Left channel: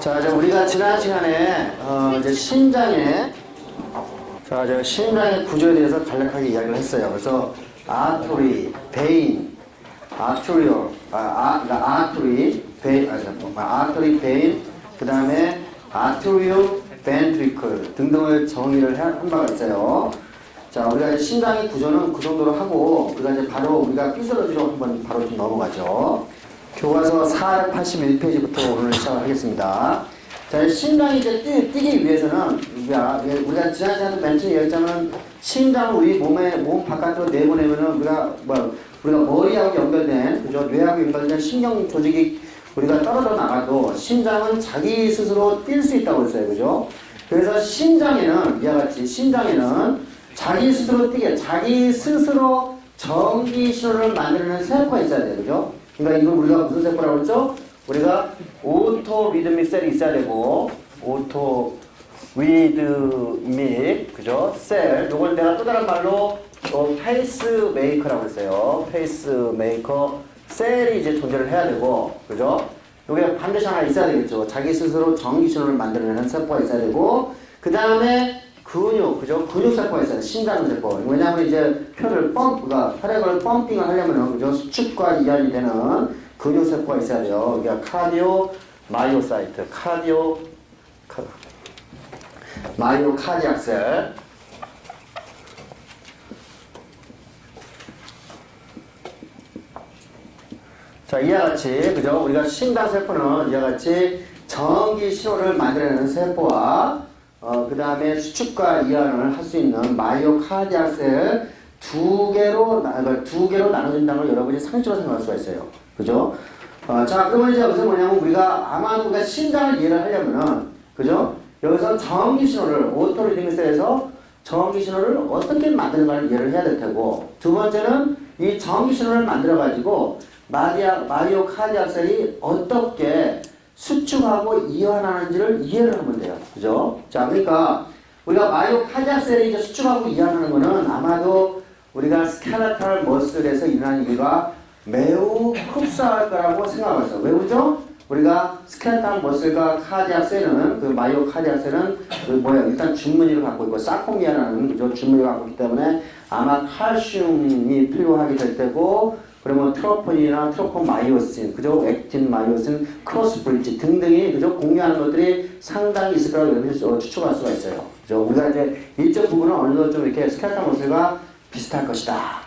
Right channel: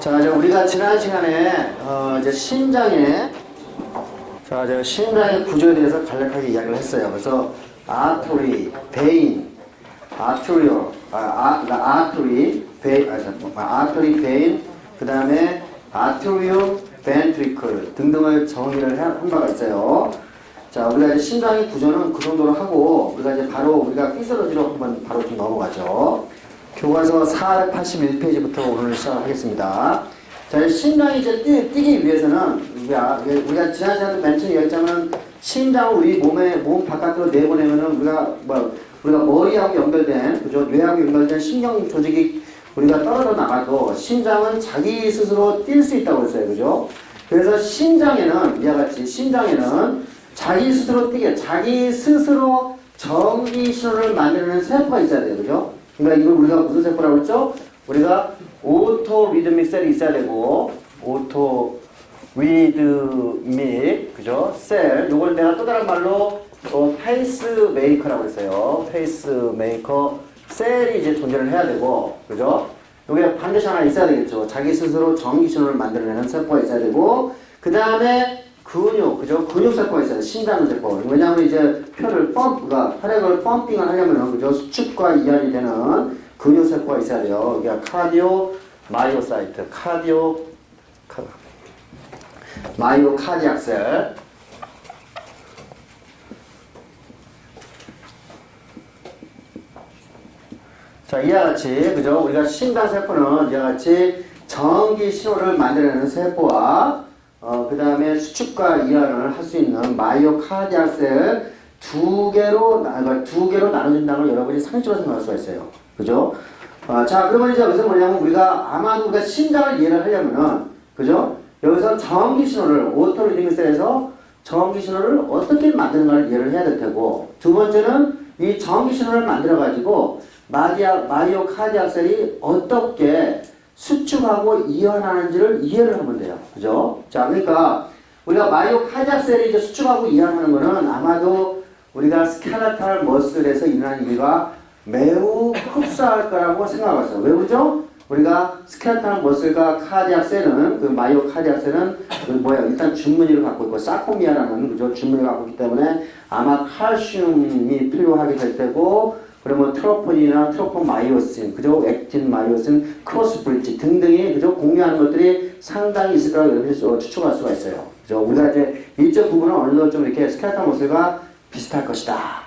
자, 이제 우리가 지난 시간에 이제 심장의 심장의 구조에 대해서 간략하게 이야기를 했어요. 그래서 artery, vein, arterial, artery, vein, 그 다음에 arterial, ventricle 등등을 정의를 한 바가 있어요. 자, 우리가 이제 심장의 구조는 그 정도로 하고 우리가 이제 바로 우리가 피지올로지로 한번 바로 좀 넘어가죠. 교과서 481페이지부터 오늘 시작을 하겠습니다. 자, 심장이 이제 뛰기 위해서는 우리가 지난 시간에 맨 처음에 얘기했자면 심장을 우리 몸 바깥으로 내보내면은 우리가 머리하고 연결된, 그죠? 뇌하고 연결된 신경 조직이 우리가 떨어져 나가도 심장은 자기 스스로 뛸 수 있다고 했어요. 그죠? 그래서 심장에는 이와 같이 자기 스스로 뛰게, 자기 스스로 전기 신호를 만들어내는 세포가 있어야 돼요. 그죠? 그러니까 이걸 우리가 무슨 세포라고 그랬죠? 우리가 오토 리드믹 셀이 있어야 되고, 오토 리드믹, 그죠? 셀. 요걸 내가 또 다른 말로 페이스 메이커라고 했어요. 페이스 메이커 셀이 이제 존재를 해야 되고, 그죠? 요게 반드시 하나 있어야 되겠죠. 자기 스스로 전기 신호를 만들어내는 세포가 있어야 되고, 그 다음에 근육, 그죠? 근육세포가 있어요. 심장세포. 왜냐하면 이제 혈액을 펌핑을 하려면은, 그죠? 수축과 이완이 되는 근육세포가 있어야 돼요. 이게 카디오 마이오사이트, 마이오카디악셀. 자, 이와 같이, 그죠? 우리가 심장세포는 이와 같이 전기 신호를 만들어내는 세포와 그 다음에 수축과 이완을 할 수 있는 마이오카디악셀 두 개로 나눠진다는 걸 여러분이 상식적으로 생각할 수가 있어요. 그죠? 자, 그러면 이제 여기서 뭐냐면 우리가 심장을 이해를 하려면은, 그죠? 여기서 전기 신호를, 오토리드믹셀에서 전기 신호를 어떻게 만드는가를 이해를 해야 될 테고, 두 번째는 이 전기 신호를 만들어가지고 마이오카디악셀이 어떻게 수축하고 이완하는지를 이해를 하면 돼요. 그죠? 자, 그러니까 우리가 마이오카디악셀이 이제 수축하고 이완하는 거는 아마도 우리가 스켈레탈 머슬에서 일어나는 일과 매우 흡사할 거라고 생각하고 있어요. 왜 그러죠? 우리가 스켈레탈 머슬과 카디악셀은, 그 마이오카디악셀은 일단 준무늬를 갖고 있고, 사코미아라는, 그죠? 준무늬를 갖고 있기 때문에 아마 칼슘이 필요하게 될 때고, 그러면 트로폰이나 트로폰 마이오신, 그죠? 액틴 마이오신, 크로스 브릿지 등등이, 그죠? 공유하는 것들이 상당히 있을 거라고 여러분이 추측할 수가 있어요. 그죠? 우리가 이제 일정 부분은 어느 정도 좀 이렇게 스켈레탈 머슬과 비슷할 것이다.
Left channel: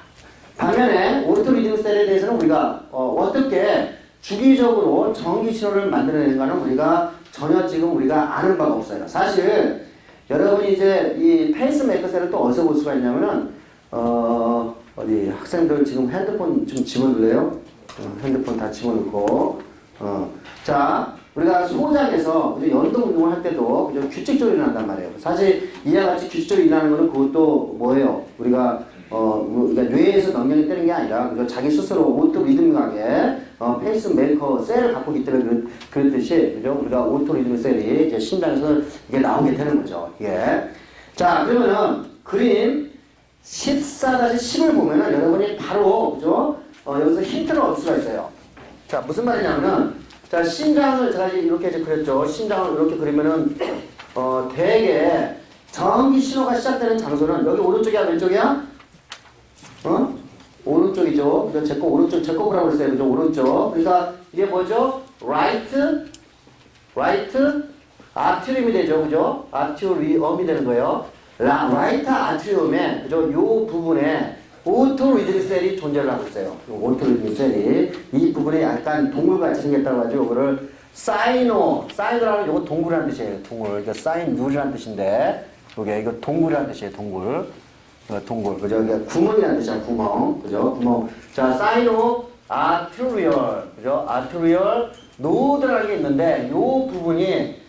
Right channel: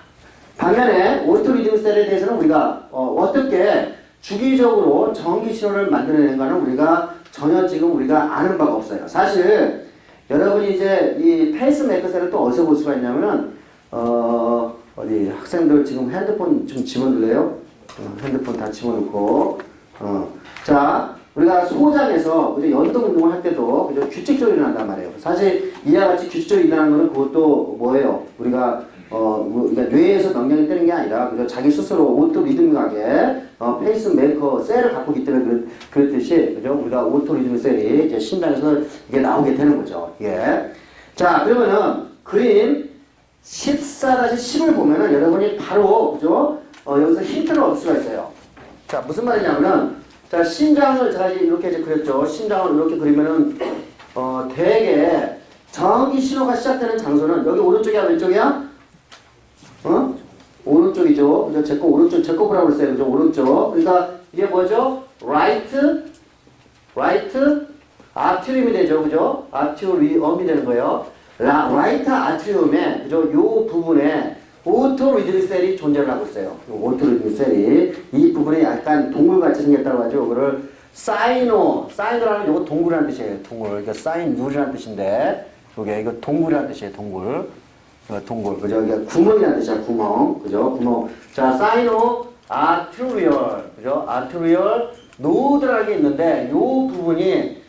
반면에 오토리듬셀에 대해서는 우리가 어떻게 주기적으로 전기 신호를 만들어내는가는 우리가 전혀 지금 우리가 아는 바가 없어요. 사실 여러분이 이제 이 페이스메이커 셀을 또 어디서 볼 수가 있냐면은 어디 학생들 지금 핸드폰 좀 집어넣을래요? 핸드폰 다 집어넣고 자, 우리가 소장에서 그죠? 연동 운동을 할 때도 그죠? 규칙적으로 일어난단 말이에요. 사실 이와 같이 규칙적으로 일어나는 거는 그것도 뭐예요? 우리가 그러니까 뇌에서 명령이 뜨는 게 아니라 그죠? 자기 스스로 오토 리듬하게 페이스 메이커 셀을 갖고 있기 때문에 그랬듯이 그죠? 우리가 오토 리듬 셀이 이제 심장에서 이게 나오게 되는 거죠. 예. 자, 그러면은 그림 14-10을 보면은 여러분이 바로 그죠? 여기서 힌트를 얻을 수가 있어요. 자, 무슨 말이냐면은 자, 심장을 제가 이렇게 이제 그렸죠. 심장을 이렇게 그리면은 대개 전기 신호가 시작되는 장소는 여기 오른쪽이야, 왼쪽이야? 오른쪽이죠. 그죠? 제 거 보라고 그랬어요. 그죠? 오른쪽. 그러니까 이게 뭐죠? right 아트리움이 되죠. 그죠? 아트리움이 되는 거예요. right 아트리움에, 그죠? 요 부분에 오토리드믹 셀이 존재를 하고 있어요. 오토리드믹 셀이. 이 부분에 약간 동굴같이 생겼다고 하죠. 이거를 사이노라는 요거 동굴이라는 뜻이에요. 동굴. 그러니까 사인룰이라는 뜻인데, 요게 이거 동굴이라는 뜻이에요. 동굴. 그죠? 이게 구멍이라는 뜻이야, 구멍. 그죠? 구멍. 자, 사이노 아트리얼. 그죠? 아트리얼 노드라는 게 있는데, 요 부분이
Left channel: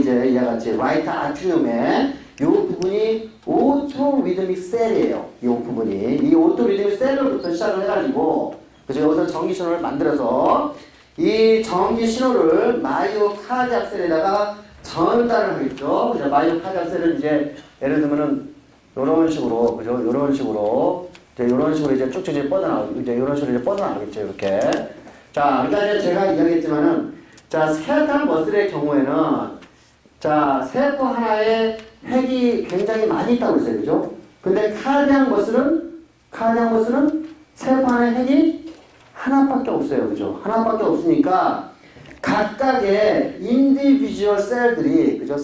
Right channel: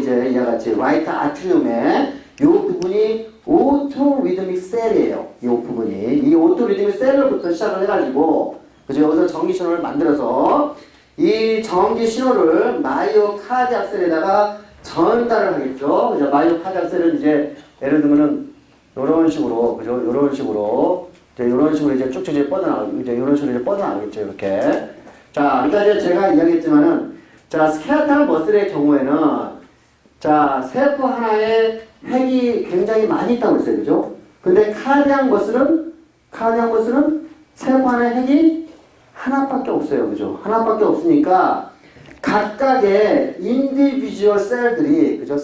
이제 이와 같이 라이트 아트리움에 요 부분이 오토 리드믹 셀이에요. 요 부분이. 이 오토 리드믹 셀로부터 시작을 해가지고, 그죠? 여기서 전기 신호를 만들어서 이 전기 신호를 마이오카디악셀에다가 전달을 하겠죠. 그죠? 마이오카디악셀은 이제 예를 들면은 요런 식으로, 그죠? 요런 식으로 이제 쭉쭉 이제 뻗어나가겠죠. 이렇게. 자, 그러니까 이제 제가 이야기했지만은 자, 스켈레탈 머슬의 경우에는 자, 세포 하나에 핵이 굉장히 많이 있다고 했어요. 그죠? 근데 카디악 머슬은 세포 하나에 핵이 하나밖에 없어요. 그죠? 하나밖에 없으니까 각각의 인디비주얼 셀들이, 그죠?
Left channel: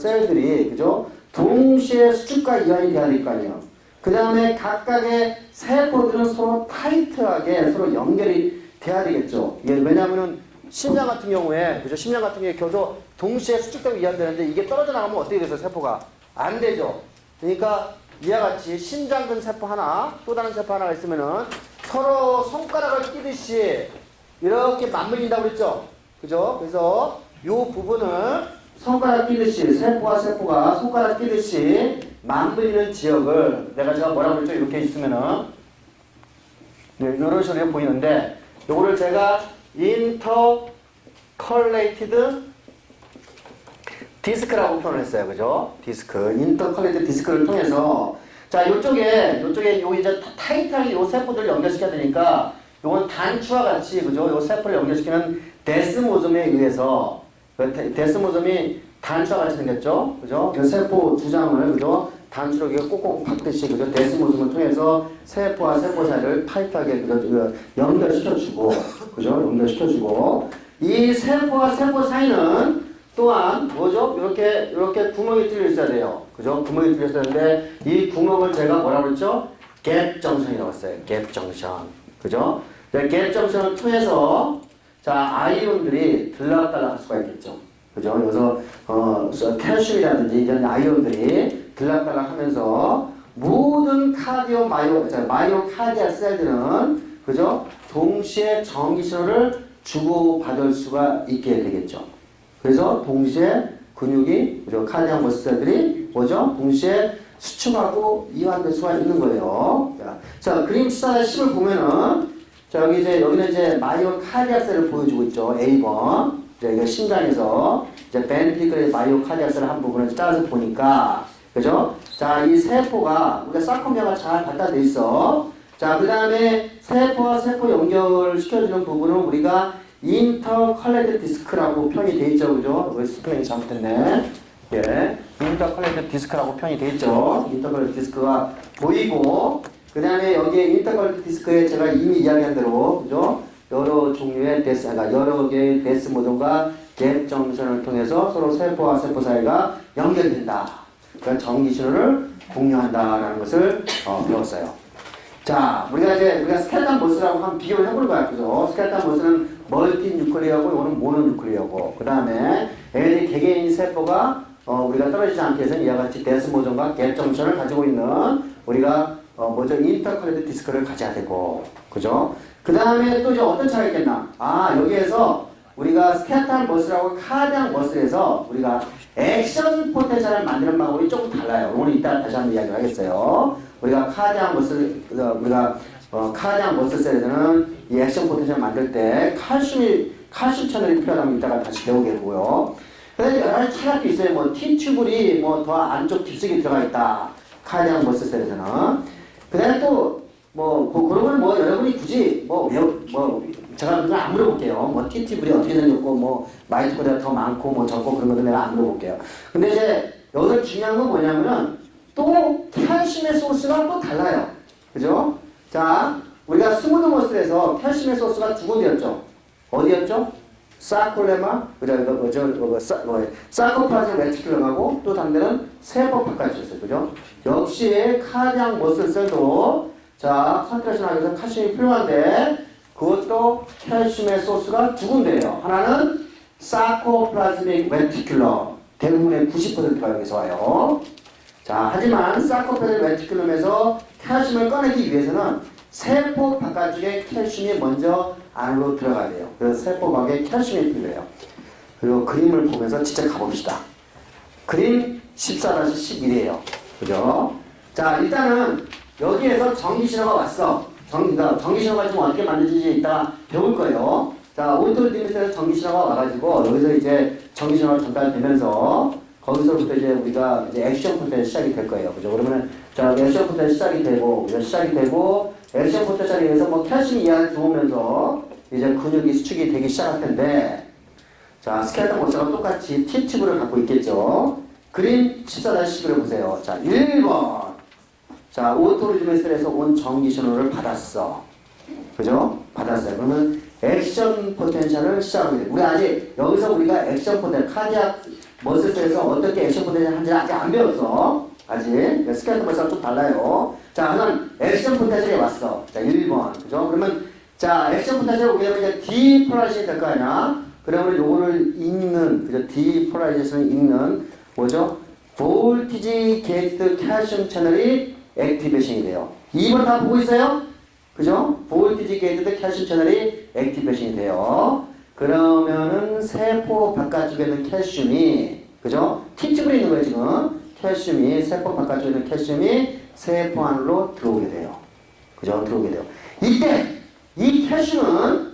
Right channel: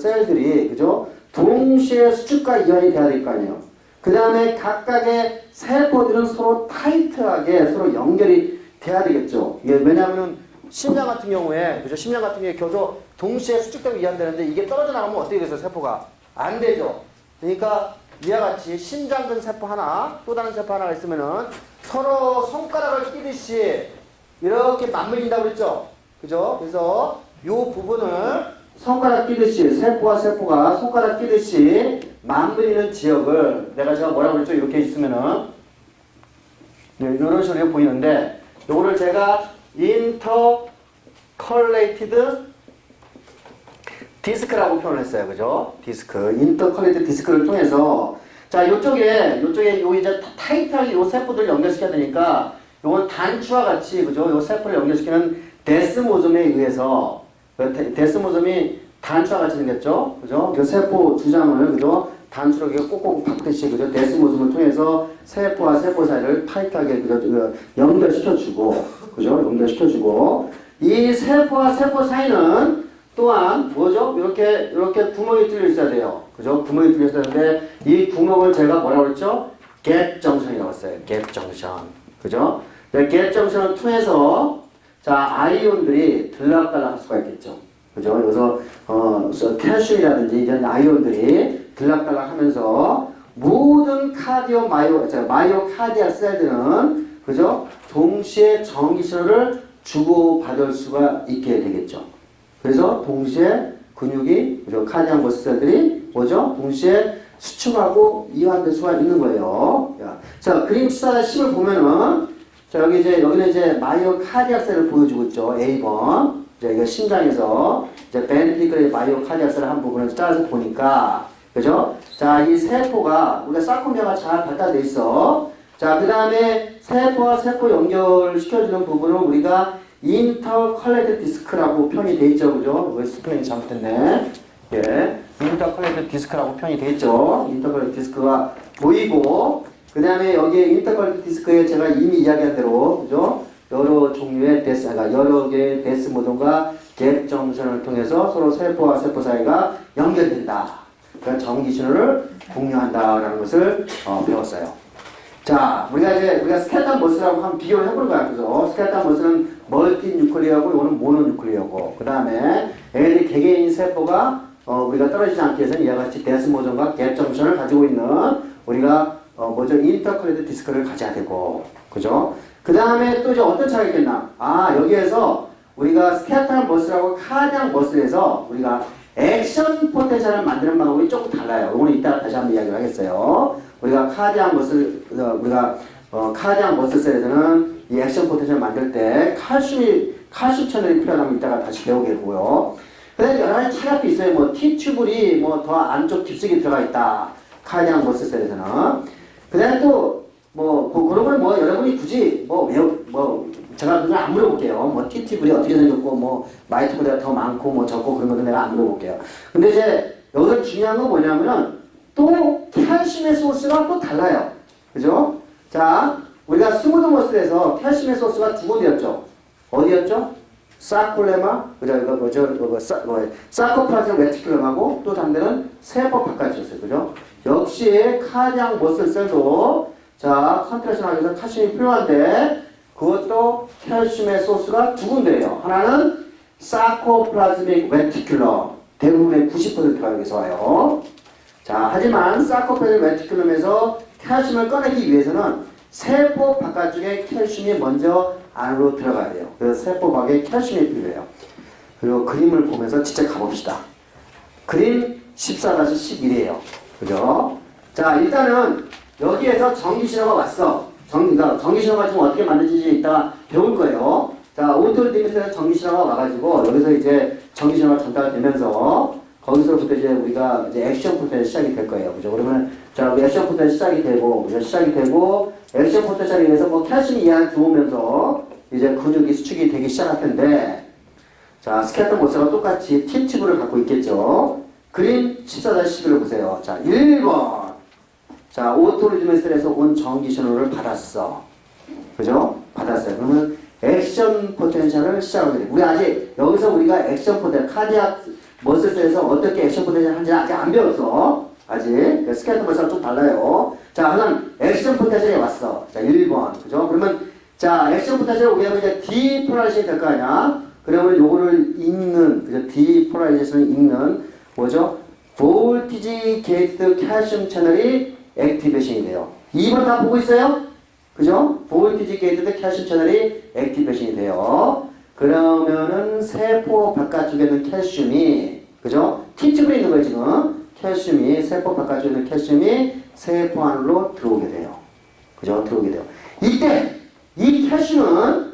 그죠? 동시에 수축과 이완이 돼야 될 거 아니에요. 그 다음에 각각의 세포들은 서로 타이트하게 서로 연결이 돼야 되겠죠. 이게 왜냐하면은 심장 같은 경우에, 그죠? 심장 같은 경우에 겨도 동시에 수축되고 이완되는데 이게 떨어져 나가면 어떻게 되겠어요? 세포가 안 되죠. 그러니까 이와 같이 심장근 세포 하나, 또 다른 세포 하나가 있으면은 서로 손가락을 끼듯이 이렇게 맞물린다고 그랬죠. 그죠? 그래서 이 부분을 손가락 끼듯이 세포와 세포가 손가락 끼듯이 맞물리는 지역을 제가 뭐라고 그랬죠? 이렇게 있으면은 네, 이런 식으로 보이는데 요거를 제가 인터컬레이티드 디스크라고 표현을 했어요. 그죠? 디스크. 인터컬레이티드 디스크를 통해서 자, 요쪽에 요 이제 타이트하게 요 세포들을 연결시켜야 되니까 요건 단추와 같이 그죠? 요 세포를 연결시키는 데스모즘에 의해서 데스모즘이 단추와 같이 생겼죠? 그죠? 그 세포 두 장을 그죠? 단추로 꼭꼭 박듯이 그죠? 데스모즘을 통해서 세포와 세포 사이를 타이트하게 그죠? 연결시켜주고 그죠? 연결시켜주고 이 세포와 세포 사이는 또한 뭐죠? 이렇게 구멍이 뚫려 있어야 돼요. 그죠? 구멍이 뚫려 있어야 되는데 이 구멍을 제가 뭐라고 그랬죠? 갭 정션이라고 했어요. 갭 정션. 그죠? 갭 정션을 통해서 자, 아이온들이 들락달락 할 수가 있겠죠. 그죠? 여기서 칼슘이라든지 이런 아이온들이 들락달락 하면서 모든 마이오카디아 셀들은 그죠? 동시에 전기 신호를 주고받을 수가 있게 되겠죠. 그래서 동시에 근육이 그죠? 카디악 머슬들이 뭐죠? 동시에 수축하고 이완될 수가 있는 거예요. 자, 그림 14-10을 보면은 자, 여기는 이제 마이오카디악 셀을 보여주고 있죠. A번. 이게 심장에서 이제 벤트리클의 마이오카디악 셀 한 부분을 짜서 보니까 그죠? 자, 이 세포가 우리가 사코미아가 잘 발달돼 있어. 자, 그 다음에 세포와 세포 연결시켜주는 부분은 우리가 인터컬레이티드 디스크라고 표현이 돼 있죠. 그죠? 왜 스펠링이 잘못됐네. 예. 인터컬레이티드 디스크라고 표현이 돼 있죠. 인터컬레이티드 디스크가 보이고, 그 다음에 여기에 인터컬레이티드 디스크에 제가 이미 이야기한 대로, 그죠? 여러 종류의 여러 개의 데스모드가 갭 정션을 통해서 서로 세포와 세포 사이가 연결된다. 그러니까 전기 신호를 공유한다라는 것을 배웠어요. 자, 우리가 스켈레탈 머슬하고 한번 비교를 해보는 거야. 그래서 스켈레탈 머슬은 멀티 뉴클리어고, 이거는 모노 뉴클리어고, 그 다음에 얘네들이 개개인 세포가 우리가 떨어지지 않게 해서 이와 같이 데스모전과 갭 정션을 가지고 있는 우리가 인터컬레이티드 디스크를 가져야 되고, 그죠? 그 다음에 또 이제 어떤 차이가 있겠나? 아, 여기에서 우리가 스켈레탈 머슬하고 카디악 머슬에서 우리가 액션 포텐셜을 만드는 방법이 조금 달라요. 이거는 이따 다시 한번 이야기를 하겠어요. 우리가 카디악 머슬 셀에서는 이 액션 포텐셜을 만들 때 칼슘 채널이 필요하다면 이따가 다시 배우겠고요. 그다음에 여러 가지 차이가 있어요. 뭐 T튜블이 더 안쪽 깊숙이 들어가 있다. 카디악 머슬 셀에서는. 그다음에 또 그런 거는 여러분이 굳이 제가 그걸 안 물어볼게요. T튜블이 어떻게 생겼고 마이토콘드리아가 더 많고 적고 그런 것도 내가 안 물어볼게요. 근데 이제 여기서 중요한 건 뭐냐면은 또 칼슘의 소스가 또 달라요. 그죠? 자, 우리가 스무드 머슬에서 칼슘의 소스가 두 군데였죠. 어디였죠? 사콜레마, 그죠? 사코플라즘 레티큘럼하고 또 다른 데는 세포 바깥이었어요. 그죠? 역시 카디악 머슬 셀도 자, 컨트랙션 하기 위해서 칼슘이 필요한데 그것도 칼슘의 소스가 두 군데예요. 하나는 사코플라즈믹 레티큘럼. 대부분의 90%가 여기서 와요. 자, 하지만 사코플라즈믹 레티큘럼에서 칼슘을 꺼내기 위해서는 세포 바깥쪽에 칼슘이 먼저 안으로 들어가야 돼요. 그래서 세포 밖에 칼슘이 필요해요. 그리고 그림을 보면서 직접 가봅시다. 그림 14-11이에요. 그죠? 자, 일단은 여기에서 전기신호가 왔어. 전기신호가 지금 어떻게 만들어지는지 이따가 배울 거예요. 자, 오토리디미터에서 전기신호가 와가지고 여기서 이제 전기신호가 전달되면서 거기서부터 이제 우리가 이제 액션 포텐셜이 시작이 될 거예요. 그죠? 그러면 자, 액션 포텐셜이 시작이 되고 액션 포텐셜에 의해서 칼슘이 이 안에 들어오면서 이제 근육이 수축이 되기 시작할 텐데 자, 스켈레톤 모스가 똑같이 T튜브를 갖고 있겠죠. 그림 14-11을 보세요. 자, 1번. 자, 오토리드메스에서 온 전기 신호를 받았어. 그죠? 받았어요. 그러면 액션 포텐셜을 시작하게 돼. 우리 아직 여기서 우리가 액션 포텐셜, 카디악 머슬에서 어떻게 액션 포텐셜 하는지 아직 안 배웠어. 아직. 스켈레톤 머슬랑 좀 달라요. 자, 그러면 액션 포텐셜에 왔어. 자, 1번. 그죠? 그러면 자, 액션 포텐셜을 오게 되면 이제 디폴라이제이션이 될 거 아니야? 그러면 요거를 읽는, 그죠? 디폴라이제이션을 읽는, 뭐죠? 볼티지 게이트 칼슘 채널이 액티베이션이 돼요. 2번 다 보고 있어요? 그죠? 볼티지 게이트 칼슘 채널이 액티베이션이 돼요. 그러면은 세포 바깥쪽에 있는 칼슘이, 그죠? T축으로 있는 거예요, 지금. 칼슘이, 세포 바깥쪽에 있는 칼슘이 세포 안으로 들어오게 돼요. 그죠? 들어오게 돼요. 이때, 이 칼슘은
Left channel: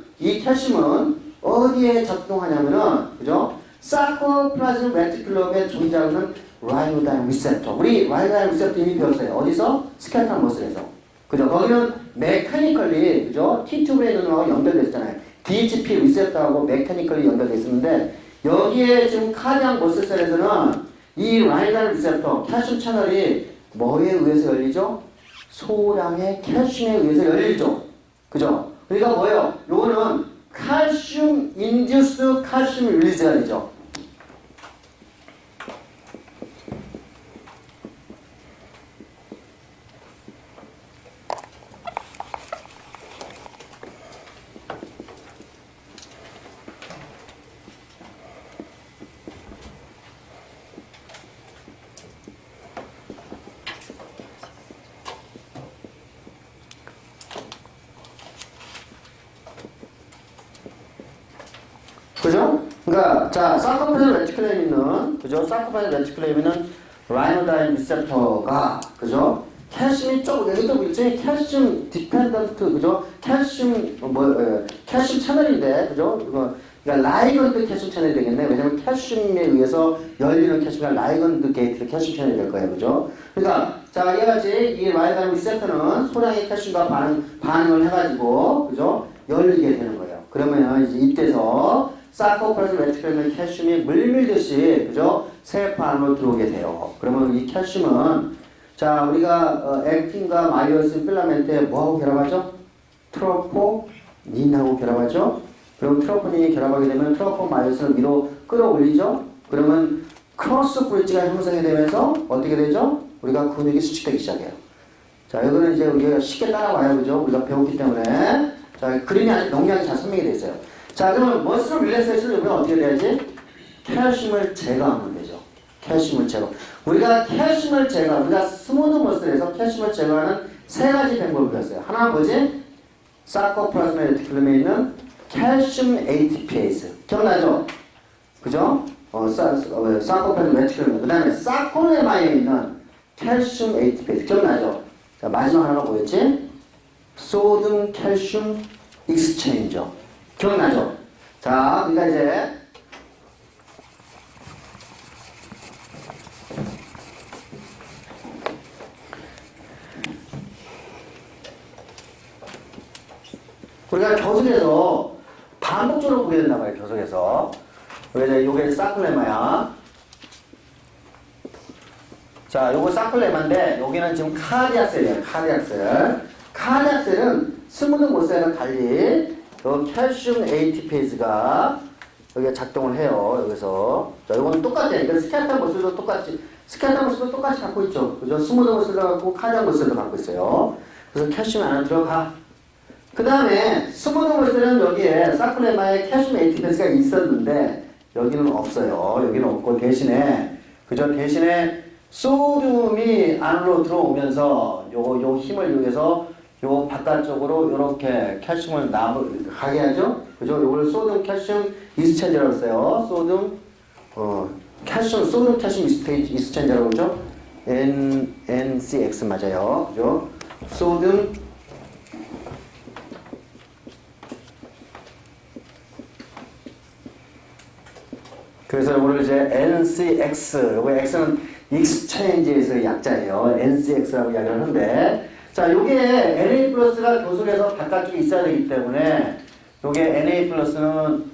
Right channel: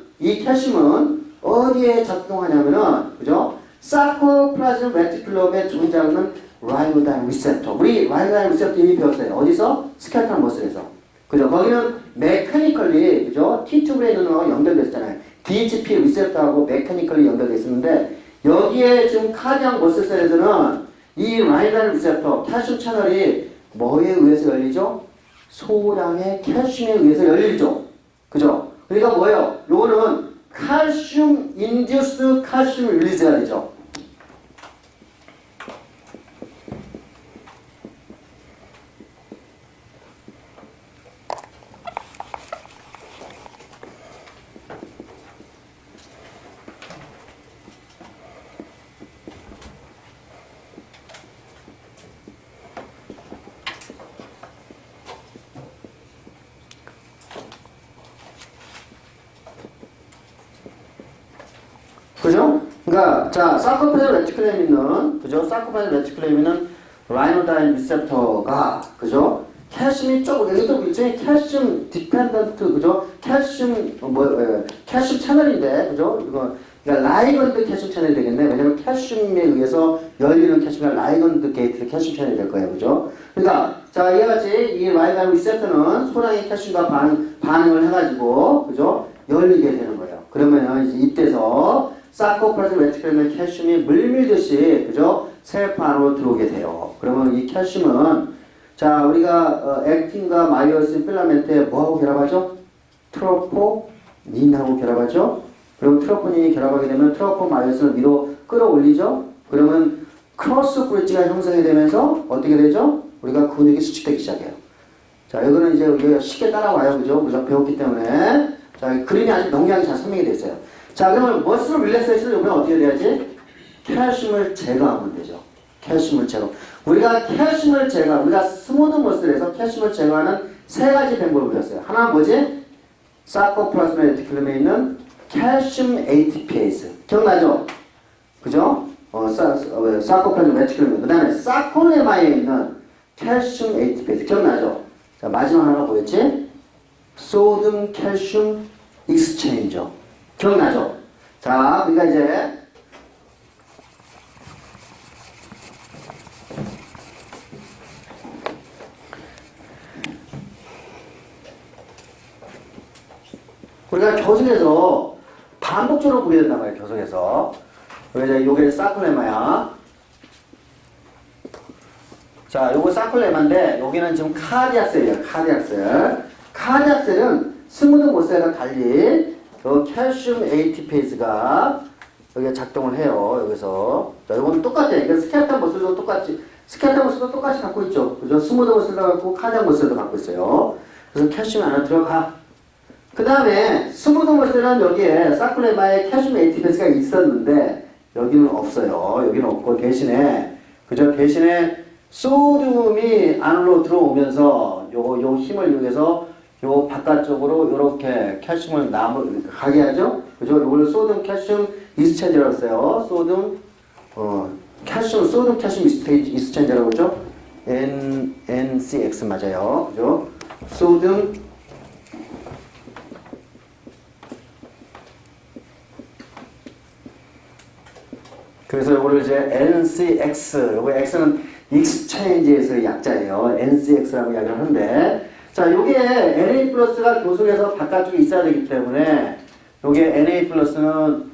어디에 작동하냐면은, 그죠? 사코플라즘 레티큘럼에 존재하는 라이노다인 리셉터. 우리 라이노다인 리셉터 이미 배웠어요. 어디서? 스켈레톤 머슬에서. 그죠? 거기는 메카니컬리, 그죠? T튜브에 있는 놈하고 연결되어 있잖아요. DHP 리셉터하고 메카니컬리 연결되어 있었는데, 여기에 지금 카디악 머슬셀에서는 이 라이노다인 리셉터, 칼슘 채널이 뭐에 의해서 열리죠? 소량의 칼슘에 의해서 열리죠. 그죠? 그러니까 뭐예요? 요거는 칼슘 인듀스 칼슘 릴리즈가 되죠. 그죠? 그러니까 자, 사코파질 레티큘럼에는, 그죠? 사코파질 레티큘럼에는 라이노다인 리셉터가, 그죠? 칼슘이 조금, 여기도 일종의 칼슘 디펜던트, 그죠? 칼슘 칼슘 채널인데, 그죠? 이거 그러니까 라이건드 칼슘 채널이 되겠네. 왜냐면 칼슘에 의해서 열리는 칼슘이 라이건드 게이트 칼슘 채널이 될 거예요, 그죠? 그러니까 자, 이와 같이 이 라이노다인 리셉터는 소량의 칼슘과 반응을 해가지고, 그죠? 열리게 되는 거예요. 그러면 이제 이때서 사코플라즘 레티큘럼의 칼슘이 물밀듯이, 그죠? 세포 안으로 들어오게 돼요. 그러면 이 칼슘은, 자, 우리가 액틴과 마이오신 필라멘트에 뭐하고 결합하죠? 트로포닌하고 결합하죠? 그리고 트로포닌이 결합하게 되면 트로포마이오신을 위로 끌어올리죠? 그러면 크로스 브릿지가 형성이 되면서 어떻게 되죠? 우리가 근육이 수축되기 시작해요. 자, 이거는 이제 우리가 쉽게 따라와요. 그죠? 우리가 배웠기 때문에. 자, 그림이 아주 명량이 잘 설명이 되어 있어요. 자, 그러면 머슬 릴렉세이션을 요번에 어떻게 돼야지? 칼슘을 제거하면 되죠. 칼슘을 제거. 우리가 칼슘을 제거, 우리가 스무드 머슬에서 칼슘을 제거하는 세 가지 방법을 배웠어요. 하나는 뭐지? 사코플라즈마 레티큘럼에 있는 칼슘 ATPase. 기억나죠? 그죠? 사코플라즈마 레티큘럼. 그 다음에 사콜레마에 있는 칼슘 ATPase. 기억나죠? 자, 마지막 하나가 뭐였지? 소듐 칼슘 익스체인저. 기억나죠? 자, 그러니까 이제 우리가 교석에서 반복적으로 보게 된단 말이에요. 교석에서. 요게 사클레마야. 자, 요거 사클레마인데 여기는 지금 카디악셀이에요. 카디악셀. 카디악셀은 스무드 모셀과 달리 칼슘 ATPase가 여기가 작동을 해요. 여기서. 자, 이건 똑같아요. 이건 스켈레톤 머슬도 똑같이, 스켈레톤 머슬도 똑같이 갖고 있죠. 그죠? 스무드 머슬도 갖고 카디악 머슬도 갖고 있어요. 그래서 칼슘이 안에 들어가. 그 다음에 스무드 머슬은 여기에 사클레마에 칼슘 ATPase가 있었는데 여기는 없어요. 여기는 없고 대신에, 그죠? 대신에 소듐이 안으로 들어오면서 요 힘을 이용해서 요 바깥쪽으로 요렇게 칼슘을 가게 하죠. 그죠? 요걸 소듐 칼슘 이스체인저라고 써요. 소듐 칼슘 이스체인저라고 그러죠? NCX 맞아요. 그죠? 소듐 그래서 요거를 이제 NCX, 요거 X는 익스체인지에서의 약자예요. NCX라고 이야기를 하는데, 자, 요게 NA 플러스가 교속에서 바깥쪽에 있어야 되기 때문에, 요게 NA 플러스는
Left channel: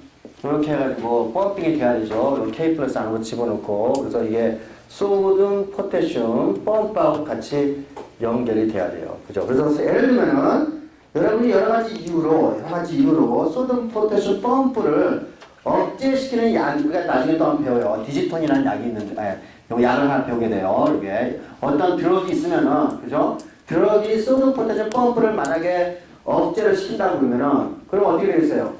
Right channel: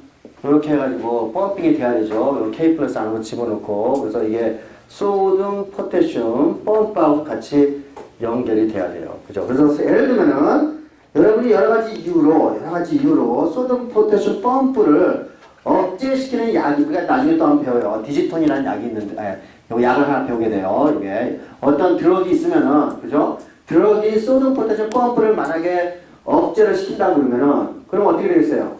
이렇게 해가지고 펌핑이 돼야 되죠. 요 K 플러스 안으로 집어넣고 그래서 이게 소듐, 포타슘, 펌프하고 같이 연결이 돼야 돼요. 그죠? 그래서 예를 들면은 여러분이 여러 가지 이유로 소듐, 포타슘, 펌프를 억제시키는 약이 우리가 나중에 또 한번 배워요. 디지톤이라는 약이 있는데, 요 약을 하나 배우게 돼요. 이게 어떤 드럭이 있으면은, 그죠? 드럭이 소듐, 포타슘, 펌프를 만약에 억제를 시킨다고 그러면은, 그럼 어떻게 되겠어요?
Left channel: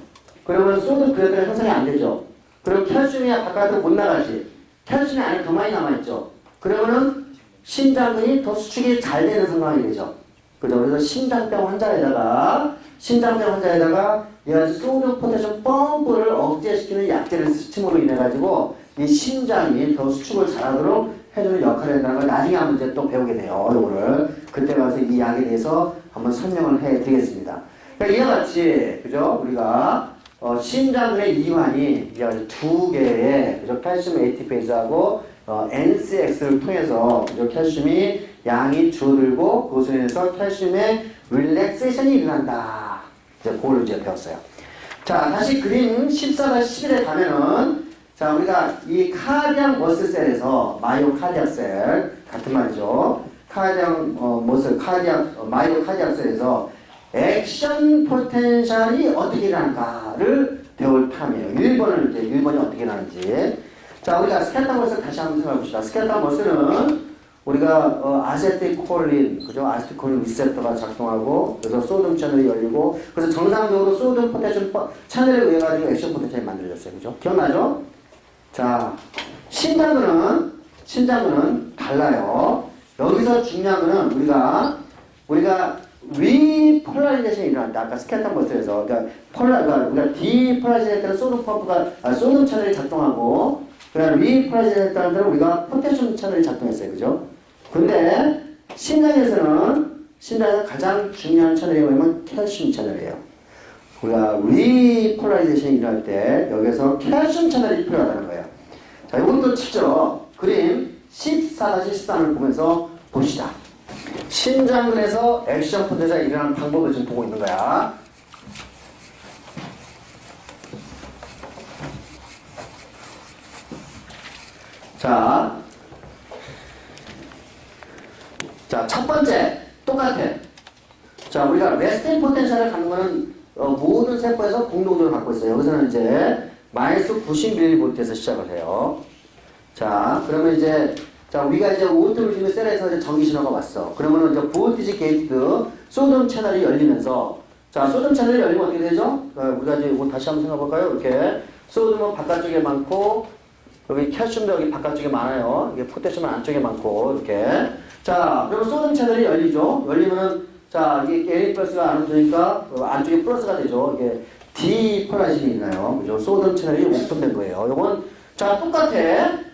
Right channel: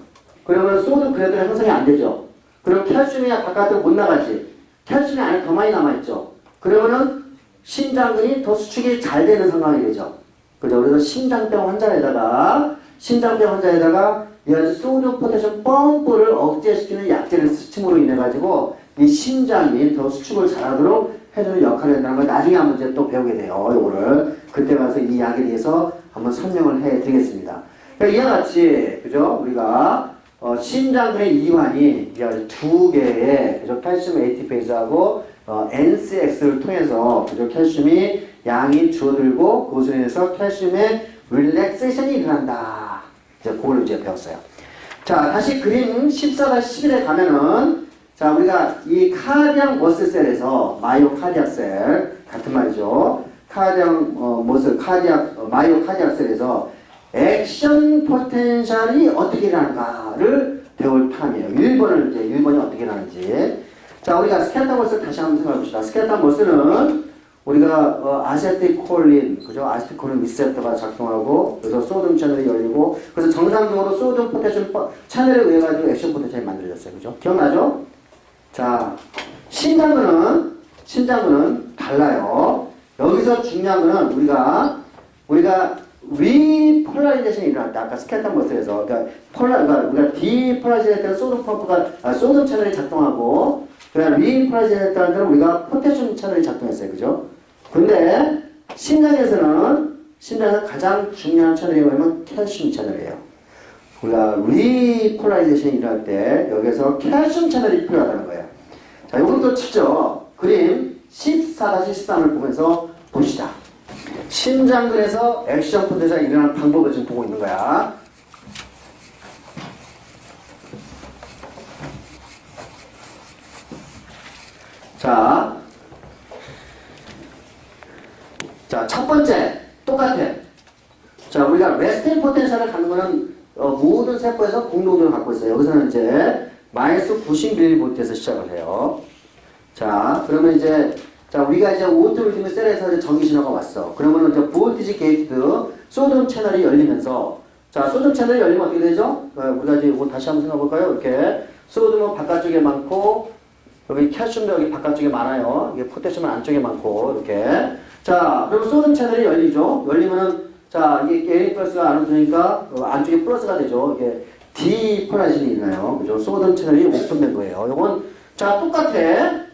그러면 소듐 그래도 형성이 안 되죠. 그럼 칼슘이 바깥으로 못 나가지. 칼슘이 안에 더 많이 남아있죠. 그러면은 신장근이 더 수축이 잘 되는 상황이 되죠. 그죠? 그래서 심장병 환자에다가 이 소듐 포타슘 펌프를 억제시키는 약제를 스침으로 인해 가지고 이 심장이 더 수축을 잘하도록 해주는 역할을 한다는 걸 나중에 한번 이제 또 배우게 돼요. 요거를 그때 가서 이 약에 대해서 한번 설명을 해드리겠습니다. 그러니까 이와 같이 그죠? 우리가 심장근의 이완이 두 개의 그죠? 칼슘 ATPase하고 NCX를 통해서 그죠? 칼슘이 양이 줄어들고 그것으로 인해서 칼슘의 릴렉세이션이 일어난다. 이제 그걸 이제 배웠어요. 자, 다시 그림 14-11에 가면은 자, 우리가 이 카디악 머슬셀에서 마이오카디악 셀 같은 말이죠. 마이오카디악셀에서 액션 포텐셜이 어떻게 일어나는가를 배울 탐이에요. 1번이 어떻게 일어나는지. 자, 우리가 스켈레탈 머슬 다시 한번 생각해 봅시다. 스켈레탈 머슬은 우리가 아세틸콜린, 그죠? 아세틸콜린 리셉터가 작동하고 그래서 소듐 채널이 열리고 그래서 정상적으로 소듐 포타슘 채널에 의해 가지고 액션 포텐셜이 만들어졌어요. 그죠? 기억나죠? 자, 신장근은 달라요. 여기서 중요한 거는 우리가 리폴라리제이션이 일어났다. 아까 스켈레탈 머슬에서 그러니까 우리가 디폴라리제이션 때는 소듐 채널이 작동하고 그러니까 리폴라리제이션 때는 우리가 포타슘 채널이 작동했어요. 그죠? 근데 심장에서 가장 중요한 채널이 뭐냐면 칼슘 채널이에요. 우리가 리폴라리제이션이 일어날 때 여기서 칼슘 채널이 필요하다는 거예요. 자, 이것도 직접 그림 14-13을 보면서 봅시다. 심장근에서 액션 포텐셜이 일어나는 방법을 지금 보고 있는 거야. 자, 첫 번째 똑같아. 자, 우리가 레스팅 포텐셜을 갖는 거는 모든 세포에서 공동적으로 갖고 있어요. 여기서는 이제 마이너스 90mV에서 시작을 해요. 자, 그러면 우리가 이제 오토리즘의 셀에서 이제 전기 신호가 왔어. 그러면은 이제 볼티지 게이트드 소듐 채널이 열리면서 자, 소듐 채널이 열리면 어떻게 되죠? 우리가 이제 이거 다시 한번 생각해 볼까요? 이렇게 소듐은 바깥쪽에 많고 여기 칼슘도 여기 바깥쪽에 많아요. 이게 포타슘은 안쪽에 많고 이렇게. 자, 그러면 소듐 채널이 열리죠. 열리면은 자, 이게 Na 플러스가 안으로 들어오니까 안쪽에 플러스가 되죠. 이게 디폴라이제이션이 있나요? 그죠? 소듐 채널이 오픈된 거예요. 요건 자, 똑같아.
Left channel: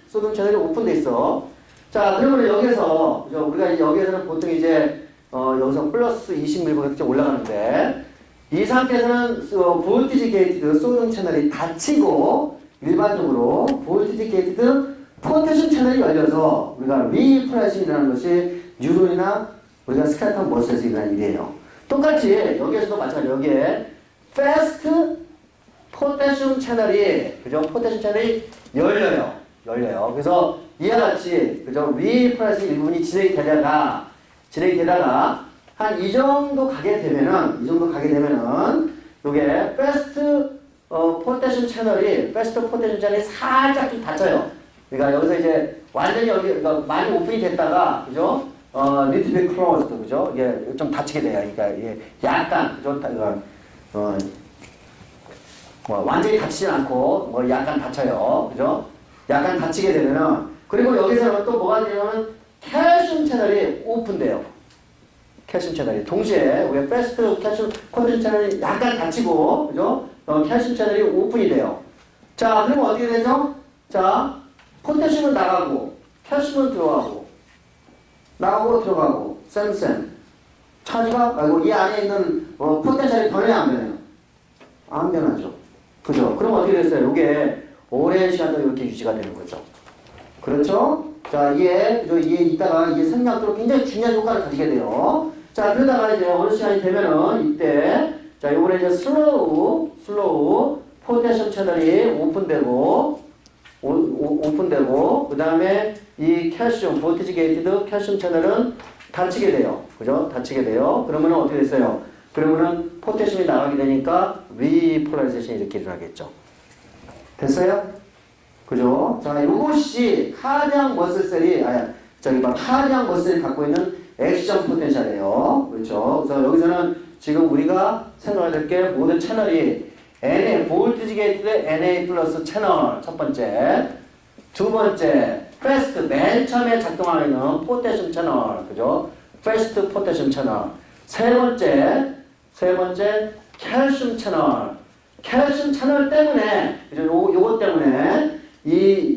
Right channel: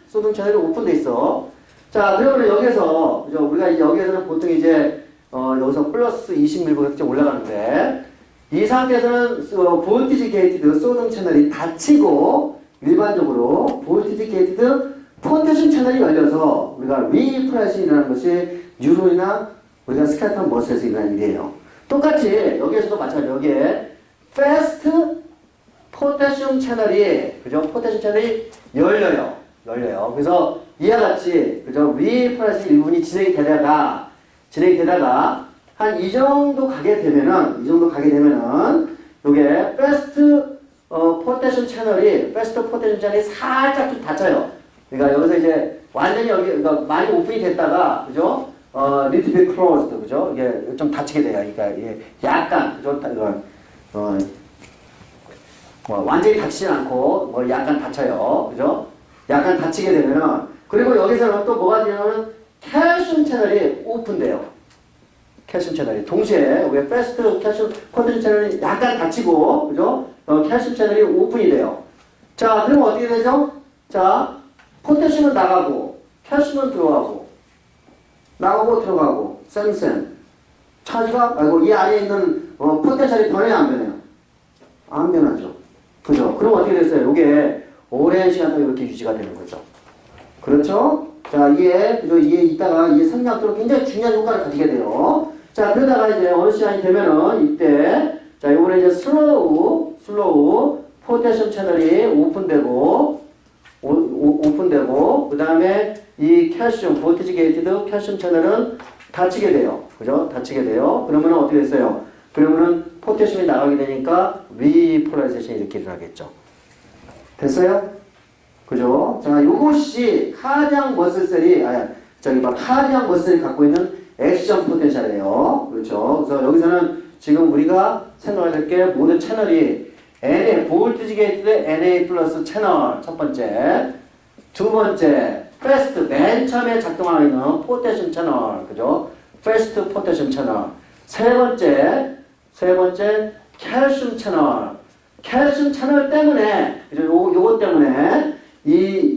소듐 채널이 오픈돼 있어. 자, 그러면 여기서 그죠? 우리가 여기에서는 보통 여기서 플러스 20mV까지 올라가는데 이 상태에서는 볼티지 게이티드 소듐 채널이 닫히고 일반적으로 볼티지 게이티드 포타슘 채널이 열려서 우리가 리폴라이제이션이라는 것이 뉴런이나 우리가 스켈레탈 머슬에서 일어나는 일이에요. 똑같이 여기에서도 마찬가지로 여기에 패스트 포타슘 채널이 그죠? 포타슘 채널이 열려요. 그래서 이와 같이 그죠? 리폴라이제이션 일부분이 진행이 되다가 한 이 정도 가게 되면은 요게 패스트 포타슘 채널이 살짝 좀 닫혀요. 그러니까 여기서 이제 완전히 그러니까 많이 오픈이 됐다가 그죠? little bit closed 그죠? 이게 좀 닫히게 돼요. 그러니까 이게 약간 그죠? 완전히 닫히지 않고 약간 닫혀요. 그죠? 약간 닫히게 되면은 그리고 여기서는 또 뭐가 되냐면 칼슘 채널이 오픈돼요. 칼슘 채널이 동시에 우리가 패스트 칼슘 포타슘 채널이 약간 닫히고 그죠? 칼슘 채널이 오픈이 돼요. 자, 그러면 어떻게 되죠? 자, 포타슘은 나가고 칼슘은 들어가고 들어가고 쌤 차지가 이 안에 있는 포텐셜이 변해요 안 변해요? 안 변하죠. 그죠? 그럼 어떻게 됐어요? 이게 오랜 시간 동안 이렇게 유지가 되는 거죠. 그렇죠? 자, 이게 이따가 이게 생략도로 굉장히 중요한 효과를 가지게 돼요. 자, 그러다가 이제 어느 시간이 되면은 이때 자, 요번에 이제 슬로우 포테슘 채널이 오픈되고 그 다음에 이 칼슘 볼티지 게이티드 칼슘 채널은 닫히게 돼요. 그죠? 닫히게 돼요. 그러면 어떻게 됐어요? 그러면은 포테슘이 나가게 되니까 리폴라리제이션이 이렇게 일어나겠죠. 됐어요? 그죠? 자, 요것이 카디악 머슬셀이 카디악 머슬이 갖고 있는 액션 포텐셜이에요. 그렇죠? 그래서 여기서는 지금 우리가 생각해야 될 게 모든 채널이 NA, 볼티지 게이티드 NA 플러스 채널 첫 번째, 두 번째, 패스트 맨 처음에 작동하는 포테슘 채널, 그죠? 패스트 포테슘 채널. 세 번째, 칼슘 채널. 칼슘 채널 때문에, 그죠? 요것 때문에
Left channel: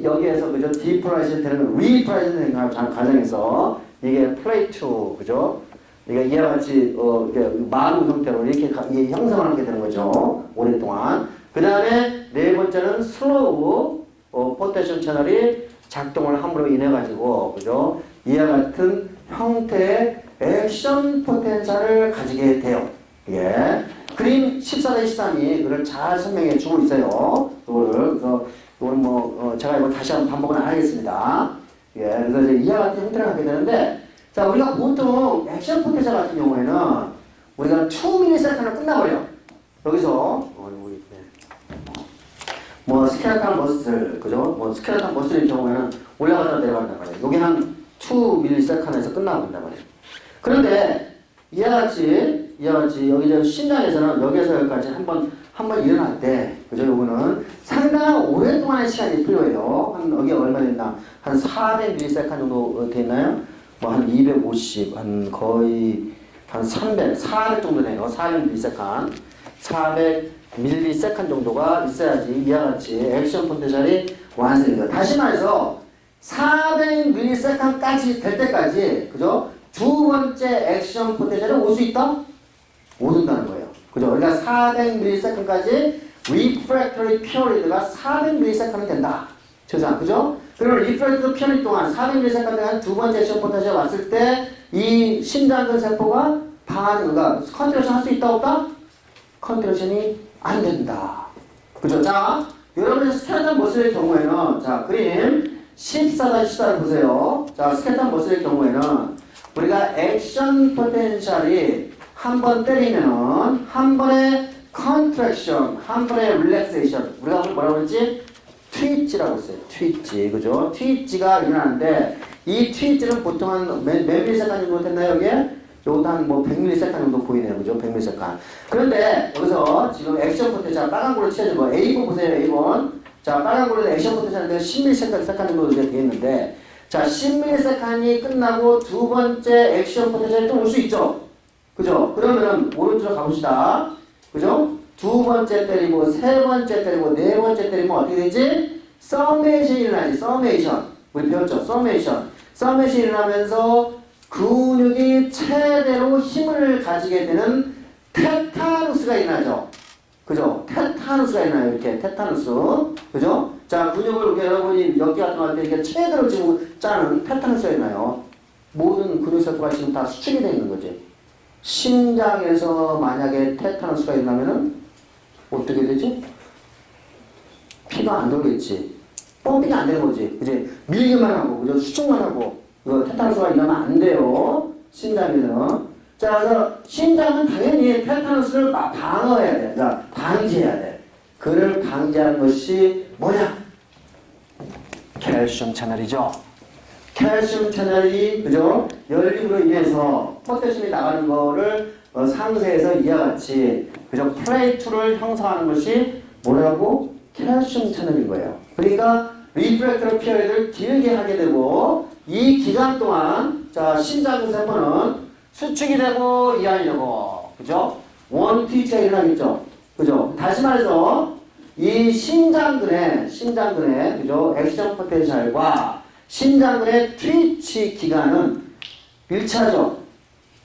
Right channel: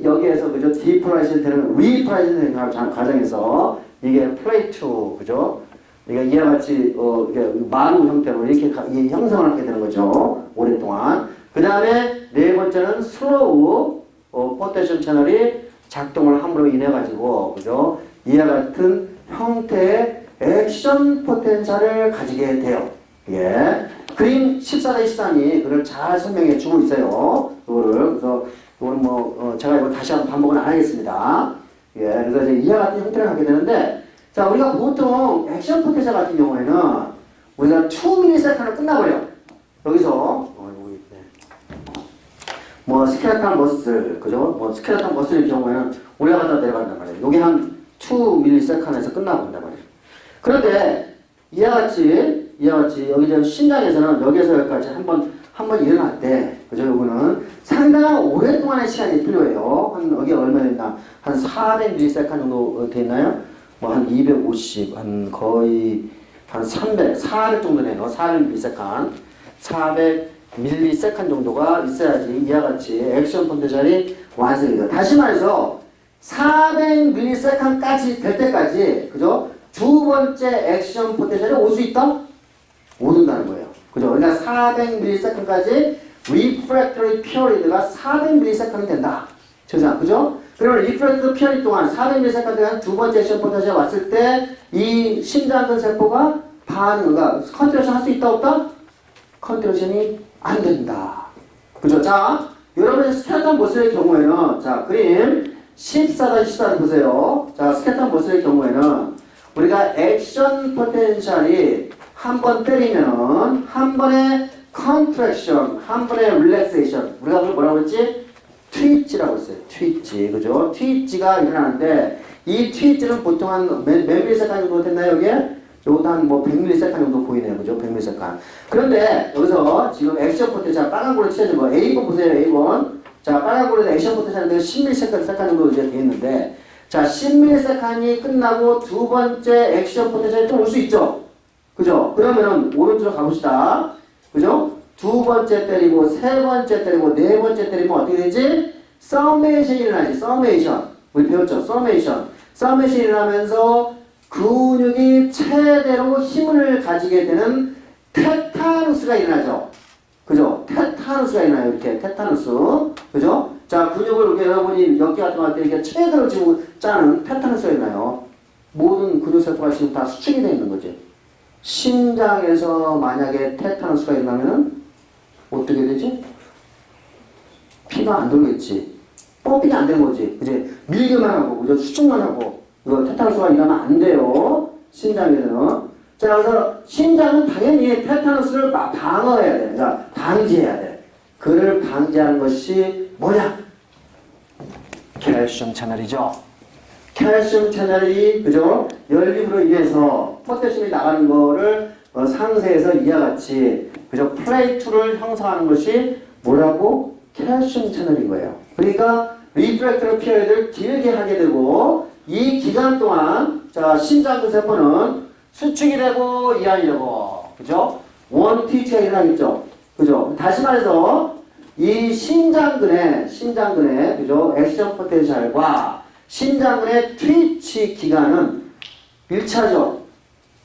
여기에서 그죠? 디폴라이제이션 되는 리폴라이제이션 되는 과정에서 이게 플레이트, 그죠? 이게 이와 같이 이게 마루 형태로 이렇게 형성을 하게 되는 거죠. 오랫동안. 그 다음에 네 번째는 슬로우 포테슘 채널이 작동을 함으로 인해 가지고 그죠? 이와 같은 형태의 액션 포텐셜을 가지게 돼요. 예. 그림 14-13이 그걸 잘 설명해 주고 있어요. 그래서 이거는 제가 이거 다시 한번 반복은 안 하겠습니다. 예. 그래서 이제 이와 같은 형태를 갖게 되는데, 자, 우리가 보통 액션 포텐셜 같은 경우에는 우리가 2ms로 끝나버려요. 여기서, 스켈레탈 머슬, 그죠? 스켈레탈 머슬의 경우에는 올라갔다 내려간단 말이에요. 요게 한 2ms에서 끝나본단 말이에요. 그런데, 이와 같이, 여기 이제 심장에서는 여기에서 여기까지 한 번 일어날 때, 그죠? 요거는 상당한 오랫동안의 시간이 필요해요. 여기 얼마 됐나? 한 400ms 정도 돼 있나요? 한 250, 거의 한 300, 400 정도 되네요. 400ms. 400ms 정도가 있어야지 이와 같이 액션 포텐셜이 완성이 돼요. 다시 말해서 400ms까지 될 때까지, 그죠? 두 번째 액션 포텐셜이 올 수 있다? 못 온다는 거예요. 그죠? 그러니까 400ms까지 refractory period가 400ms는 된다. 그죠? 그러면 refractory period 동안 400ms까지 두 번째 액션 포텐셜이 왔을 때 이 심장근 세포가 그러니까 컨트랙션 할 수 있다 없다? 컨트랙션이 안 된다. 그죠? 자, 여러분의 스켈레탈 머슬의 경우에는 자, 그림 14-14를 보세요. 자, 스켈레탈 머슬의 경우에는 우리가 액션 포텐셜이 한 번 때리면은 한 번의 컨트랙션, 한 번의 릴렉세이션. 우리가 뭐라고 했지? 트위치라고 했어요. 트위치. 그죠? 트위치가 일어나는데 이 트위치는 보통 한 몇 밀리세컨 정도 됐나요, 여기에? 요것도 한 100ms 정도 보이네요. 그죠? 100ms. 그런데 여기서 지금 액션 포텐셜 빨간 걸로 칠해준 거 A4 보세요. A4. 자, 빨간 걸로 액션 포텐셜인데 10ms 정도 이제 되어 있는데, 자, 10ms이 끝나고 두 번째 액션 포텐셜이 또 올 수 있죠? 그죠? 그러면은 오른쪽으로 가봅시다. 그죠? 두 번째 때리고, 세 번째 때리고, 네 번째 때리면 어떻게 되지? 서메이션이 일어나지. 서메이션. 우리 배웠죠? 서메이션. 서메이션이 일어나면서 근육이 최대로 힘을 가지게 되는 테타누스가 일어나죠. 그죠? 테타누스가 일어나요. 이렇게 테타누스. 그죠? 자, 근육을 이렇게 여러분이 연기 같은 거 할 때 이렇게 최대로 지금 짜는 테타누스가 일어나요. 모든 근육세포가 지금 다 수축이 되어 있는 거지. 심장에서 만약에 테타누스가 일어나면은 어떻게 되지? 피가 안 돌겠지. 펌핑이 안 되는 거지. 그지? 밀기만 하고, 그죠? 수축만 하고. 이거 테타누스가 일어나면 안 돼요. 심장에서는. 자, 그래서 심장은 당연히 테타누스를 방어해야 돼. 자, 방지해야 돼. 그를 방지하는 것이 뭐냐? 칼슘 채널이죠. 칼슘 채널이, 그죠? 열림으로 인해서 포테슘이 나가는 거를 상세에서 이와 같이, 그죠? 플레이트를 형성하는 것이 뭐라고? 칼슘 채널인 거예요. 그러니까 리프렉터리 피리어드를 길게 하게 되고, 이 기간 동안 자, 심장근 세포는 수축이 되고 이완이 되고, 그죠? 원트위치가 일어나겠죠. 그죠? 다시 말해서 이 심장근의 그죠? 액션 포텐셜과 심장근의 트위치 기간은 1차죠.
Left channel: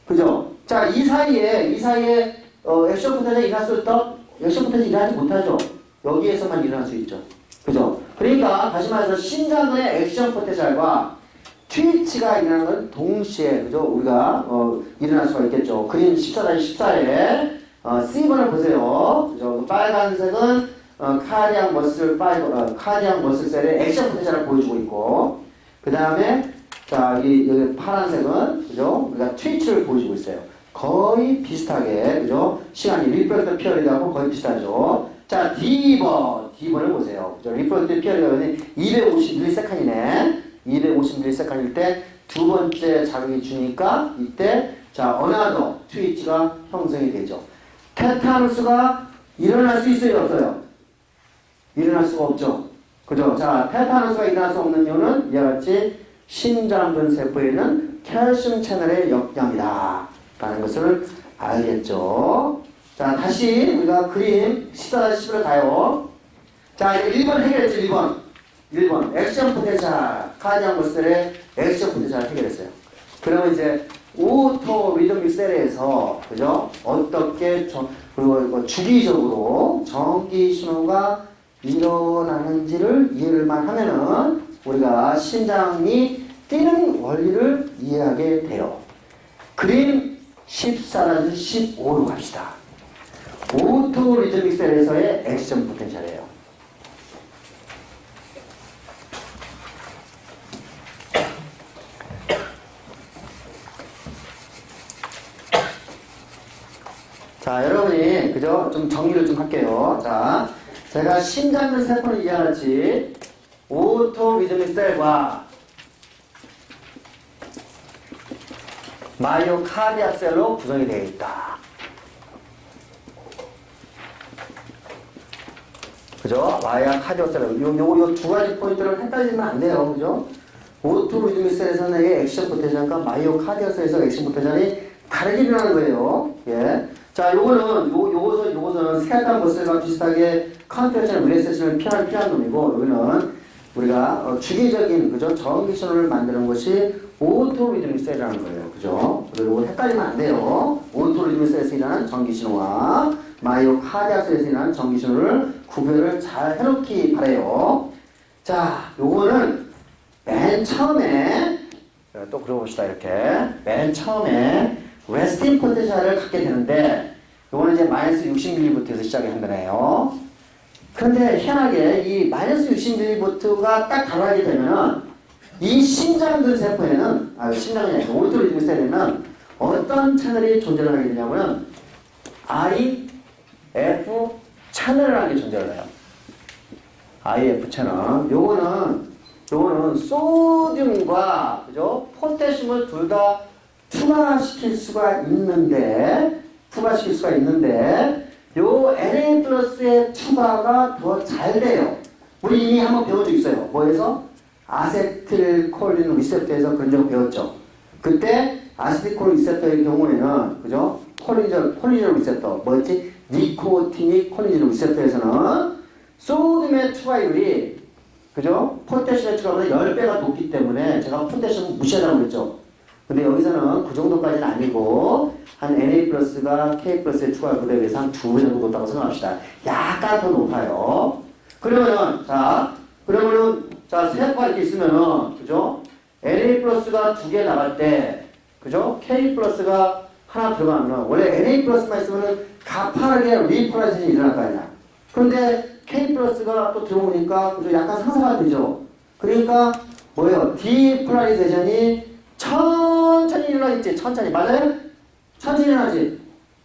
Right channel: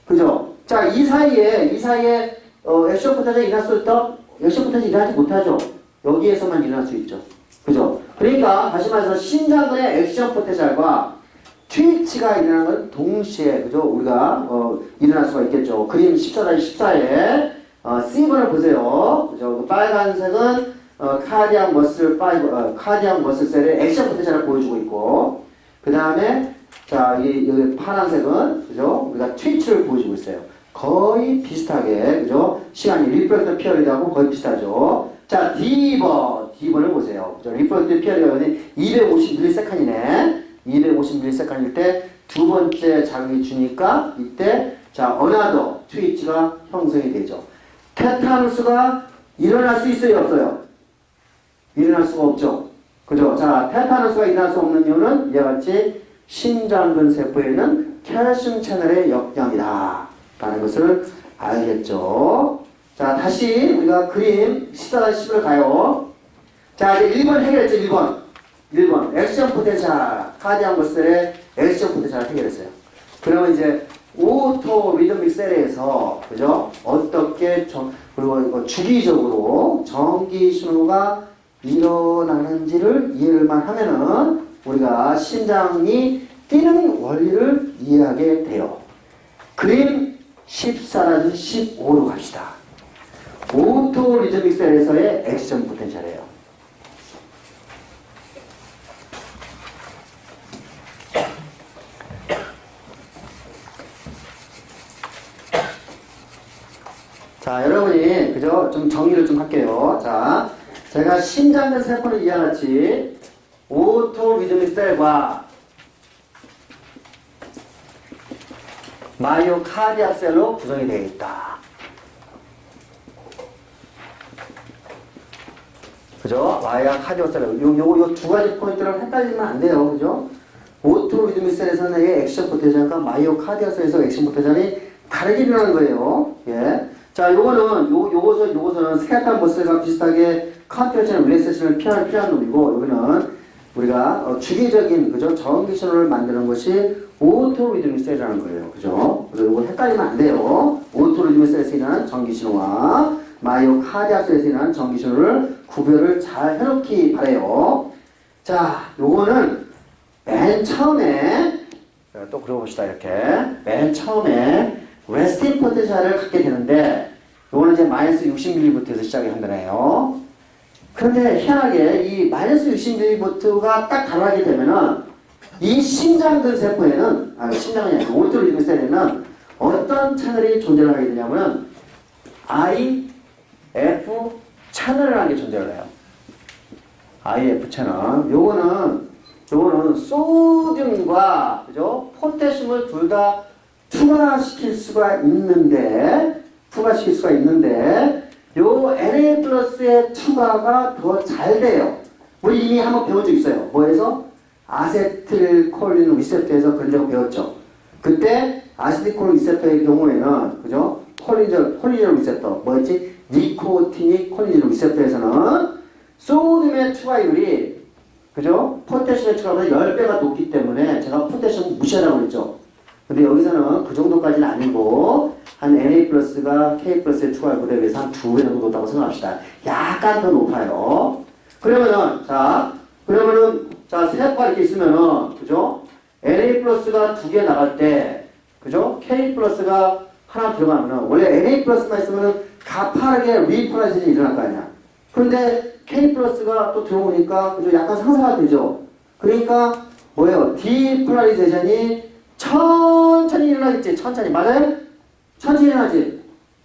그죠? 자, 이 사이에 액션 포텐셜이 일어날 수 있다? 액션 포텐셜이 일어나지 못하죠. 여기에서만 일어날 수 있죠. 그죠? 그러니까 다시 말해서 심장근의 액션 포텐셜과 트위치가 일어나는 건 동시에, 그죠? 우리가 일어날 수가 있겠죠. 그림 14-14에 C번을 보세요. 그죠? 빨간색은 카디악 머슬 파이버, 카디악 머슬 셀의 액션 포텐셜을 보여주고 있고, 그 다음에 자 여기 파란색은 그죠? 우리가 트위치를 보여주고 있어요. 거의 비슷하게 그죠? 시간이 리프렉터 피어리드하고 거의 비슷하죠. 자 D번을 보세요. 그죠? 리프렉터 피어리드가 250ms이네. 250ms일 때 두 번째 자극이 주니까 이때 자 어나더 트위치가 형성이 되죠. 테타누스가 일어날 수 있어요, 없어요? 일어날 수가 없죠. 그죠? 자, 테타누스가 일어날 수 없는 이유는 이와 같이 심장근 세포에 있는 칼슘 채널의 역량이다 라는 것을 알겠죠. 자, 다시 우리가 그림 14-10을 가요. 자, 이제 1번 해결했죠. 1번 액션 포텐셜, 카디악 머슬의 액션 포텐셜을 해결했어요. 그러면 이제 오토 리드믹 셀에서 그죠? 어떻게 그리고 주기적으로 전기 신호가 일어나는지를 이해를만 하면은 우리가 심장이 뛰는 원리를 이해하게 돼요. 그림 14-15로 갑시다. 오토 리드믹 셀에서의 액션 포텐셜이에요. 자, 여러분이 그죠? 좀 정리를 좀 할게요. 자, 제가 심장근 세포는 이와 같이 오토 리드믹 셀과 마이오카디악 셀로 구성이 되어 있다. 그죠? 마이오카디악 셀로 요 두 가지 포인트를 헷갈리면 안 돼요. 그죠? 오토 리드믹 셀에서는 액션 포텐셜과 마이오카디악 셀에서 액션 포텐셜이 다르게 일어나는 거예요. 예. 자, 요거서는 스켈레탈 머슬과 비슷하게 컨트랙션 릴렉세이션을 필요한 놈이고, 여기는 우리가 주기적인 그죠? 전기 신호를 만드는 것이 오토 리드믹 셀이라는 거예요. 그죠? 그래서 요거 헷갈리면 안 돼요. 오토 리드믹 셀에서 일어나는 전기 신호와 마이오카디악 셀에서 일어나는 전기 신호를 구별을 잘 해놓기 바래요. 자, 요거는 맨 처음에 또 그려봅시다. 이렇게 맨 처음에 레스팅 포텐셜을 갖게 되는데, 요거는 이제 마이너스 60mV에서 시작이 한다네요. 그런데 희한하게 이 마이너스 60mV가 딱 달하게 되면은 이 심장근 세포에는, 심장근이 아니고 오토 리드믹 셀에는 어떤 채널이 존재를 하게 되냐면은 IF 채널이라는 게 존재를 해요. IF 채널. 요거는 소듐과 그죠? 포타슘을 둘 다 투과시킬 수가 있는데 요 Na 플러스의 투과가 더 잘 돼요. 우리 이미 한번 배운 적 있어요. 뭐에서? 아세틸콜린 리셉터에서 그런 적 배웠죠. 그때 아세틸콜린 리셉터의 경우에는 그죠? 콜리전 리셉터 뭐였지? 니코티닉 콜리전 리셉터에서는 소듐의 투과율이 그죠? 포타슘의 투과보다 10배가 높기 때문에 제가 포타슘을 무시하라고 그랬죠. 근데 여기서는 그 정도까지는 아니고 한 Na 플러스가 K 플러스의 투과율에 비해서 한 2배 정도 높다고 생각합시다. 약간 더 높아요. 그러면은 세포가 이렇게 있으면은 그죠? Na 플러스가 2개 나갈 때 그죠? K 플러스가 하나 들어가면은 원래 Na 플러스만 있으면은 가파르게 리폴라이제이션이 일어날 거 아니야. 그런데 K 플러스가 또 들어오니까 그죠? 약간 상승가 되죠. 그러니까 뭐예요? 디폴라리제이션이 천천히 일어나겠지. 천천히. 맞아요? 천천히 일어나지.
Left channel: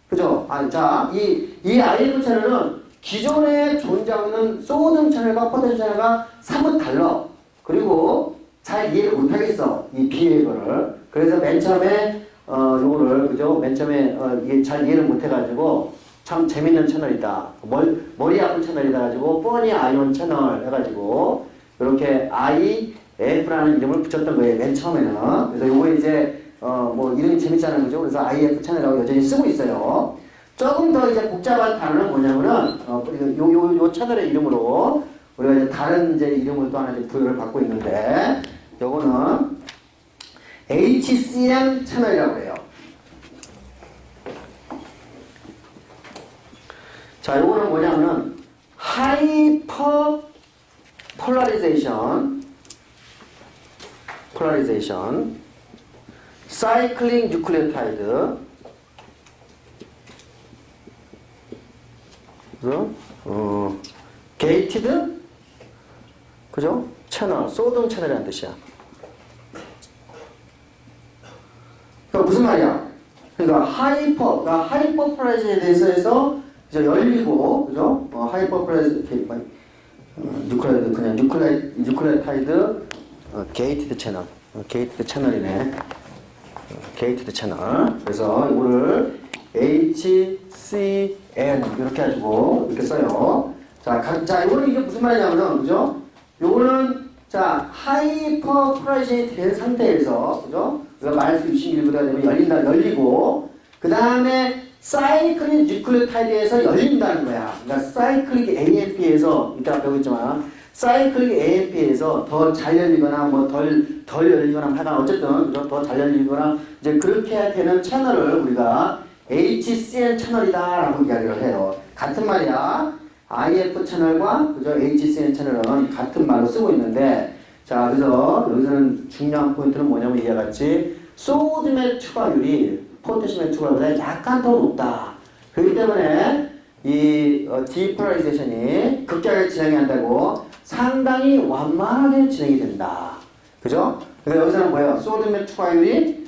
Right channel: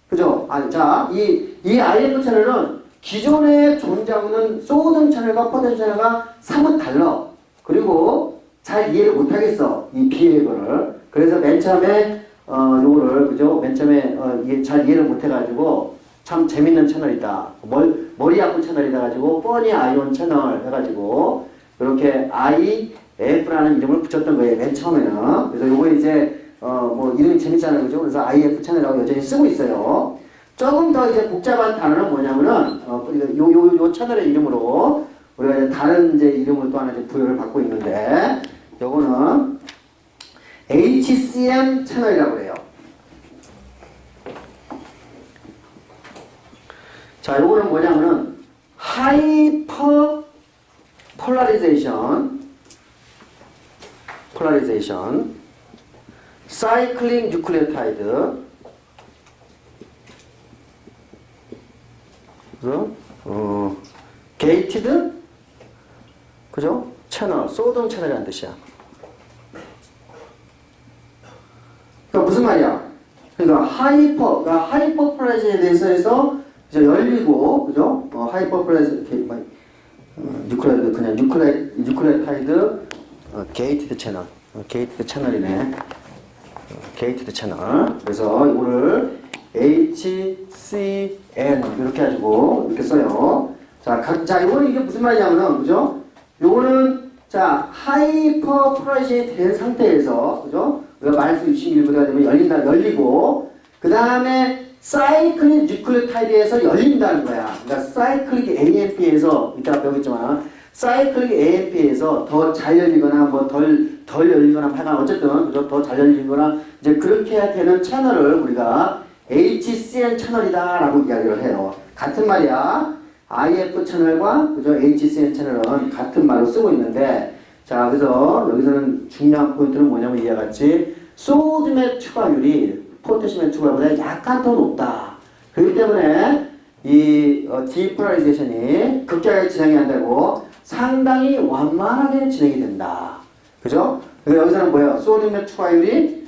그죠? 자, 이 IF 채널은 기존에 존재하고 있는 소듐 채널과 포타슘 채널과 사뭇 달라. 그리고 잘 이해를 못하겠어. 이 비해거를. 그래서 맨 처음에, 요거를, 그죠? 맨 처음에, 잘 이해를 못해가지고, 참 재밌는 채널이다. 머리 아픈 채널이다 가지고, 뻔히 아이온 채널 해가지고, 이렇게 IF라는 이름을 붙였던 거예요. 맨 처음에는. 그래서 요거 이제, 이름이 재밌잖아요. 그죠? 그래서 IF 채널이라고 여전히 쓰고 있어요. 조금 더 이제 복잡한 단어는 뭐냐면은, 요 채널의 이름으로, 우리가 이제 다른 이제 이름을 또 하나 이제 부여를 받고 있는데, 요거는 HCM 채널이라고 해요. 자, 요거는 뭐냐면은, 하이퍼 폴라리제이션, 사이클링 뉴클레오타이드, 그래서 게이티드, 그죠? 채널, 소등 채널이라는 뜻이야. 그러니까 무슨 말이야? 그러니까 하이퍼 플라이즈에 대해서 해서 열리고, 그죠? 하이퍼 플라이즈, 뉴클레타이드, 게이티드 채널, 게이티드 채널이네. 게이티드 채널. 그래서 이거를 HCN 이렇게 가지고 이렇게 써요. 자, 이거는 이게 무슨 말이냐면은, 그죠? 요거는, 자, 하이퍼 플라이즈에 된 상태에서, 그죠? 우리가 마이너스 61보다 되면 열리고, 그 다음에 사이클릭 뉴클레오타이드에서 열린다는 거야. 그러니까 사이클릭 AMP에서, 이따가 배우겠지만, 사이클릭 AMP에서 더 잘 열리거나, 뭐 덜 열리거나, 하여간 어쨌든, 그죠? 더 잘 열리거나, 이제 그렇게 되는 채널을 우리가 HCN 채널이다라고 이야기를 해요. 같은 말이야. IF 채널과, 그죠? HCN 채널은 같은 말로 쓰고 있는데, 자, 그래서 여기서는 중요한 포인트는 뭐냐면 이와 같이 소듐의 추가율이 포테슘의 추가율보다 약간 더 높다. 그렇기 때문에 이 디폴라리제이션이 극적하게 진행이 한다고 상당히 완만하게 진행이 된다. 그죠? 그래서 여기서는 뭐예요? 소듐의 추가율이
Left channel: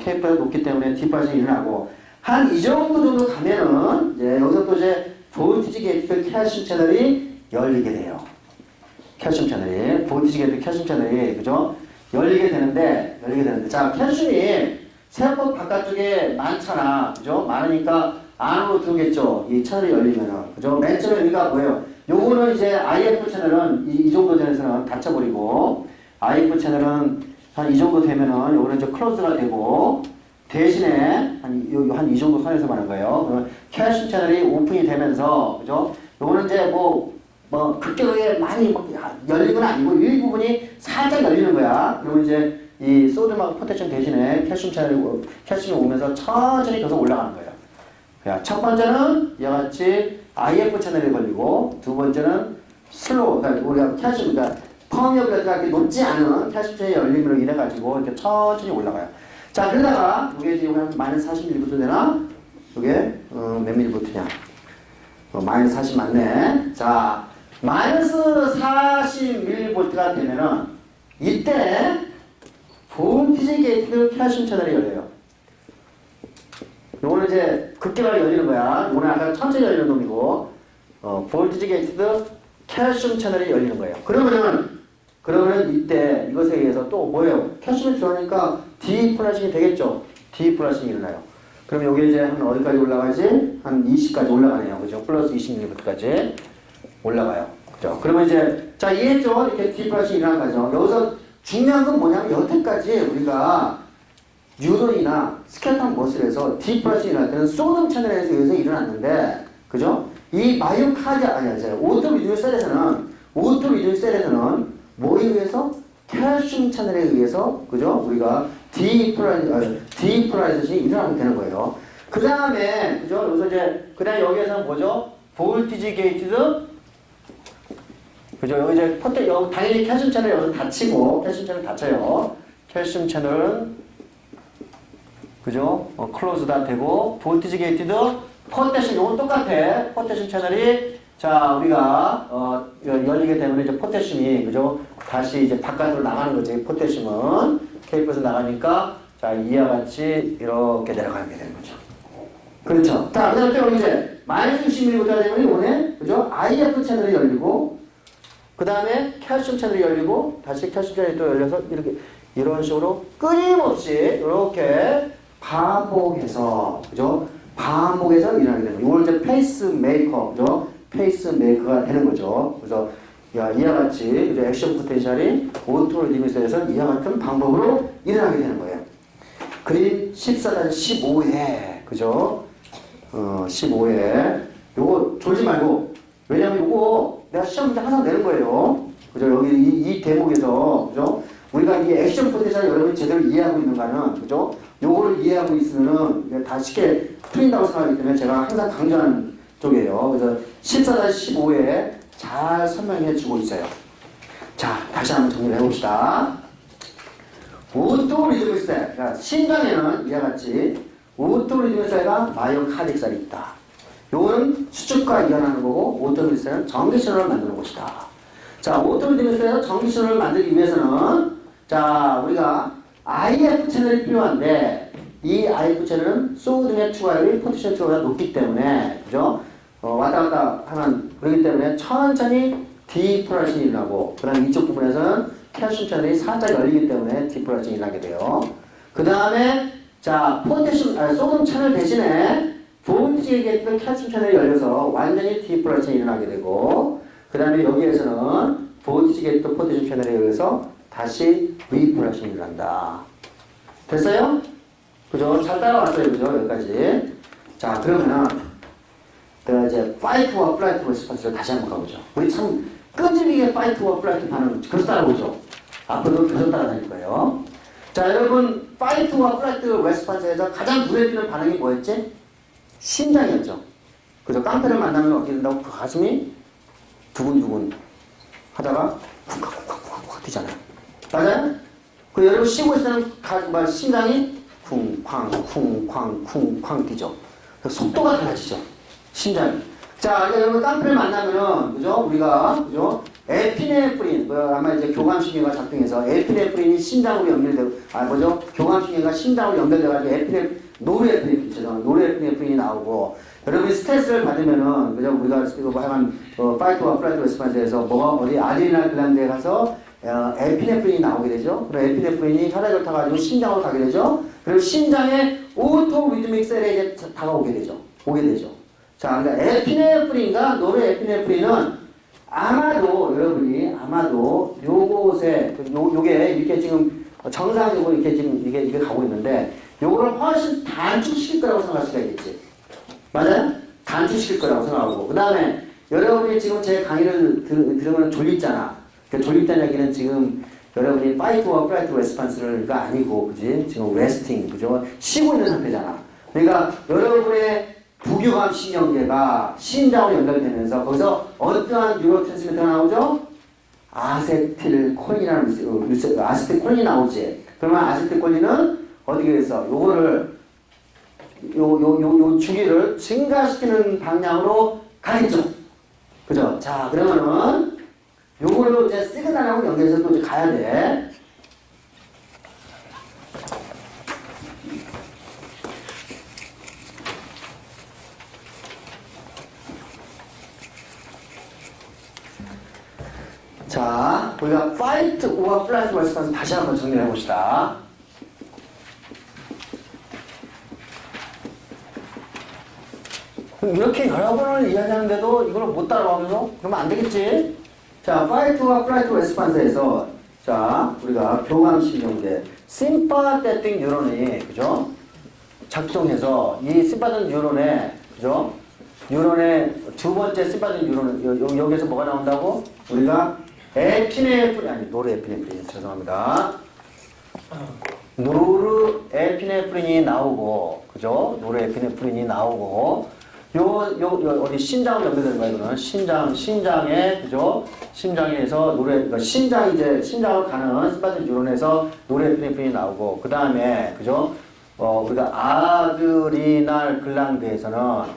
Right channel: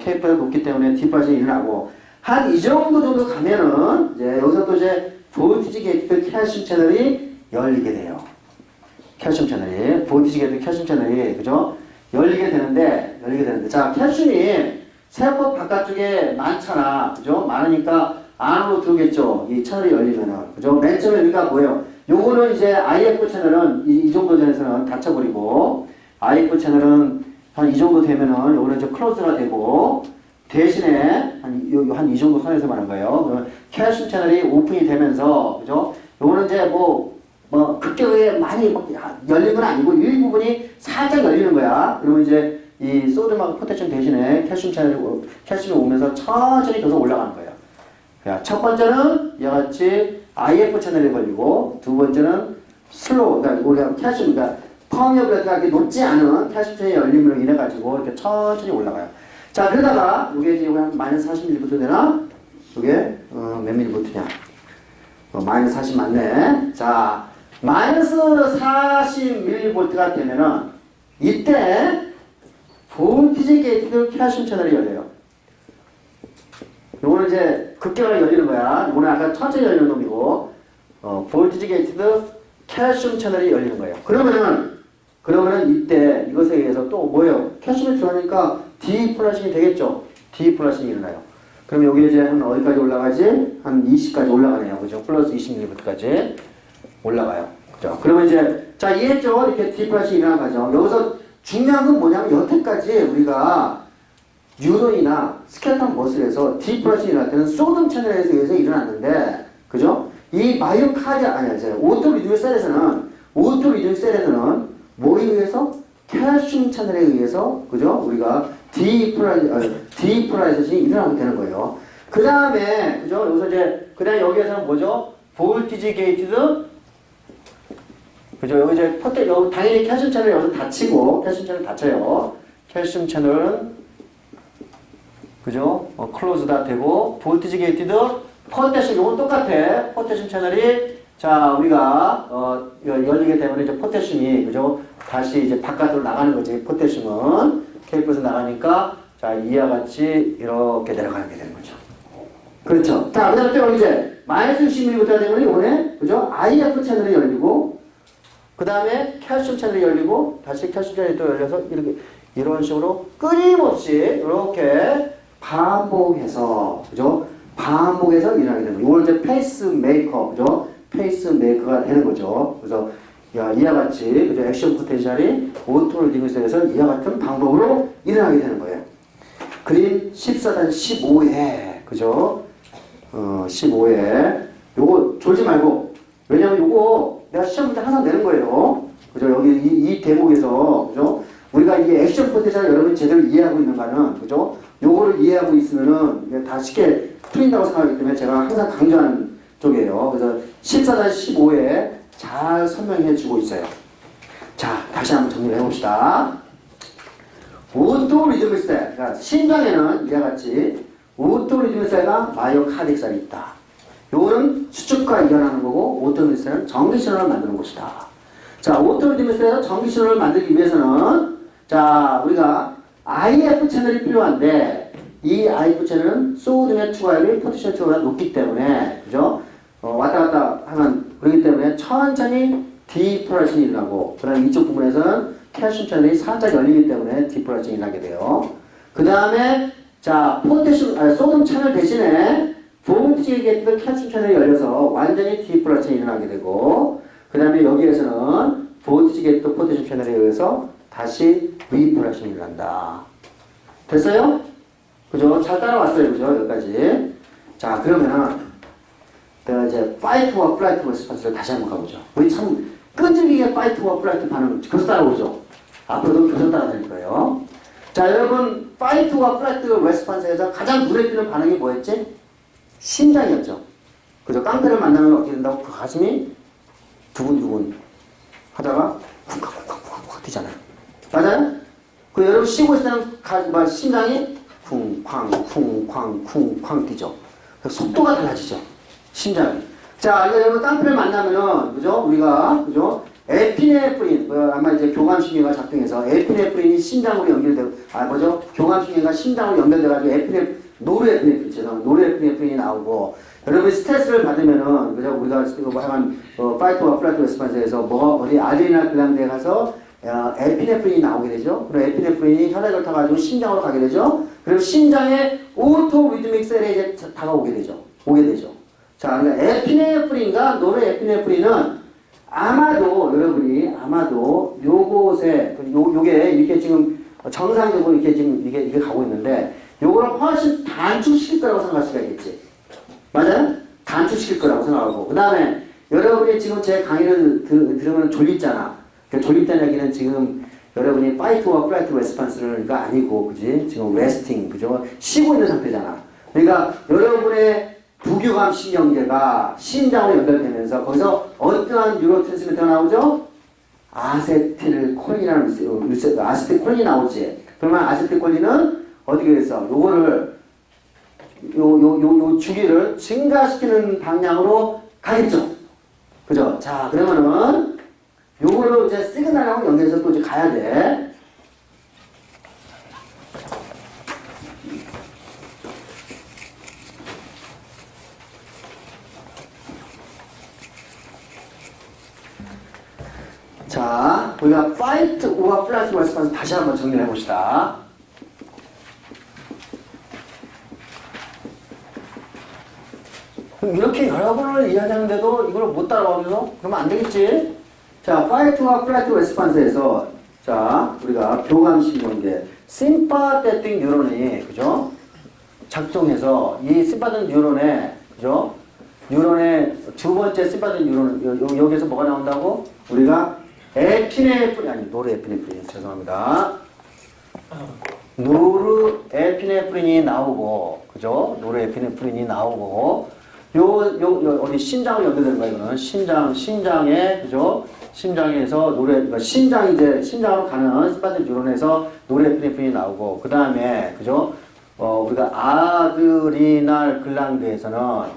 K보다 높기 때문에 디폴라리제이션이 일어나고 한 이 정도 가면은 이제 여기서 또 이제 볼티지 게이트 칼슘 채널이 열리게 돼요. 칼슘 채널이 볼티지 게이트 칼슘 채널이 그죠? 열리게 되는데 자 칼슘이 세포 바깥쪽에 많잖아. 그죠? 많으니까 안으로 들어오겠죠. 이 채널이 열리면은. 그죠? 맨 처음에 여기가 뭐예요? 요거는 이제 IF 채널은 이 정도 전에서는 닫혀버리고, IF 채널은 한 이 정도 되면은 요거는 이제 클로즈가 되고, 대신에 한 이 정도 선에서 말하는 거예요. 칼슘 채널이 오픈이 되면서, 그죠? 요거는 이제 뭐 극격에 많이 열린 건 아니고 일부분이 살짝 열리는 거야. 그러면 이제 이 소듐하고 포테슘 대신에 칼슘이 오면서 천천히 계속 올라가는 거예요. 첫 번째는 이와 같이 IF 채널에 걸리고, 두 번째는 슬로우, 그러니까 우리가 칼슘, 그러니까 퍼미어빌리티가 이렇게 높지 않은 칼슘 채널의 열림으로 인해 가지고 이렇게 천천히 올라가요. 자, 그러다가 이게 지금 한 마이너스 40ml 되나? 이게 몇 ml냐? 마이너스 40 맞네. 자, 마이너스 40mV가 되면은 이때 볼티지 게이트 칼슘 채널이 열려요. 요거는 이제 급격하게 열리는 거야. 요거는 아까 천천히 열리는 놈이고, 볼티지 게이트 칼슘 채널이 열리는 거예요. 그러면은 이때 이것에 의해서 또 뭐예요? 칼슘이 들어가니까 디플라싱이 되겠죠? 디플라싱이 일어나요. 그럼 여기 이제 한 어디까지 올라가지? 한 20까지 올라가네요. 그죠? 플러스 20mV까지 올라가요. 그죠? 그러면 이제, 자, 이해했죠? 이렇게 디플라싱이 일어난 거죠. 여기서 중요한 건 뭐냐면 여태까지 우리가 뉴런이나 스켈레톤 머슬에서 디플라싱이 일어날 때는 소듐 채널에 의해서 일어났는데, 그죠? 이 마이오카디아, 오토리듬 셀에서는 뭐에 의해서? 칼슘 채널에 의해서, 그죠? 우리가 디폴라리제이션이 일어나게 되는 거예요. 그 다음에, 그죠? 여기서 이제, 그 다음에 여기에서는 뭐죠? 볼티지 게이티드, 그죠? 여기 이제 여기 당연히 칼슘 채널이 여기서 닫히고, 칼슘 채널 닫혀요. 칼슘 채널은, 그죠? 클로즈다 되고, 볼티지 게이티드, 포테슘, 이건 똑같아. 포테슘 채널이, 자, 우리가, 열리게 되면 이제 포테슘이, 그죠? 다시 이제 바깥으로 나가는 거지. 포테슘은. K에서 나가니까, 자, 이와 같이 이렇게 내려가게 되는 거죠. 그렇죠. 자, 그 다음에 또 이제, 마이너스 60ml가 되면 이번에, 그죠? IF 채널이 열리고, 그 다음에 칼슘 채널이 열리고, 다시 칼슘 채널이 또 열려서, 이런 식으로 끊임없이, 이렇게 반복해서, 그죠? 반복해서 일어나게 되는 거예요. 이걸 이제 페이스메이커, 그죠? 페이스메이커가 되는 거죠. 그래서 이와 같이 그죠? 액션 포텐셜이 오토리듬에서 이와 같은 방법으로 일어나게 되는 거예요. 그림 14-15회, 그죠? 15회. 요거 졸지 말고, 왜냐면 요거 내가 시험 문제 항상 내는 거예요. 그죠? 여기 이 대목에서, 그죠? 우리가 이 액션 포텐셜 여러분이 제대로 이해하고 있는가는, 그죠? 요거를 이해하고 있으면은 다 쉽게 풀린다고 생각하기 때문에 제가 항상 강조하는 쪽이에요. 그래서 14-15에 잘 설명해 주고 있어요. 자, 다시 한번 정리를 해봅시다. 오토리듬셀, 그러니까 심장에는 이와 같이 오토리듬셀과 마이오카디엑셀이 있다. 요거는 수축과 이완하는 거고 오토리듬에서는 전기 신호를 만드는 곳이다. 자, 오토리듬에서 전기 신호를 만들기 위해서는 자, 우리가 IF 채널이 필요한데 이 IF 채널은 소등의 투과율이 포텐셜 투과가 높기 때문에 그죠? 왔다 갔다 하면 그렇기 때문에 천천히 디폴라이션이 일어나고 그 다음에 이쪽 부분에서는 칼슘 채널이 살짝 열리기 때문에 디폴라이션이 일어나게 돼요. 그 다음에 자, 소금 채널 대신에 볼티지 게이트 칼슘 채널이 열려서 완전히 디폴라이션이 일어나게 되고 그 다음에 여기에서는 볼티지 게이트 포텐셜 채널에 의해서 다시 리폴라이션이 일어난다. 됐어요? 그죠? 잘 따라왔어요. 그죠? 여기까지. 자, 그러면은 내가 이제 파이트와 플라이트 레스폰스를 다시 한번 가보죠. 우리 참 끈질기게 파이트와 플라이트 반응을 계속 따라오죠. 앞으로도 계속 따라다닐 거예요. 자, 여러분 파이트와 플라이트 레스폰스에서 가장 눈에 띄는 반응이 뭐였지? 심장이었죠. 그죠? 깡패를 만나면 어떻게 된다고? 그 가슴이 두근두근 하다가 쿵쾅쿵쾅쿵쾅 뛰잖아요. 맞아요? 그 여러분 쉬고 있을 때는 심장이 쿵쾅 쿵쾅 쿵쾅 뛰죠. 속도가 달라지죠. 심장이. 자, 이제 여러분 깡패를 만나면은 그죠? 우리가 그죠? 에피네프린 아마 이제 교감신경과 작동해서 에피네프린이 심장으로 연결되고 뭐죠? 교감신경과 심장으로 연결돼가지고 노르에피네프린 죄송합니다. 노르에피네프린이 나오고 여러분이 스트레스를 받으면은 그죠? 우리가 뭐 하여간 파이트와 플라이트 레스폰스에서 어디 아드레날 글란드에 가서 에피네프린이 나오게 되죠. 그리고 에피네프린이 혈액을 타가지고 심장으로 가게 되죠. 그리고 심장에 오토 리드믹 셀에 이제 다가오게 되죠. 오게 되죠. 자, 그러니까 에피네프린과 노르에피네프린은 여러분이 요곳에 요게 이렇게 지금 정상적으로 이렇게 지금 이게 가고 있는데 요거를 훨씬 단축시킬 거라고 생각하시겠지. 맞아요? 단축시킬 거라고 생각하고 그 다음에 여러분이 지금 제 강의를 들으면 졸립잖아. 그 졸립다는 얘기는 지금 여러분이 파이트와 플라이트 레스폰스가 아니고 그지? 지금 레스팅 그죠? 쉬고 있는 상태잖아. 그러니까 여러분의 부교감 신경계가 심장으로 연결되면서 거기서 어떠한 뉴로트랜스미터가 나오죠? 아세틸콜린이라는 아세틸콜린이 나오지. 그러면 아세틸콜린은 어떻게 해서 요거를 요 주기를 증가시키는 방향으로 가겠죠. 그죠? 자, 그러면은 요거를 이제 시그널하고 연결해서 또 이제 가야 돼. 자, 우리가 fight or flight response 다시 한번 정리를 해봅시다. 이렇게 여러 번을 이야기하는데도 이걸 못 따라가면서 그러면 안 되겠지? 자, fight or flight response에서 자, 우리가 교감신경계 sympathetic 뉴런이 그죠? 작동해서 이 sympathetic 뉴런에 그죠? 뉴런의 두 번째 sympathetic 뉴런 여기에서 뭐가 나온다고? 우리가 노르에피네프린 죄송합니다. 노르에피네프린이 나오고 그죠? 노르에피네프린이 나오고 어디 심장으로 연결되는 거야 이거는 심장에 그죠? 심장에서 심장으로 가는 심파센 뉴런에서 노르에피네프린이 나오고 그 다음에 그죠? 우리가 아드리날 글랑드에서는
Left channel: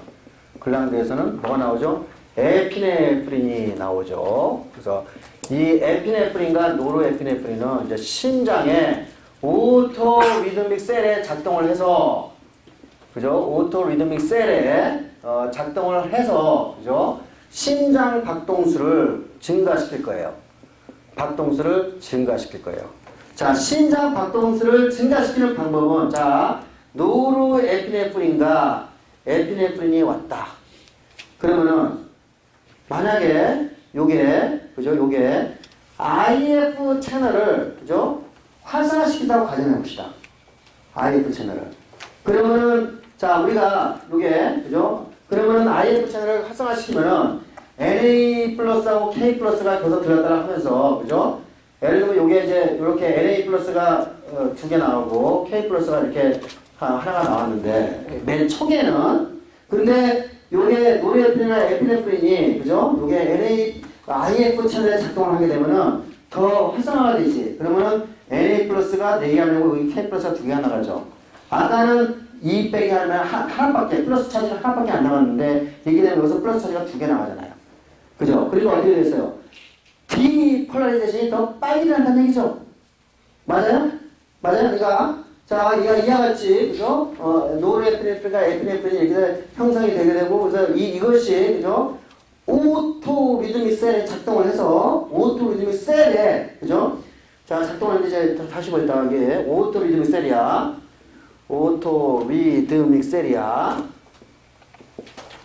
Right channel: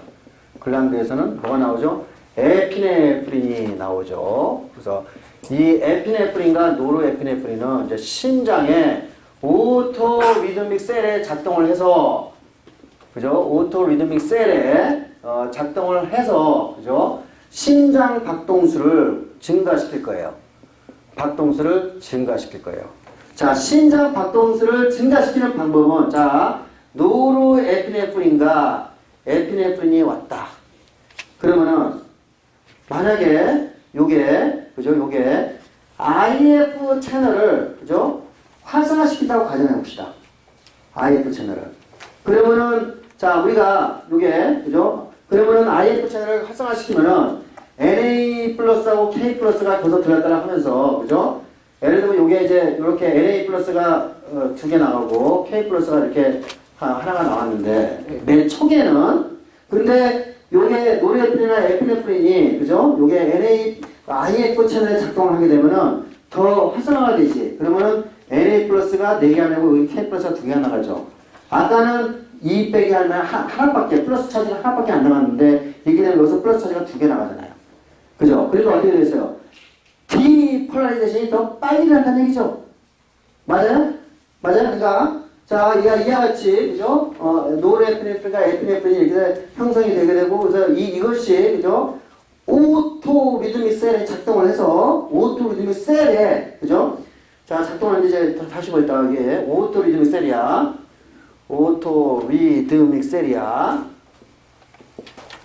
뭐가 나오죠? 에피네프린이 나오죠. 그래서 이 에피네프린과 노르에피네프린은 이제 심장에 오토 리드믹 셀에 작동을 해서 그죠? 오토 리드믹 셀에 작동을 해서 그죠? 심장 박동수를 증가시킬 거예요. 자, 심장 박동수를 증가시키는 방법은 자, 노르에피네프린과 에피네프린이 왔다. 그러면은 만약에 요게 IF 채널을 그죠? 활성화시킨다고 가정해 봅시다. IF 채널을. 그러면은 자, 우리가 요게 그죠? 그러면은 IF 채널을 활성화시키면은 NA 플러스하고 K 플러스가 거기서 들었다라 하면서 그죠? 예를 들면 요게 이제 이렇게 NA 플러스가 두 개 나오고 K 플러스가 이렇게 하나가 나왔는데 맨 초기에는 근데 요게 노르에피네프린이나 에피네프린이 그죠? 요게 IF 채널에 작동을 하게 되면은 더 활성화가 되지. 그러면은 NA 플러스가 4개가 되고 여기 K 플러스가 2개가 나가죠. 아까는 2 빼기 하면 하나밖에, 플러스 차지가 하나밖에 안 나갔는데, 이게 되면 여기서 플러스 차지가 2개 나가잖아요. 그죠? 그리고 어떻게 됐어요? 디폴라리제이션이 더 빨리 일어난다는 얘기죠. 맞아요? 맞아요? 그러니까, 자, 이와 같이, 그죠? 노르에피네프린과 에피네프린이 이렇게 형성이 되게 되고, 그래서 이것이, 그죠? 오토 리드믹 셀에 작동을 해서, 오토 리드믹 셀에, 그죠? 자, 작동하는데 이제 다시 보겠다. 이게 오토 리드믹 셀이야. 오토 리드믹 셀이야.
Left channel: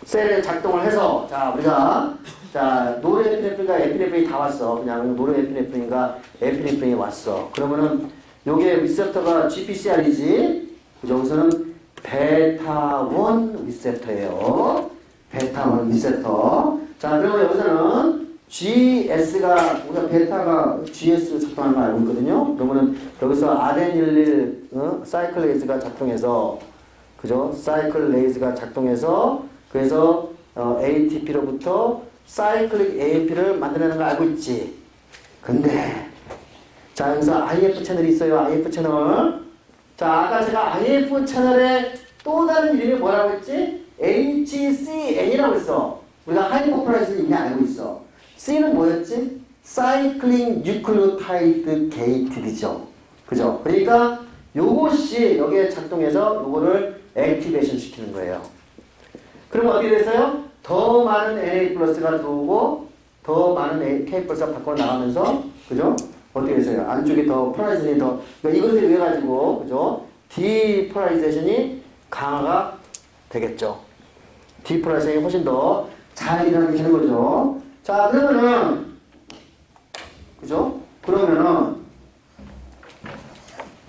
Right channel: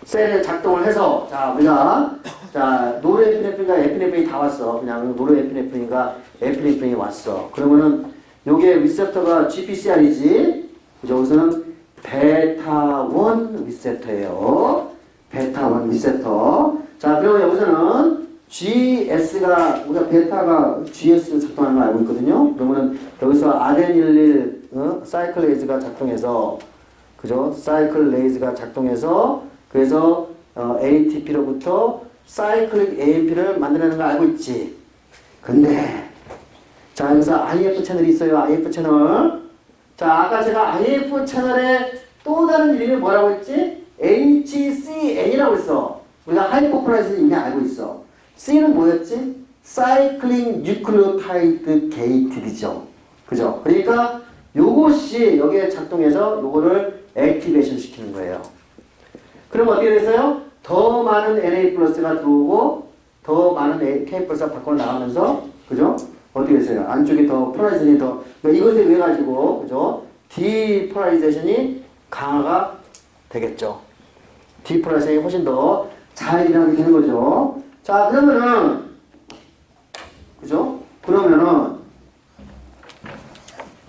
셀에 작동을 해서, 자, 우리가, 자, 노르에피네프린과 에피네프린이 다 왔어. 그냥 노르에피네프린과 에피네프린이 왔어. 그러면은, 요게 리셉터가 GPCR이지. 그죠? 여기서는 베타1 리셉터예요. 베타1 리셉터. 자, 그러면 여기서는 GS가, 우리가 베타가 GS로 작동하는 걸 알고 있거든요. 그러면은 여기서 아데닐릴 사이클레이즈가 작동해서, 그죠? 사이클레이즈가 작동해서, 그래서 ATP로부터 사이클릭 AMP를 만들어내는 걸 알고 있지. 근데, 자, 여기서 IF 채널이 있어요. IF 채널. 자, 아까 제가 IF 채널의 또 다른 이름이 뭐라고 했지? HCN이라고 했어. 우리가 하이퍼플라이즈는 이미 알고 있어. C는 뭐였지? 사이클링 뉴클리오타이드 게이트이죠. 그죠? 그러니까 요것이 여기에 작동해서 요거를 액티베이션 시키는 거예요. 그럼 어떻게 됐어요? 더 많은 Na 플러스가 들어오고 더 많은 K 플러스가 밖으로 나가면서, 그죠? 어떻게 됐어요? 안쪽에 더 폴라리제이션이 더, 그러니까 이것을 위해 가지고, 그죠? 디폴라리제이션이 강화가 되겠죠. 디폴라리제이션이 훨씬 더 잘 일어나게 되는 거죠. 자, 그러면은, 그죠? 그러면은,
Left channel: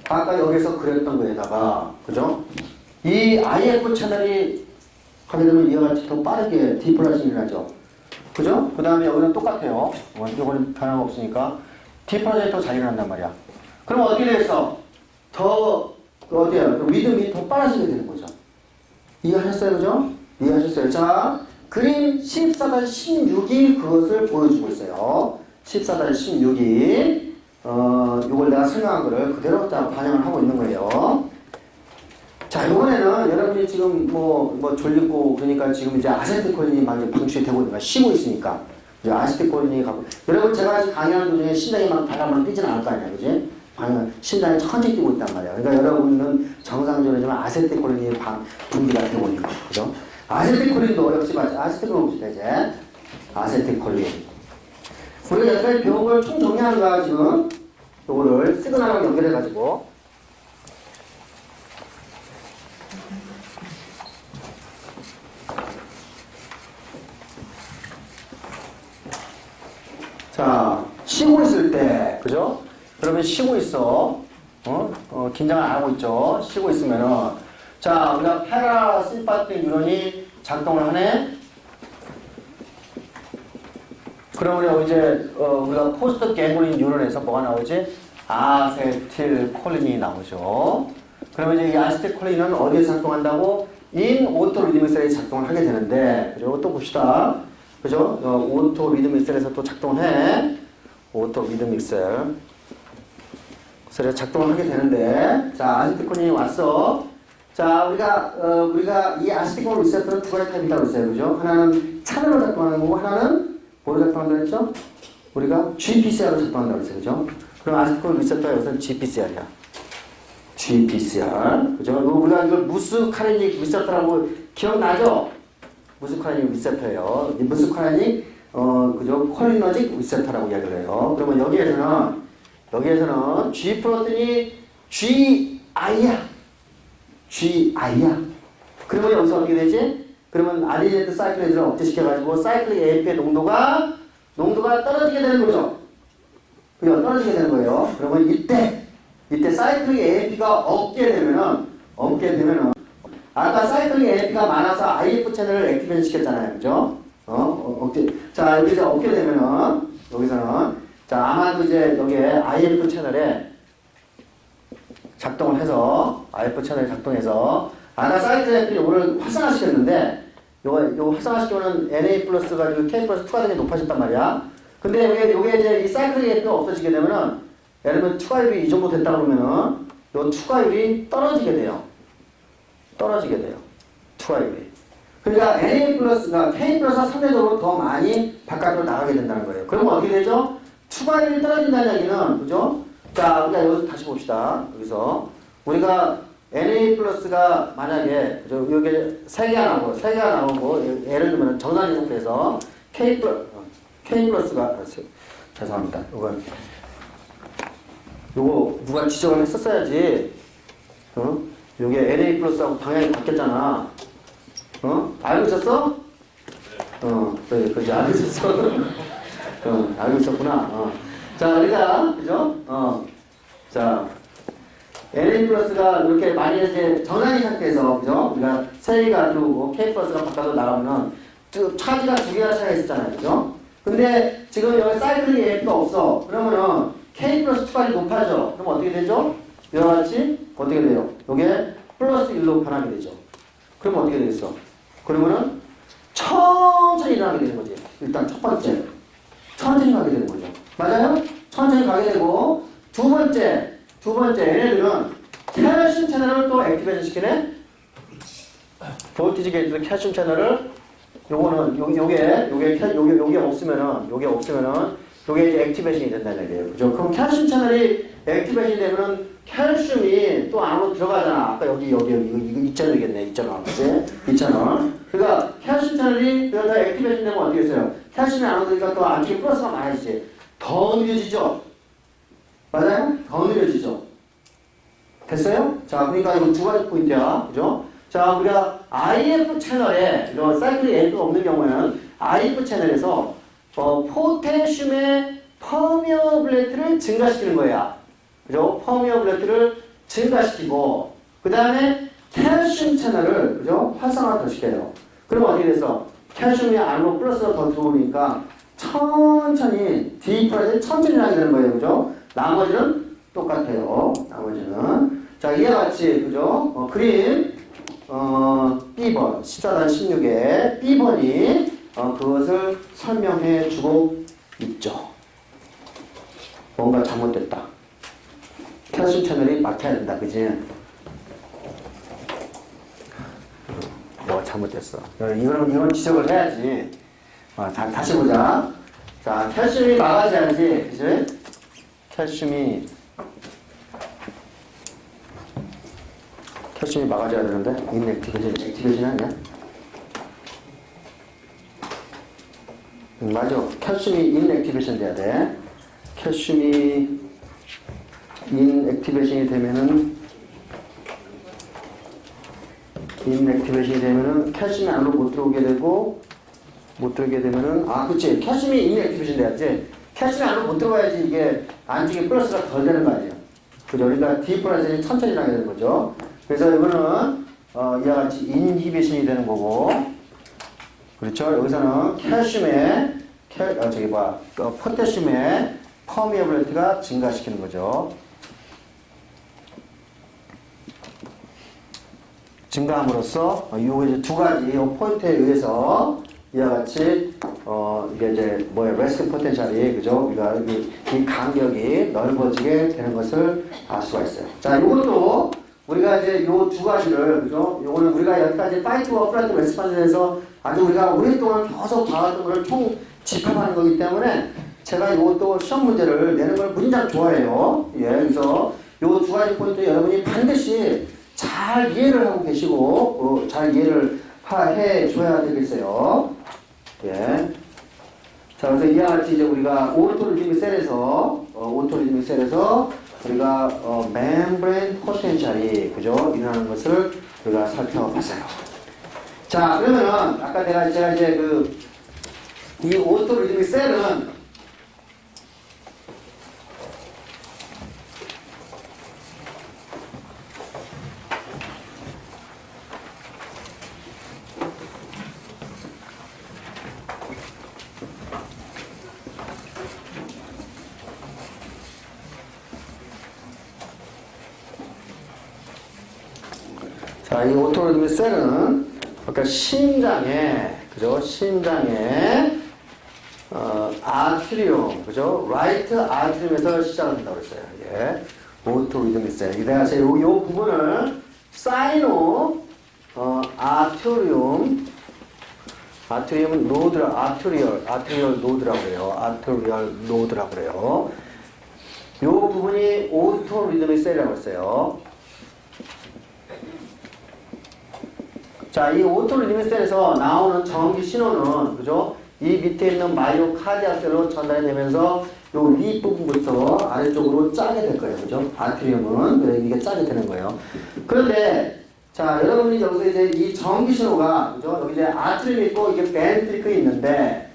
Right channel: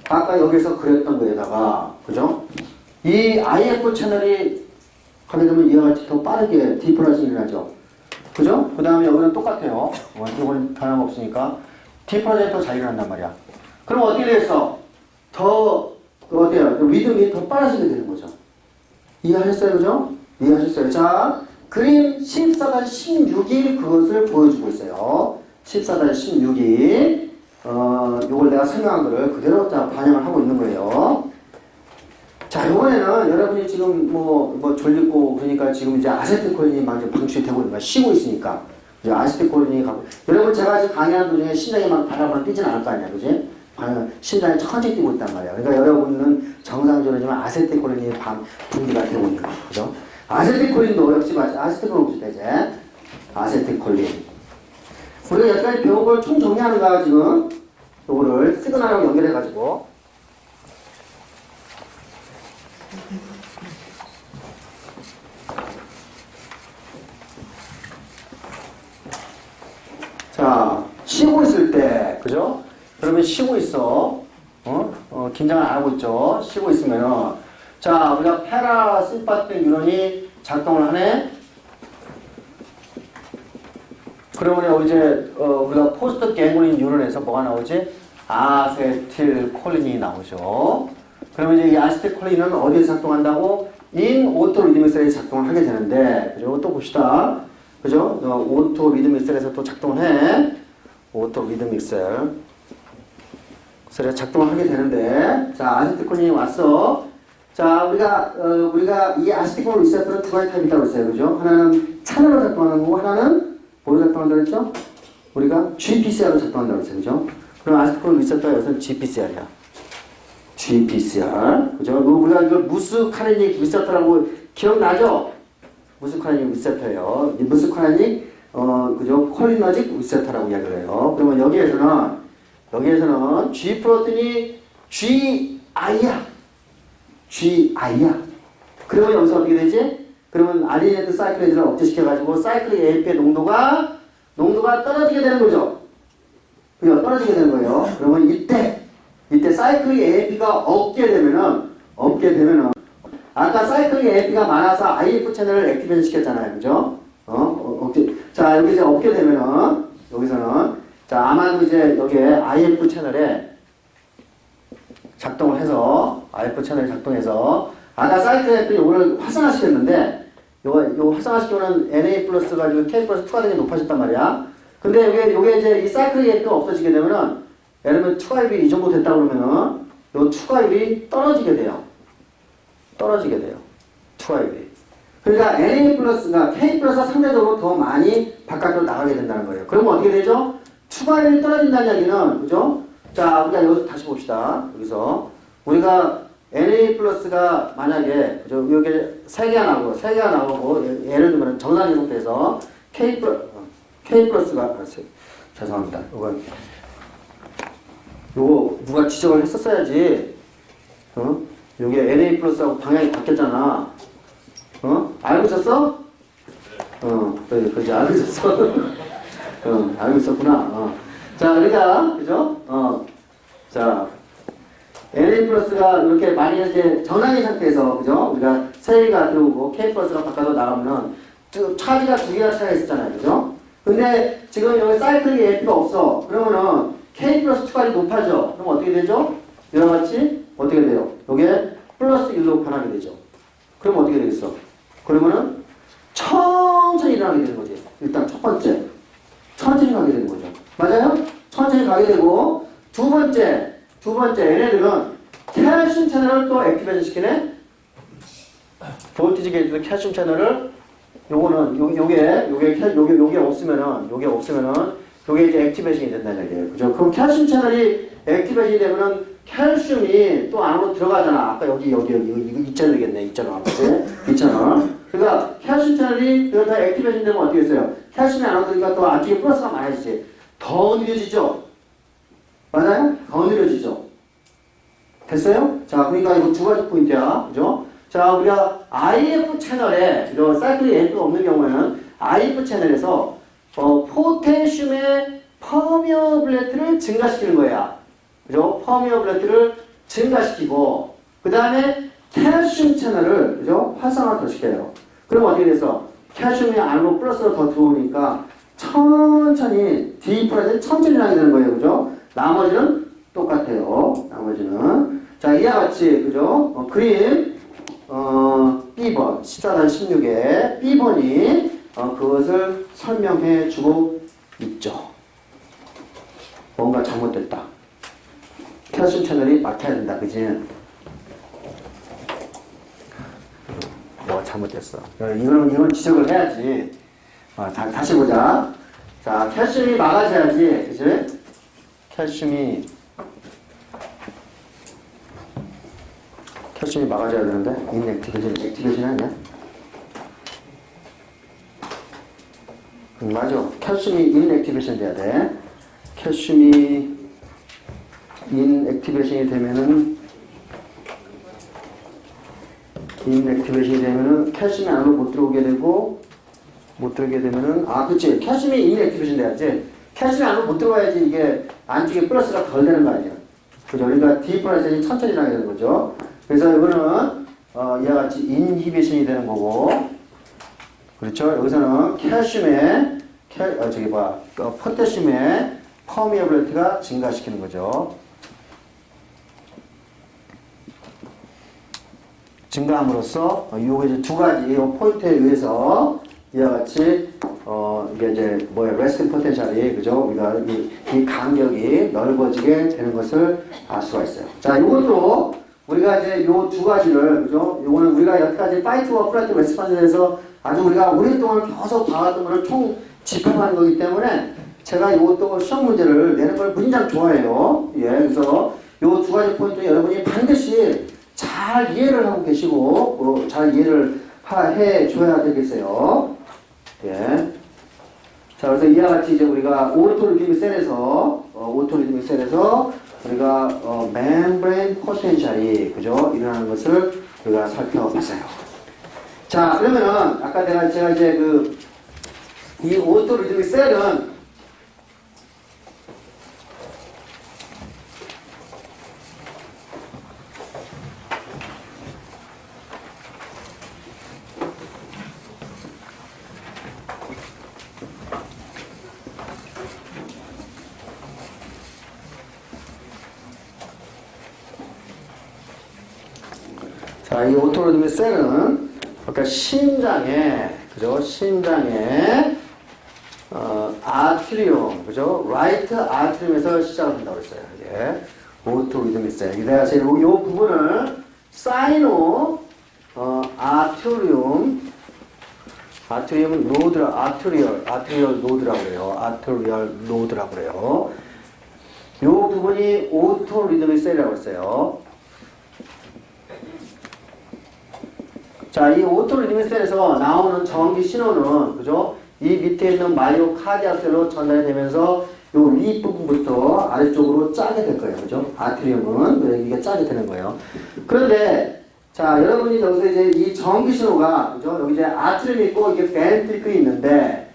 아까 여기서 그렸던 거에다가, 그죠? 이 IF 채널이 하게 되면 이와 같이 더 빠르게 디폴라리제이션이 일어나죠. 그죠? 그 다음에 여기는 똑같아요. 이건 변함없으니까. 디폴라리제이션이 더 잘 일어난단 말이야. 그럼 어떻게 되겠어? 더, 어때요? 리듬이 더 빨라지게 되는 거죠. 이해하셨어요? 그죠? 이해하셨어요? 자, 그림 14-16이 그것을 보여주고 있어요. 14-16이. 요걸 내가 설명한 거를 그대로 반영을 하고 있는 거예요. 자, 이번에는 여러분이 지금 졸리고 그러니까 지금 이제 아세틸콜린이 막 이제 방출이 되고 있는 거야. 쉬고 있으니까. 이제 아세틸콜린이 가고. 여러분 제가 지금 강의하는 도중에 심장이 막 바람을 뛰지는 않을 거 아니야. 그지? 심장이 천천히 뛰고 있단 말이야. 그러니까 여러분은 정상적으로지만 아세틸콜린이 분비가 되고 있는 거야. 그죠? 아세틸콜린도 역시 아세틸콜린 봅시다, 이제. 아세틸콜린. 우리가 여태까지 배운 걸 총 정리하는 거야, 지금. 요거를 시그널하고 연결해가지고. 자, 쉬고 있을 때, 그죠? 그러면 쉬고 있어. 긴장을 안 하고 있죠. 쉬고 있으면은. 자, 우리가 페라심파틱 뉴런이 작동을 하네. 그러면 여기 이제, 우리가 포스트 갱글린 뉴런에서 뭐가 나오지? 아세틸콜린이 나오죠. 그러면 이제 이 아세틸콜린은 어디에 작동한다고? 인 오토 리드믹 셀에 작동을 하게 되는데, 그죠? 또 봅시다. 그죠? 오토 리드믹 셀에서 또 작동을 해. 오토 리드믹 셀. 셀에 작동을 하게 되는데, 자, 아세틸콜린이 왔어. 자, 우리가 이 아세틸콜린 리셉터는 두 가지 타입이 있다고 했어요. 그죠? 하나는 차널로 작동하는 거고, 하나는 뭐로 작동한다고 했죠? 우리가 GPCR로 작동한다고 했어요. 그죠? 그럼 아세틸콜린 리셉터가 여기서는 GPCR이야. GPCR. 그죠? 우리가 이걸 무스카리닉 리셉터라고 기억나죠? 무스카리닉 리셉터예요. 이 무스카리닉, 그죠? 콜리너직 리셉터라고 이야기를 해요. 그러면 여기에서는 G 프로틴이 GI야. GI야. 그러면 여기서 어떻게 되지? 그러면 아데니네이트 사이클레이즈를 억제시켜가지고 사이클릭 AMP의 농도가 떨어지게 되는 거죠. 그죠? 떨어지게 되는 거예요. 그러면 이때 사이클릭 AMP가 없게 되면은 아까 사이클릭 AMP가 많아서 IF 채널을 액티베이션 시켰잖아요. 그죠? 자, 여기 이제 없게 되면은 여기서는 자, 아마도 이제 여기에 IF 채널에 작동을 해서 아까 사이클릭 AMP를 오늘 활성화시켰는데 요 활성화시켜놓은 NA 플러스 가지고 K 플러스 2가 되게 높아졌단 말이야. 근데 요게 이제 이 사이클릭 AMP가 없어지게 되면은 예를 들면 추가율이 이 정도 됐다 그러면은 요 추가율이 떨어지게 돼요. 떨어지게 돼요. 2i. 그러니까 Na 플러스가 K 플러스가 상대적으로 더 많이 바깥으로 나가게 된다는 거예요. 그러면 어떻게 되죠? 2i 떨어진다는 얘기는, 그죠? 자, 우리가 여기서 다시 봅시다. 여기서. 우리가 Na 플러스가 만약에, 그죠? 여기 3개가 나오고, 예를 들면 정상 제곱해서 K 플러스가, 죄송합니다. 요거 누가 지적을 했었어야지. 요게 Na 플러스하고 방향이 바뀌었잖아. 알고 있었어? 그래, 그지, 알고 있었어. 알고 있었구나. 자, 우리가, 그죠? 자, Na 플러스가 이렇게 만약에 이제 정상인 상태에서, 그죠? 우리가 3개가 들어오고 K 플러스가 바깥으로 나가면은, 차지가 2개가 차이가 있었잖아요. 그죠? 근데 지금 여기 사이클링 AP가 없어. 그러면은 K 플러스 2까지 높아져. 그럼 어떻게 되죠? 이와 같이 어떻게 돼요? 요게 플러스 1로 변하게 되죠. 그럼 어떻게 되겠어? 그러면은 천천히 일어나게 되는 거지. 일단 첫 번째. 천천히 가게 되는 거죠. 맞아요? 천천히 가게 되고, 두 번째, 얘네들은 칼슘 채널을 또 액티베이션 시키네? 볼티지 게이트도 칼슘 채널을, 요게 없으면은, 요게 이제 액티베이션이 된다는 얘기예요. 그죠? 그럼 칼슘 채널이 액티베이션이 되면은 칼슘이 또 안으로 들어가잖아. 아까 여기, 이거 2채널이겠네. 2채널. 그치? 2채널. 그러니까 칼슘 채널이 다 액티베이션 되면 어떻게 했어요? 칼슘이 안으로 들어가니까 또 안쪽에 플러스가 많아지지. 더 느려지죠? 맞아요? 더 느려지죠? 됐어요? 자, 그러니까 이거 두 가지 포인트야. 그죠? 자, 우리가 IF 채널에, 이런 사이클링 AP가 없는 경우에는 IF 채널에서 포테슘의 퍼미어블리티를 증가시키는 거야. 그죠? 퍼미어블리티를 증가시키고, 그 다음에 칼슘 채널을, 그죠? 활성화 더 시켜요. 그럼 어떻게 돼서? 칼슘이 안으로 플러스가 더 들어오니까 천천히, 디프라이드 천천히 나게 되는 거예요. 그죠? 나머지는 똑같아요. 나머지는. 자, 이와 같이, 그죠? 그림, B번, 14-16에 B번이 그것을 설명해 주고 있죠. 뭔가 잘못됐다. 칼슘 채널이 막혀야 된다. 그지? 뭐가 잘못됐어. 이건 지적을 해야지. 다시 보자. 자, 칼슘이 막아져야지. 그지? 칼슘이 막아줘야 되는데 액티베이션 아니야? 맞아. 칼슘이 인액티베이션 돼야 돼. 칼슘이 인액티베이션이 되면은 칼슘이 안으로 못 들어오게 되면은 그치. 칼슘이 인액티베이션 돼야지. 칼슘이 안으로 못 들어가야지 이게 안쪽에 플러스가 덜 되는 거 아니에요. 그죠? 그러니까 디플라이션이 천천히 나게 되는 거죠. 그래서 이거는 이와 같이 인히비션이 되는 거고, 그렇죠? 여기서는 칼슘의 포테슘의 퍼미어블리티가 증가시키는 거죠. 증가함으로써 요게 이제 두 가지 포인트에 의해서 이와 같이 이게 이제 레스팅 포텐셜이, 그죠? 우리가 이 간격이 넓어지게 되는 것을 알 수가 있어요. 자, 요것도 우리가 이제 요 두 가지를, 그죠? 요거는 우리가 여기까지 파이트와 플라트 레스판전에서 아주 우리가 오랫동안 계속 봐왔던 거를 총 집합하는 거기 때문에 제가 요것도 시험 문제를 내는 걸 무진장 좋아해요. 예, 그래서 요 두 가지 포인트 여러분이 반드시 잘 이해를 하고 계시고, 잘 이해를 해 줘야 되겠어요. 예. 자, 그래서 이와 같이 이제 우리가 오토리드믹 셀에서 우리가 멤브레인 포텐셜이, 그죠? 일어나는 것을 우리가 살펴봤어요. 자, 그러면은 아까 제가 이제 이 오토리드믹 셀은 자, 이 오토리드믹 셀은 그러니까 심장에, 그죠? 심장에 아트리움, 그죠? 라이트 아트리움에서 시작을 한다고 그랬어요. 예. 오토리드믹 셀. 내가 이 부분을 사이노 아트리움은 아트리얼 노드라고 그래요. 아트리얼 노드라고 그래요. 요 부분이 오토 리드믹 셀이라고 했어요. 자, 이 오토 리드믹 셀에서 나오는 전기 신호는, 그죠? 이 밑에 있는 마이오카디아 셀로 전달이 되면서 요 윗부분부터 아래쪽으로 짜게 될 거예요. 그죠? 아트리움은 이게 짜게 되는 거예요. 그런데 자, 여러분이 여기서 이제 이 전기 신호가, 그죠? 여기 이제 아트리움이 있고 이게 벤트리클이 있는데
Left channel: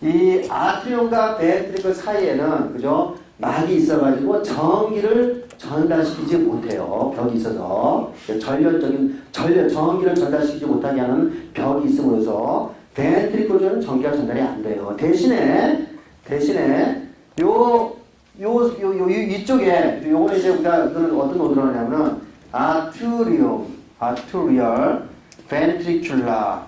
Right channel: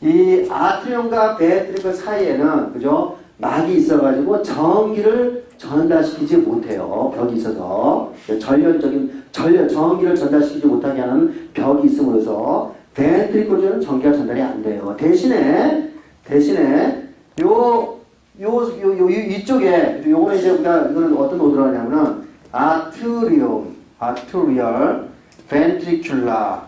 이 아트리움과 벤트리클 사이에는, 그죠? 막이 있어가지고 전기를 전달시키지 못해요. 벽이 있어서 전기를 전달시키지 못하게 하는 벽이 있음으로써 벤트리클 쪽에는 전기가 전달이 안 돼요. 대신에 이쪽에 요거는 이제 우리가 이거는 어떤 노드라고 하냐면은 아트리얼 벤트리큘라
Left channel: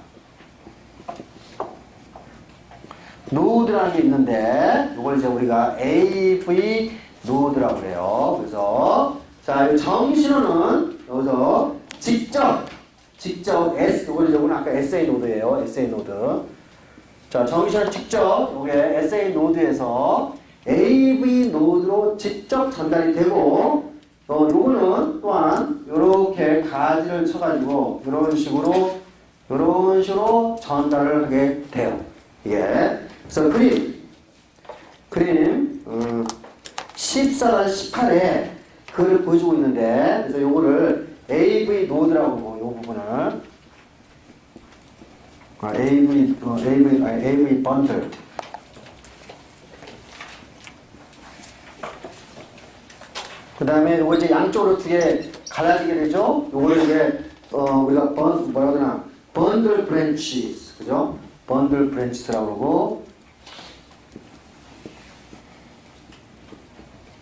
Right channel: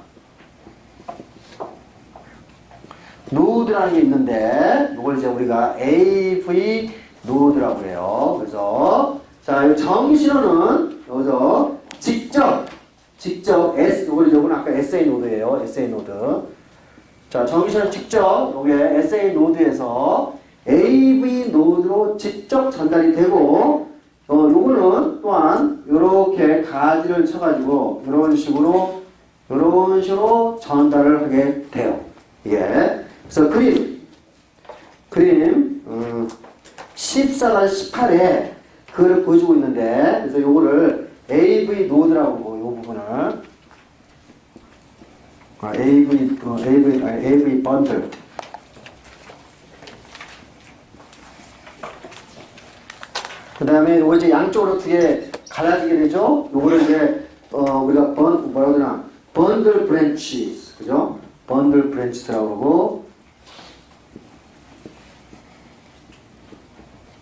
노드라는 게 있는데 이걸 이제 우리가 AV 노드라고 해요. 그래서 자, 이 전기 신호는 여기서 직접 요거는 아까 SA 노드예요. SA 노드. 자, 전기 신호는 직접 여기에 SA 노드에서 AV 노드로 직접 전달이 되고 요거는 또한 요렇게 가지를 쳐가지고 요런 식으로 전달을 하게 돼요. 예. 그래서 그림 14-18에 그걸 보여주고 있는데, 그래서 요거를 AV 노드라고 보고 요 부분을 AV 번들. 그 다음에 요거 이제 양쪽으로 두 개 갈라지게 되죠. 요거를 이제 우리가 번들 브랜치스, 그죠? 번들 브랜치스라고 그러고,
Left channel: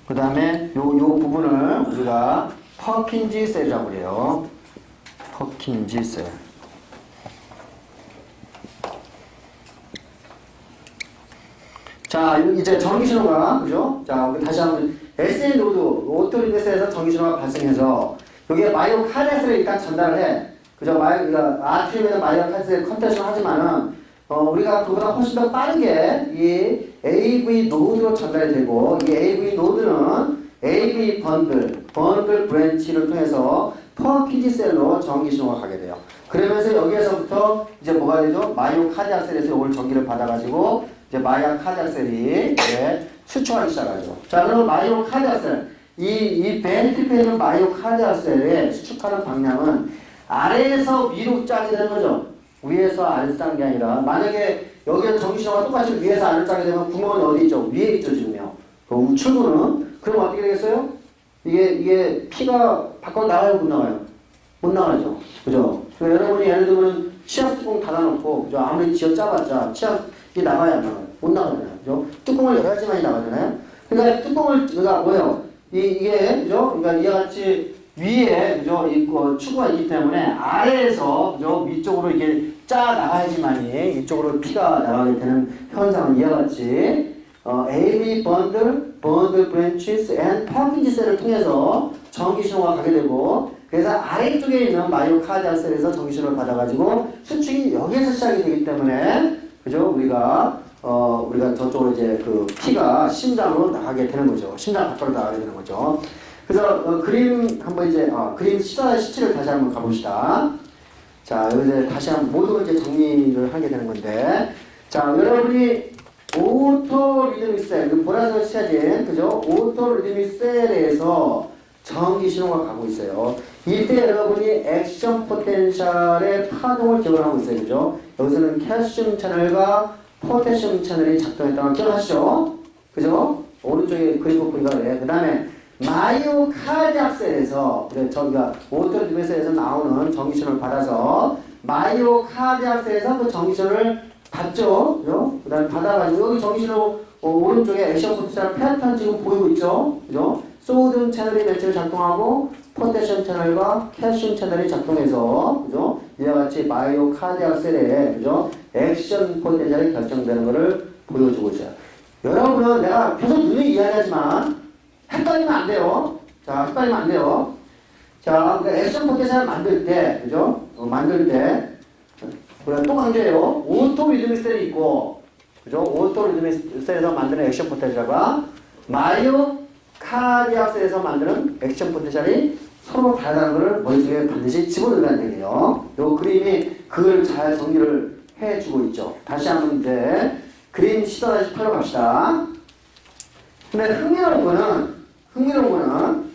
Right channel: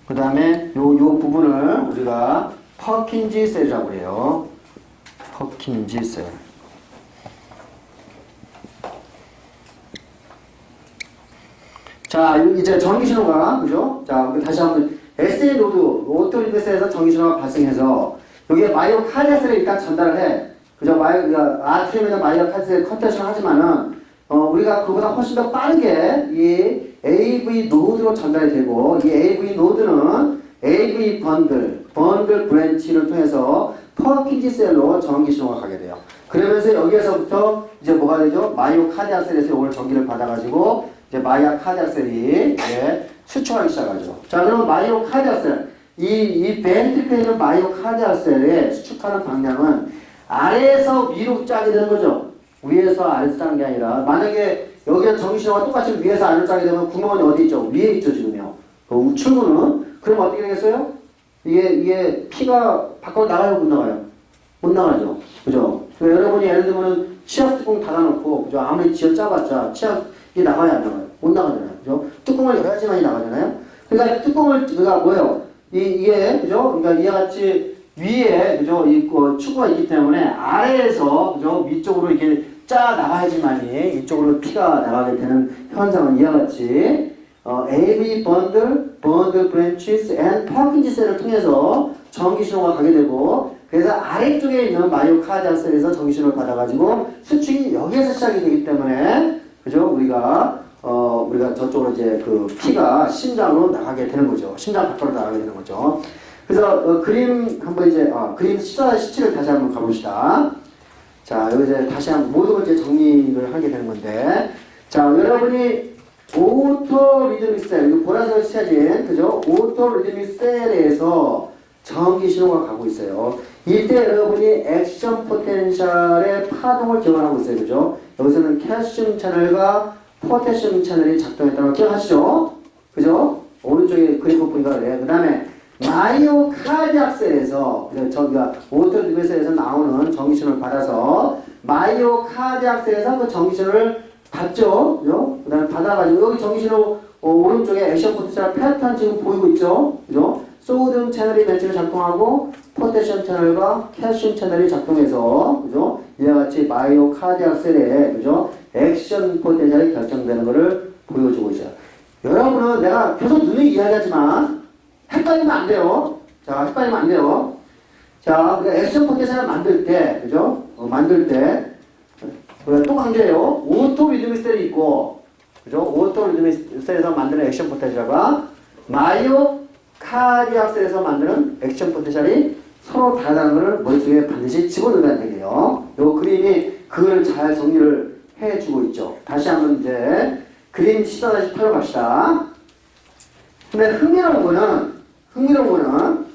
그 다음에 요 부분을 우리가 퍼킨지 셀이라고 그래요. 퍼킨지 셀. 자, 이제 전기 신호가, 그죠? 자, 다시 한번 SA 노드, 오토리드셀에서 전기 신호가 발생해서 여기에 마이오카디아 셀을 일단 전달을 해. 그죠? 아트리움에서 마이오카디아 셀 컨텐츠를 하지만은 우리가 그보다 훨씬 더 빠르게 이 AV 노드로 전달이 되고, 이 AV 노드는 AV 번들 브랜치를 통해서 퍼킨지 셀로 전기 신호가 가게 돼요. 그러면서 여기에서부터 이제 뭐가 되죠? 마이오카디아 셀에서 이걸 전기를 받아가지고 이제 마이오카디아 셀이 수축하기 시작하죠. 자, 그럼 마이오카디아 셀, 이 벤트리클에 있는 마이오카디아 셀의 수축하는 방향은 아래에서 위로 짜게 되는 거죠. 위에서 아래로 짜는 게 아니라, 만약에 여기에 전기신호가 똑같이 위에서 아래로 짜게 되면 구멍은 어디 있죠? 위에 있죠, 지금요. 출구는. 그럼 어떻게 되겠어요? 이게 피가 밖으로 나가요, 못 나가요? 못 나가죠. 그죠? 그러니까 여러분이 예를 들면은 치약 뚜껑 닫아놓고, 그죠? 아무리 쥐어 짜봤자 치약이 나가야 안 나가요? 못 나가잖아요. 그죠? 뚜껑을 열어야지만이 나가잖아요? 그러니까 그러니까 뭐예요? 이게, 그죠? 그러니까 이와 같이 위에, 그죠? 축구가 있기 때문에 아래에서, 그죠? 위쪽으로 이렇게 짜 나가야지만이 이쪽으로 피가 나가게 되는 현상은 이와 같이 AV 번들 브랜치스 앤 퍼킨지 셀을 통해서 전기 신호가 가게 되고, 그래서 아래쪽에 있는 마이오카디아 셀에서 전기 신호를 받아가지고 수축이 여기에서 시작이 되기 때문에, 그죠? 우리가 저쪽으로 이제 그 피가 심장으로 나가게 되는 거죠. 심장 밖으로 나가게 되는 거죠. 그래서 그림 한번 이제 그림 14-17을 다시 한번 가봅시다. 자, 여기 이제 다시 한번 모든 걸 이제 정리를 하게 되는 건데, 자, 여러분이 오토 리드믹 셀, 이거 보라색으로 칠해진, 그죠? 오토 리드믹 셀에서 전기 신호가 가고 있어요. 이때 여러분이 액션 포텐셜의 파동을 기억을 하고 있어요, 그죠? 여기서는 칼슘 채널과 포테슘 채널이 작동했다는 걸 기억하시죠? 그죠? 오른쪽에 그리프 보니까 그래. 그 다음에 마이오카디아 셀에서, 저기가 오토 리드믹 셀에서 나오는 전기 신호를 받아서 마이오카디아 셀에서 그 전기 신호를 받죠. 그죠? 그 다음에 받아가지고 여기 전기신호 오른쪽에 액션 포텐셜 패턴 지금 보이고 있죠. 그죠? 소디움 채널이 매칭을 작동하고 포테슘 채널과 칼슘 채널이 작동해서, 그죠? 이와 같이 마이오카디아 셀에, 그죠? 액션 포텐셜이 결정되는 것을 보여주고 있어요. 여러분은 내가 계속 눈이 이야기하지만 헷갈리면 안 돼요. 자, 헷갈리면 안 돼요. 자, 그러니까 액션 포텐셜을 만들 때, 그죠? 만들 때 우리가 또 강조해요. 오토 리드믹 셀이 있고, 그죠? 오토 리드믹 셀에서 만드는 액션 포텐셜과 마이오카디악 셀에서 만드는 액션 포텐셜이 서로 다르다는 것을 머릿속에 반드시 집어넣으라는 얘기예요. 요 그림이 그걸 잘 정리를 해주고 있죠. 다시 한번 이제 그림 14-8로 갑시다. 근데 흥미로운 거는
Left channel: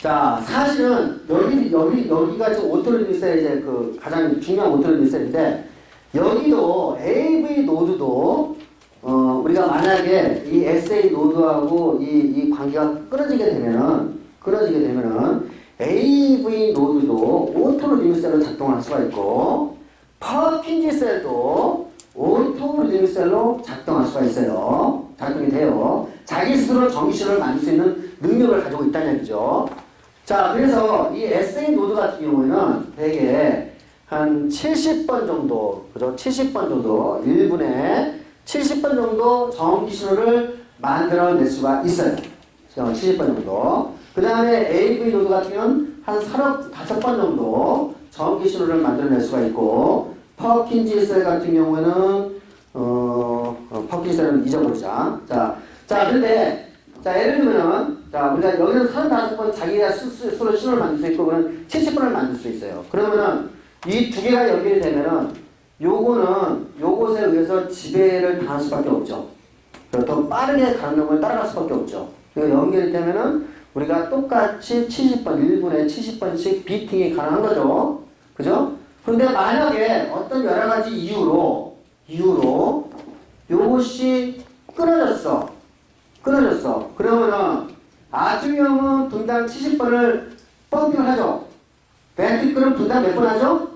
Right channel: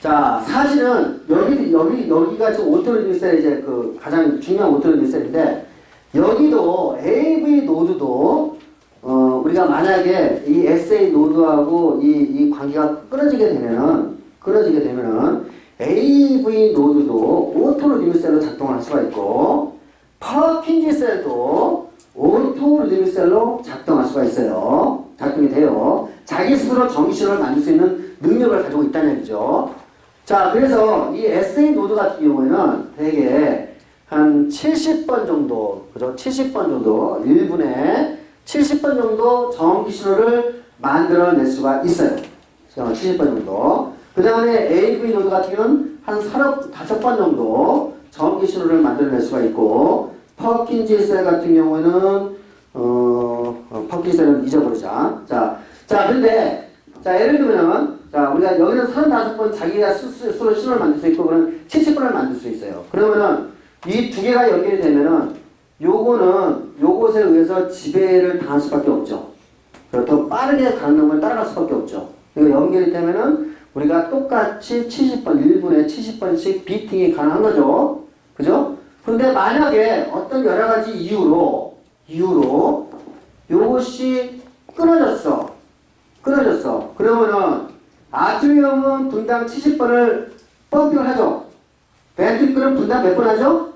자, 사실은 여기가 지금 오토리듬 셀 이제 그 가장 중요한 오토리듬 셀인데 여기도 AV 노드도 우리가 만약에 이 SA 노드하고 이 관계가 끊어지게 되면은 AV 노드도 오토리듬 셀로 작동할 수가 있고 퍼킨지 셀도 오토리듬 셀로 작동할 수가 있어요. 작동이 돼요. 자기 스스로 전기신호를 만들 수 있는 능력을 가지고 있다는 얘기죠. 자, 그래서 이 SA 노드 같은 경우에는 대개 한 70번 정도, 그죠? 70번 정도, 1분에 70번 정도 전기 신호를 만들어낼 수가 있어요. 70번 정도. 그 다음에 AV 노드 같은 경우는 한 35번 정도 전기 신호를 만들어낼 수가 있고, 퍼킨지 셀 같은 경우에는, 퍼킨지 셀은 잊어버리자. 근데, 예를 들면, 우리가 여기는 35번 자기가 스스로 신호를 만들 수 있고, 그러면 70번을 만들 수 있어요. 그러면은, 이 두 개가 연결이 되면은, 요것에 의해서 지배를 당할 수밖에 없죠. 더 빠르게 가는 놈을 따라갈 수밖에 없죠. 이거 연결이 되면은, 우리가 똑같이 70번, 1분에 70번씩 비팅이 가능한 거죠. 그죠? 근데 만약에 어떤 여러 가지 이유로, 요것이 끊어졌어. 그러면은, 아트리움은 분당 70번을 펌핑을 하죠. 벤트리클은 분당 몇 번 하죠?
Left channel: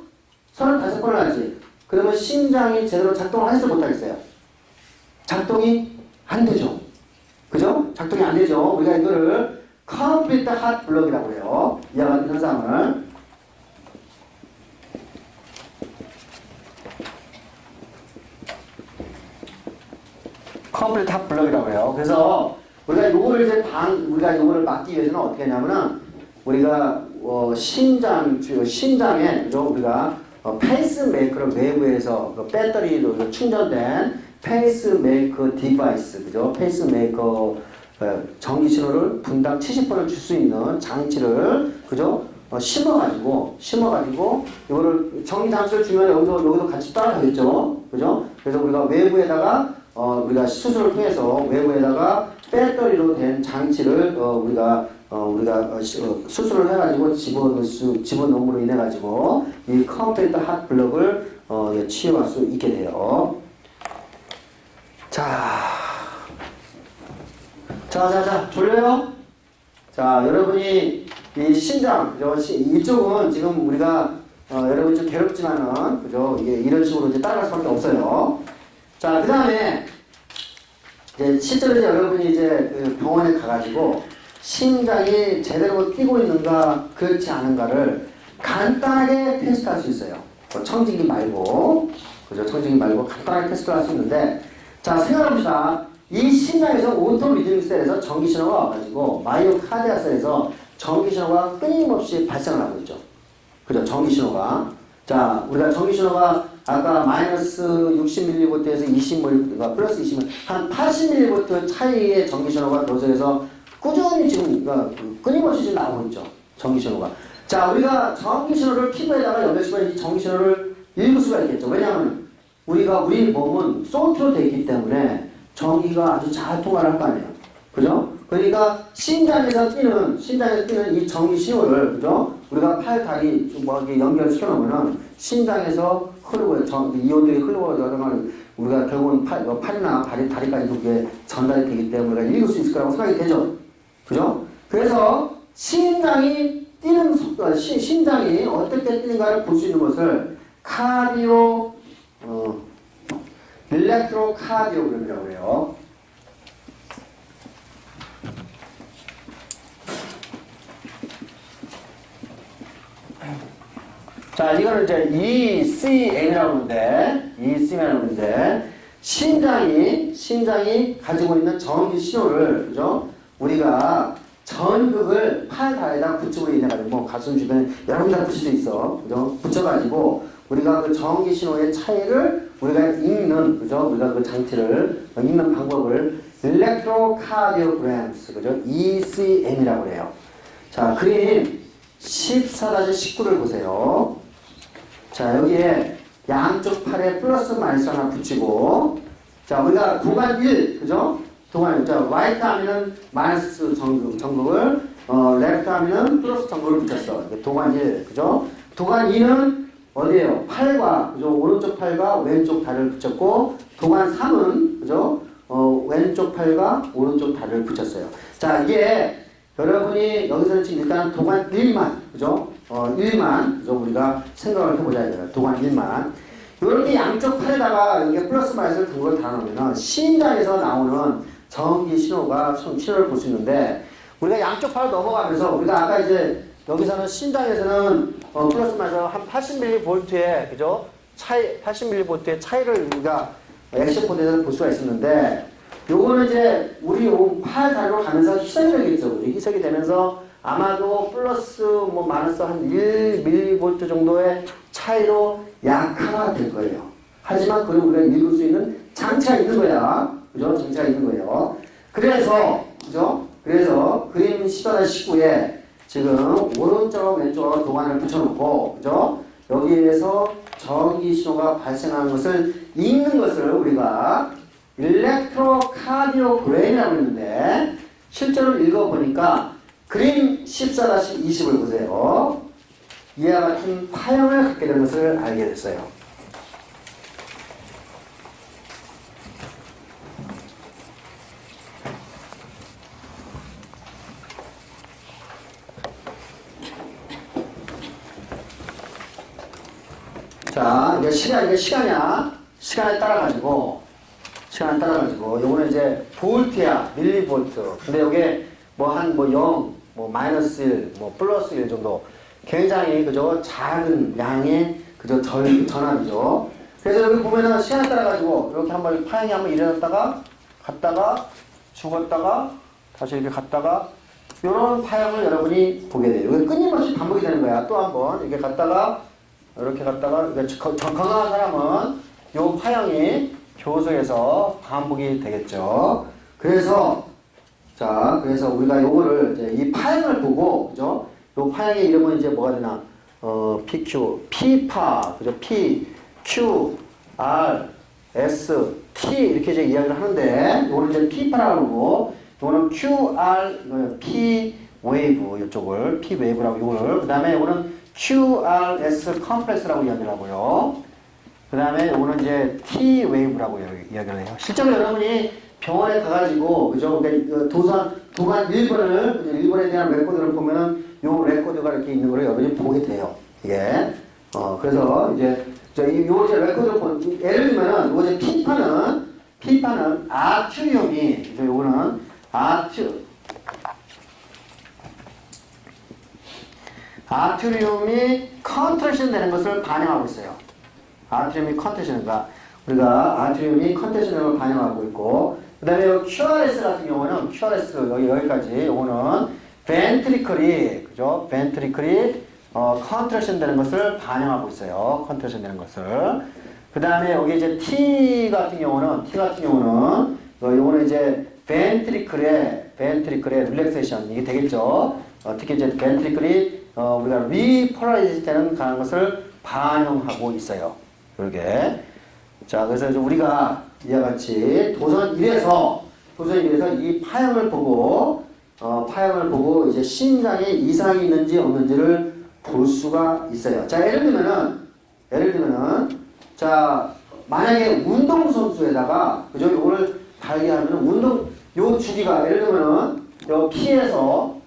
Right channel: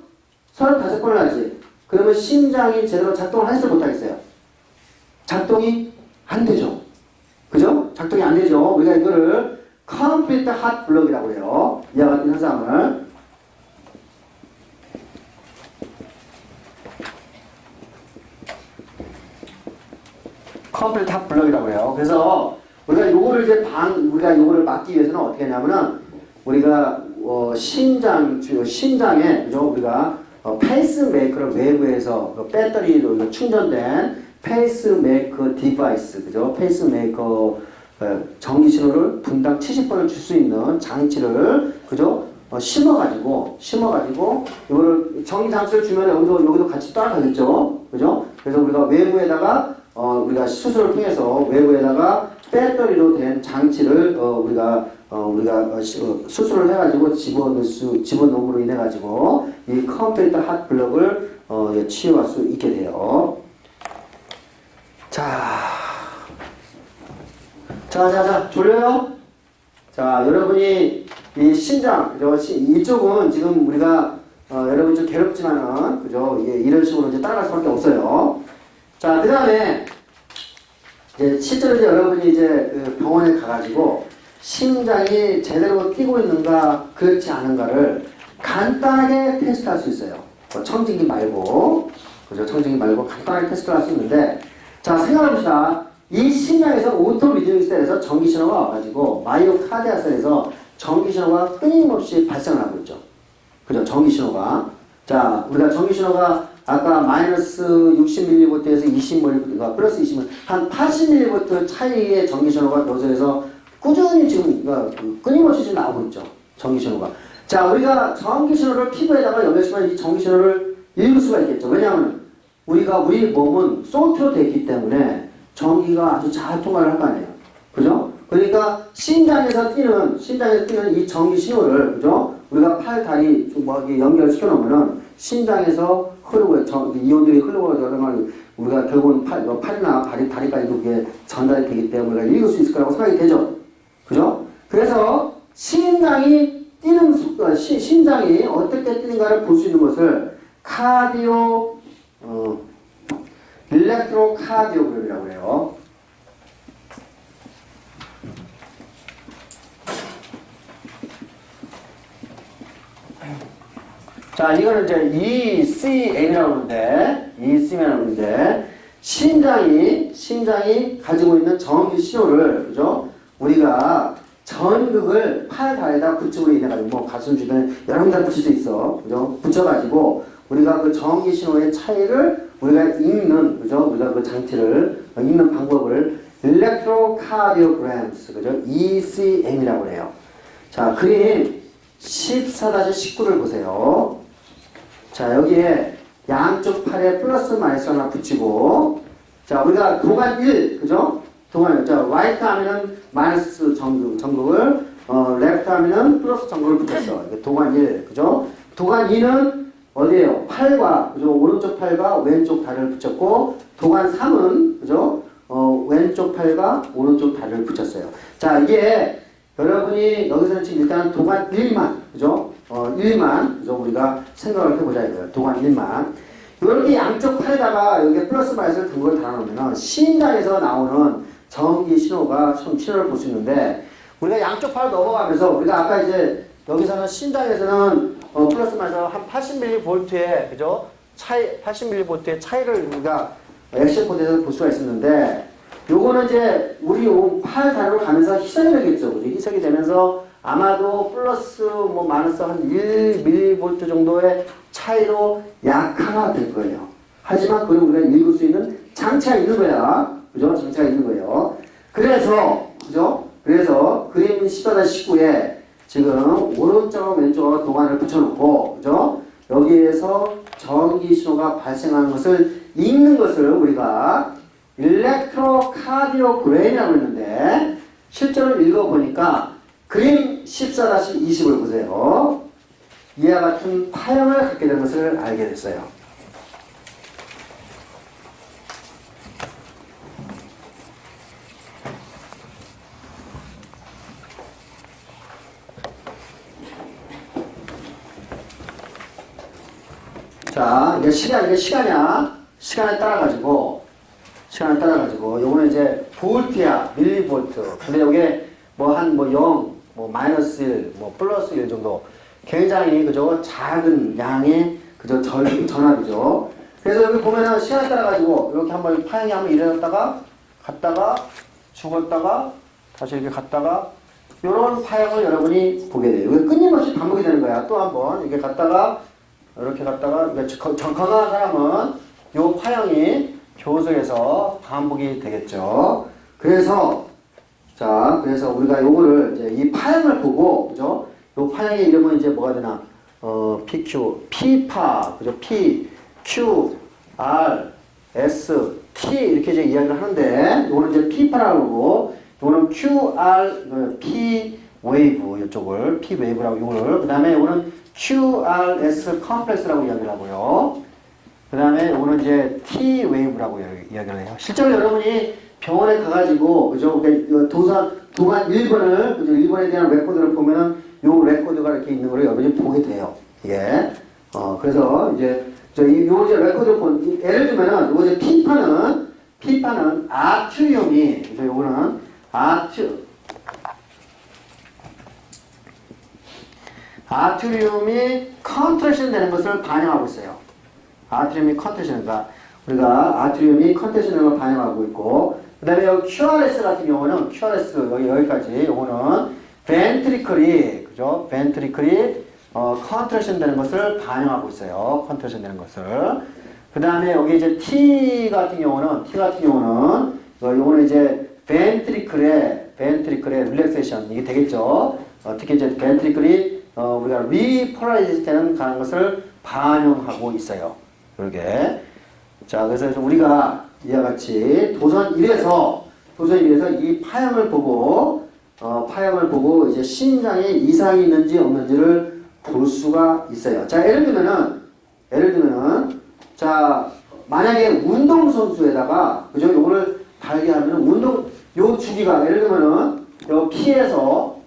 35번을 하지. 그러면 심장이 제대로 작동을 하겠어요? 못하겠어요? 작동이 안 되죠. 그죠? 작동이 안 되죠. 우리가 이거를 컴플리트 핫 블럭이라고 해요. 이와 같은 현상을. 컴플리트 핫 블럭이라고 해요. 그래서 우리가 요거를 막기 위해서는 어떻게 하냐면은 우리가 심장에 그죠? 우리가 페이스메이커를 외부에서 배터리로 충전된 페이스메이커 디바이스, 그죠? 페이스메이커 전기 신호를 분당 70번을 줄 수 있는 장치를, 그죠? 심어가지고 이거를 전기 장치를 주면 여기도 같이 따라가겠죠, 그죠? 그래서 우리가 외부에다가 우리가 수술을 통해서 외부에다가 배터리로 된 장치를 우리가 수술을 해가지고 집어넣음으로 인해 가지고 이 컴퓨터 핫 블럭을 치유할 수 있게 돼요. 자, 졸려요? 자, 여러분이 이 심장, 이쪽은 지금 우리가 여러분이 좀 괴롭지만은, 그죠? 이런 식으로 이제 따라갈 수밖에 없어요. 자, 그 다음에 이제 실제로 이제 여러분이 이제 병원에 가가지고 심장이 제대로 뛰고 있는가 그렇지 않은가를 간단하게 테스트할 수 있어요. 청진기 말고, 그죠? 청진기 말고 간단하게 테스트를 할 수 있는데, 자, 생각해봅시다. 이 심장에서 오토 리드믹 셀에서 전기 신호가 와가지고 마이오카디아 셀에서 전기 신호가 끊임없이 발생을 하고 있죠. 그죠? 전기 신호가. 자, 우리가 전기 신호가 아까 마이너스 60mV에서 20mV, 그러니까 플러스 20mV, 한 80mV 차이의 전기 신호가 노즐에서 꾸준히 지금, 끊임없이 지금 나오고 있죠. 전기 신호가. 자, 우리가 전기 신호를 피부에다가 연결시키면 이 전기 신호를 읽을 수가 있겠죠. 왜냐하면 우리 몸은 소프트로 되어 있기 때문에 전기가 아주 잘 통과를 할 거 아니에요. 그죠? 그러니까 심장에서 뛰는 이 전기 신호를, 그죠? 우리가 팔, 다리 좀 연결시켜 놓으면은 심장에서 흐르고, 이온들이 흐르고, 우리가 결국은 팔이나 다리까지 그게 전달이 되기 때문에 우리가 읽을 수 있을 거라고 생각이 되죠. 그죠? 그래서 심장이 뛰는 속도, 심장이 어떻게 뛰는가를 볼 수 있는 것을 일렉트로카디오그램이라고 그래요. 자, 이거는 이제 ECM이라고 하는데, 심장이 가지고 있는 전기 신호를, 그죠? 우리가 전극을 팔 다리에다 붙임으로 인해 가지고 뭐 가슴 주변에 여러 군데 붙일 수 있어. 그죠? 붙여가지고 우리가 그 전기 신호의 차이를 우리가 읽는, 그죠? 우리가 그 장치를 읽는 방법을 electrocardiograms, 그죠? ECM이라고 해요. 자, 그림 14-19를 보세요. 자, 여기에 양쪽 팔에 플러스 마이너스 하나 붙이고, 자, 우리가 도관 1, 그죠? 도관, 자, 라이트 하면은 마이너스 전극을, 레프트 하면은 플러스 전극을 붙였어. 이게 도관 1, 그죠? 도관 2는 어디에요? 팔과, 그죠? 오른쪽 팔과 왼쪽 다리를 붙였고, 도관 3은, 그죠? 왼쪽 팔과 오른쪽 다리를 붙였어요. 자, 이게 여러분이 여기서는 지금 일단 도관 1만, 그죠? 1만, 그죠? 우리가 생각을 해보자 이거예요. 도관 1만. 이렇게 양쪽 팔에다가 여기에 플러스 마이너스를 든 걸 달아놓으면 심장에서 나오는 전기 신호를 볼 수 있는데, 우리가 양쪽 팔을 넘어가면서 우리가 아까 이제 여기서는 심장에서는 플러스 마이너스 한 80mV의, 그죠? 80mV의 차이를 우리가 액션 코드에서 볼 수가 있었는데, 요거는 이제 우리 팔 다리로 가면서 희석이 되겠죠. 그죠? 희석이 되면서 아마도 플러스 뭐 마이너스 한 1mV 정도의 차이로 약화될 거예요. 하지만 그걸 우리가 읽을 수 있는 장치가 있는 거야. 그죠? 장치가 있는 거예요. 그래서, 그죠? 그래서 그림 14-19에 지금 오른쪽 왼쪽 도관을 붙여놓고, 그죠? 여기에서 전기 신호가 발생하는 것을 읽는 것을 우리가 일렉트로카디오그램이라고 했는데, 실제로 읽어보니까 그림 14-20을 보세요. 이와 같은 파형을 갖게 된 것을 알게 됐어요. 자, 이게 시간이야. 시간에 따라가지고, 요거는 이제 볼트야, 밀리볼트. 근데 이게 뭐 한 0, 뭐 마이너스 1, 뭐 플러스 1 정도. 굉장히, 그죠? 작은 양의, 그죠? 전압이죠. 그래서 여기 보면은 시간에 따라가지고, 이렇게 한번 파형이 한번 일어났다가, 갔다가, 죽었다가, 다시 이렇게 갔다가, 요런 파형을 여러분이 보게 돼요. 이게 끊임없이 반복이 되는 거야. 또 한번, 이렇게 갔다가, 이렇게 갔다가, 건강한 사람은 요 파형이 교석에서 반복이 되겠죠. 그래서 우리가 요거를 이제 이 파형을 보고, 그죠? 요 파형의 이름은 이제 뭐가 되나? PQ, P파, 그죠? P, Q, R, S, T 이렇게 이제 이야기를 하는데, 요거는 이제 P파라고 그러고, 요거는 QR, P 웨이브, 이쪽을 P 웨이브라고 요거를, 그 다음에 요거는 QRS 컴플렉스라고 이야기를 하고요. 그 다음에 요거는 이제 T 웨이브라고 이야기를 해요. 실제로 여러분이 병원에 가가지고, 그죠? 도관 1번을, 그죠? 1번에 대한 레코드를 보면은 요 레코드가 이렇게 있는 걸 여러분이 보게 돼요. 이게. 그래서 이제, 요 이제 레코드를 예를 들면은, 요 이제 P파는 아큐리움이, 그죠? 요거는 아트리움이 컨트랙션 되는 것을 반영하고 있어요. 아트리움이 컨트랙션, 그러니까 우리가 아트리움이 컨트랙션 되는 걸 반영하고 있고, 그 다음에 여기 QRS 같은 경우는, QRS, 여기까지, 요거는 벤트리클이, 그죠? 벤트리클이, 컨트랙션 되는 것을 반영하고 있어요. 컨트랙션 되는 것을. 그 다음에 여기 이제 T 같은 경우는, 요거는 이제 벤트리클의 릴렉세이션, 이게 되겠죠? 특히 이제 벤트리클이 우리가 리폴라이즈 되는 가는 것을 반영하고 있어요. 이렇게. 자, 그래서 우리가 이와 같이 도선 1에서 이 파형을 보고 이제 심장에 이상이 있는지 없는지를 볼 수가 있어요. 자, 예를 들면은 자, 만약에 운동선수에다가, 그죠? 요거를 달게 하면은 요 주기가, 예를 들면은 여기 P에서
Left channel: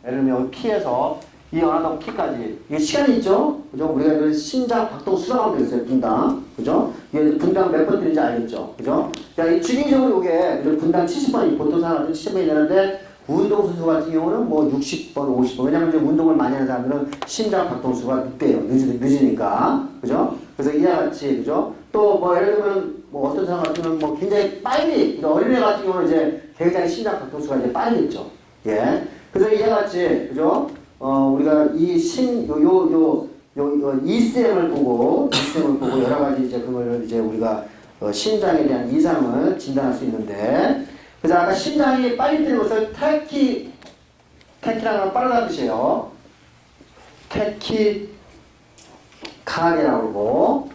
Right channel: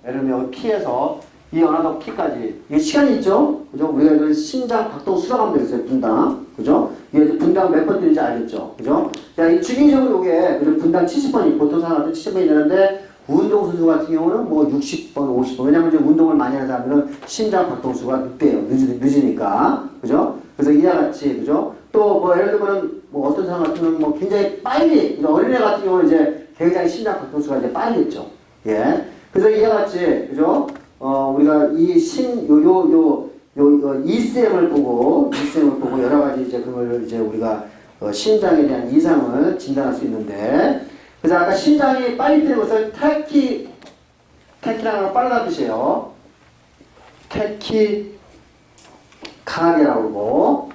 이 어나더 P까지 이게 시간이 있죠, 그죠? 우리가 이런 심장 박동 수락하면 되겠어요, 분당, 그죠? 이게 분당 몇 번 뛰는지 알겠죠, 그죠? 자, 이 주기적으로 이게 분당 70번이 보통 사람한테 70번이 되는데, 운동선수 같은 경우는 뭐 60번, 50번. 왜냐면 이제 운동을 많이 하는 사람들은 심장 박동수가 늦대요, 늦으니까, 그죠? 그래서 이와 같이, 그죠? 또 뭐 예를 들면 뭐 어떤 사람 같은 경우는 뭐 굉장히 빨리, 어린애 같은 경우는 이제 굉장히 심장 박동수가 이제 빠르겠죠, 예. 그래서 이와 같이, 그죠? 우리가 이 ECM을 보고 여러 가지 이제 그걸 이제 우리가 심장에 대한 이상을 진단할 수 있는데, 그래서 아까 심장이 빨리 뛰는 것을 태키라는 걸 빠르다는 뜻이에요. 태키카디아라고 그러고,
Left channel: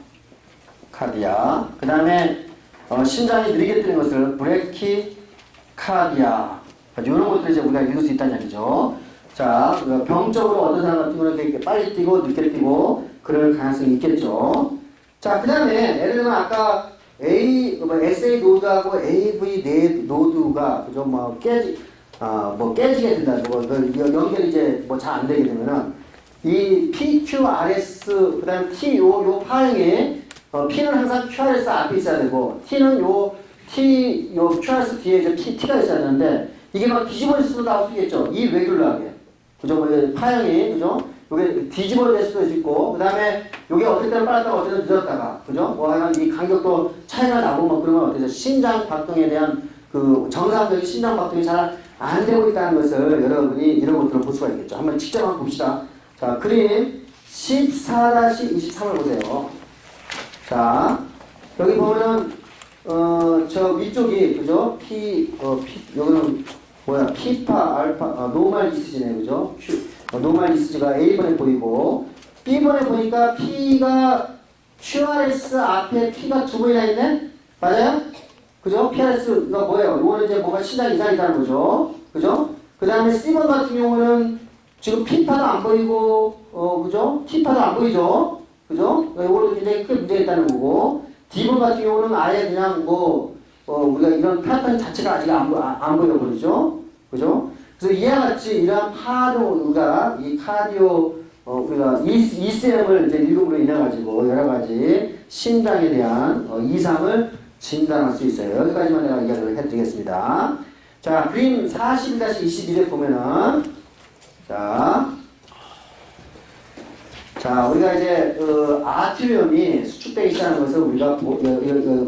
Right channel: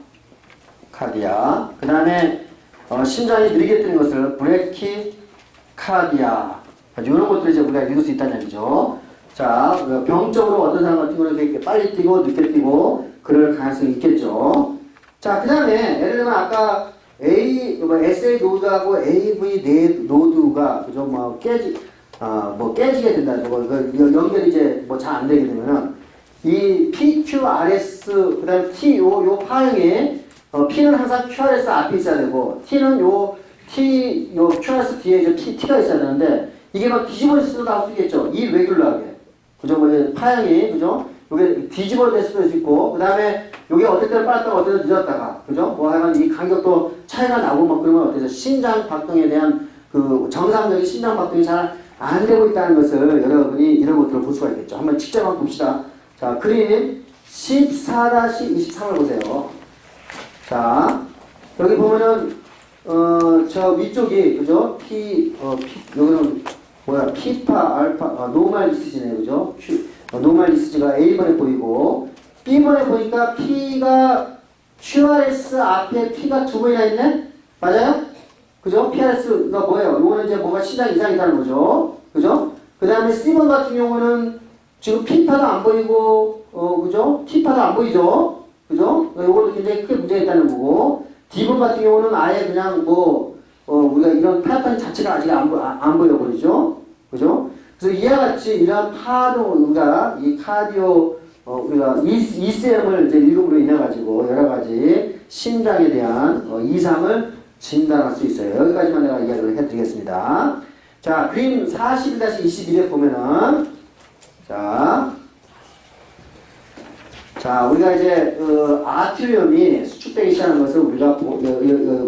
카디아. 그 다음에 심장이 느리게 뛰는 것을 브레키카디아. 이런 것들을 이제 우리가 읽을 수 있다는 얘기죠. 자, 병적으로 어떤 사람 같은 경우는 이렇게 빨리 뛰고 늦게 뛰고 그럴 가능성이 있겠죠. 자, 그 다음에 예를 들면 아까 SA 노드하고 AV 노드가 그죠? 깨지게 된다. 연결이 이제 잘 안 되게 되면은 이 PQRS 그다음 T 요 파형에 P는 항상 QRS 앞에 있어야 되고 T는 요 QRS 뒤에 이제 T가 있어야 되는데 이게 막 뒤집어질 수도 나올 수 있겠죠. 이레귤러하게. 그죠? 파형이, 그죠? 요게 뒤집어질 수도 있고, 그 다음에 요게 어떨 때는 빨랐다가 어떨 때는 늦었다가, 그죠? 하여간 이 간격도 차이가 나고 막 그러면 어때서 심장 박동에 대한 정상적인 심장 박동이 잘 안 되고 있다는 것을 여러분이 이런 것들을 볼 수가 있겠죠. 한번 직접 한번 봅시다. 자, 그림 14-23을 보세요. 자, 여기 보면은, 저 위쪽이, 그죠? 여기는 피파, 알파, 노멀 리스지네, 그죠? 노멀 리스지가 A번에 보이고, B번에 보니까 P가 QRS 앞에 P가 두 번이나 있네? 맞아요? 그죠? PRS가 뭐예요? 이거는 이제 뭐가 심장 이상이 있다는 거죠. 그죠? 그 다음에 C번 같은 경우는 지금 P파도 안 보이고, 그죠? T파도 안 보이죠? 그죠? 이것도 굉장히 크게 문제가 있다는 거고, D번 같은 경우는 아예 그냥 우리가 이런 패턴 자체가 아직 안 보여버리죠? 그죠? 그래서 이와 같이 이런 우리가 이 카디오, 우리가 ECM을 이제 읽음으로 인해가지고 여러 가지 심장에 대한 이상을 진단할 수 있어요. 여기까지만 내가 이야기를 해드리겠습니다. 자, 그림 41-21에 보면은, 자, 우리가 이제, 아트리움이 수축되기 시작하는 것을 우리가,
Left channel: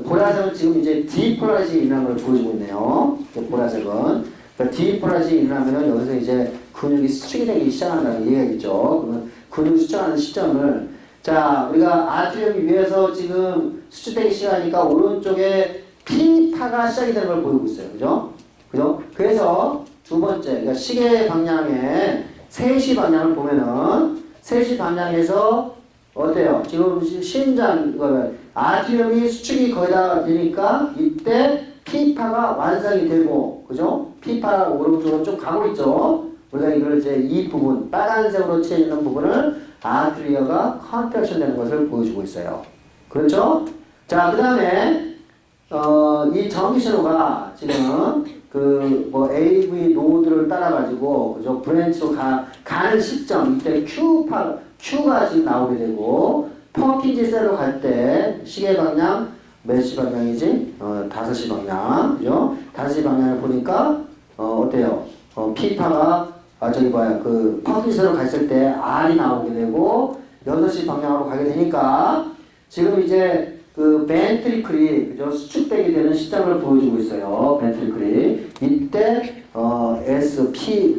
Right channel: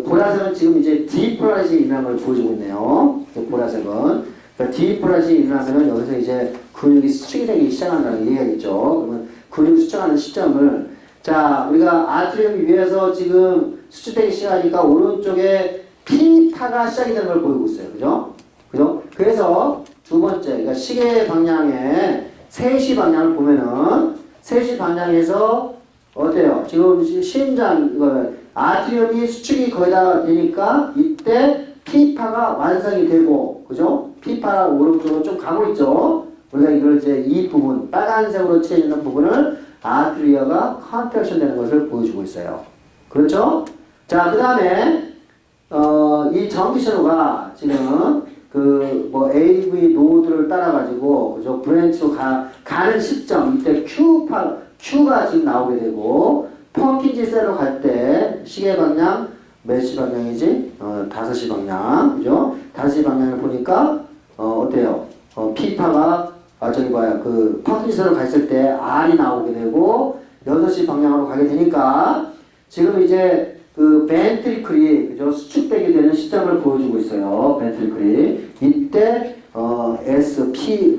보라색은 지금 이제 디폴라이징이 일어나는 걸 보여주고 있네요. 보라색은. 그러니까 디폴라이징이 일어나면은 여기서 이제 근육이 수축이 되기 시작한다는 얘기겠죠. 그러면 근육이 수축하는 시점을, 자, 우리가 아트리움이 위에서 지금 수축되기 시작하니까 오른쪽에 P파가 시작이 되는 걸 보이고 있어요. 그죠? 그죠? 그래서 두 번째, 그러니까 시계 방향에 3시 방향을 보면은 3시 방향에서 어때요? 지금 심장, 아트리움이 수축이 거의 다 되니까 이때 P파가 완성이 되고, 그죠? P파가 오른쪽으로 좀 가고 있죠? 우리가 이걸 이제 이 부분, 빨간색으로 칠해있는 부분을 아트리어가 컨트랙션 되는 것을 보여주고 있어요. 그렇죠? 자, 그 다음에, 이 전기 신호가 지금 AV 노드를 따라가지고, 그죠? 브랜치로 가는 시점, 이때 Q가 지금 나오게 되고, 퍼킨지 셀로 갈 때, 시계 방향, 몇 시 방향이지? 5시 방향, 그죠? 5시 방향을 보니까, 어때요? P파가, 퍼킨지 셀로 갔을 때 R이 나오게 되고, 6시 방향으로 가게 되니까, 지금 이제 벤트리클이, 그죠? 수축되게 되는 시점을 보여주고 있어요. 벤트리클이. 이때,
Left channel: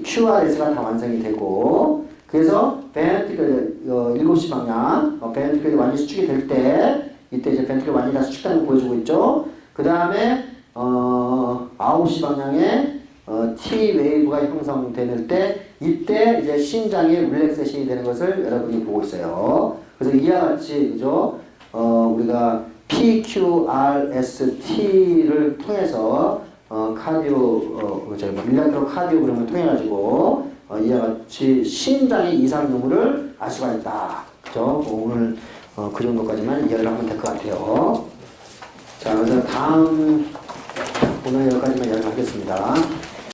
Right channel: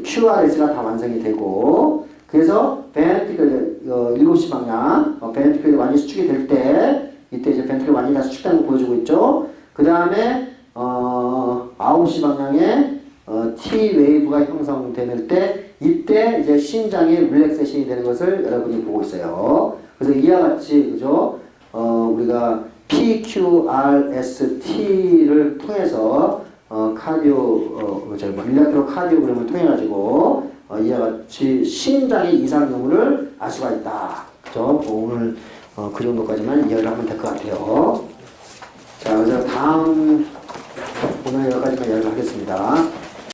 QRS가 다 완성이 되고, 그래서 벤트리클, 7시 방향, 벤트리클이 완전히 수축이 될 때, 이때 이제 벤트리클이 완전히 다 수축되는 걸 보여주고 있죠. 그 다음에, 9시 방향에, T 웨이브가 형성될 때, 이때 이제 심장이 릴렉세이션이 되는 것을 여러분이 보고 있어요. 그래서 이와 같이, 그죠? 우리가 PQRST를 통해서 일렉트로 카디오그램을 통해 가지고 이와 같이 심장의 이상 유무를 알 수가 있다. 그죠? 오늘 그 정도까지만 이야기를 하면 될 것 같아요. 자, 그래서 다음 오늘 여기까지만 이야기를 하겠습니다.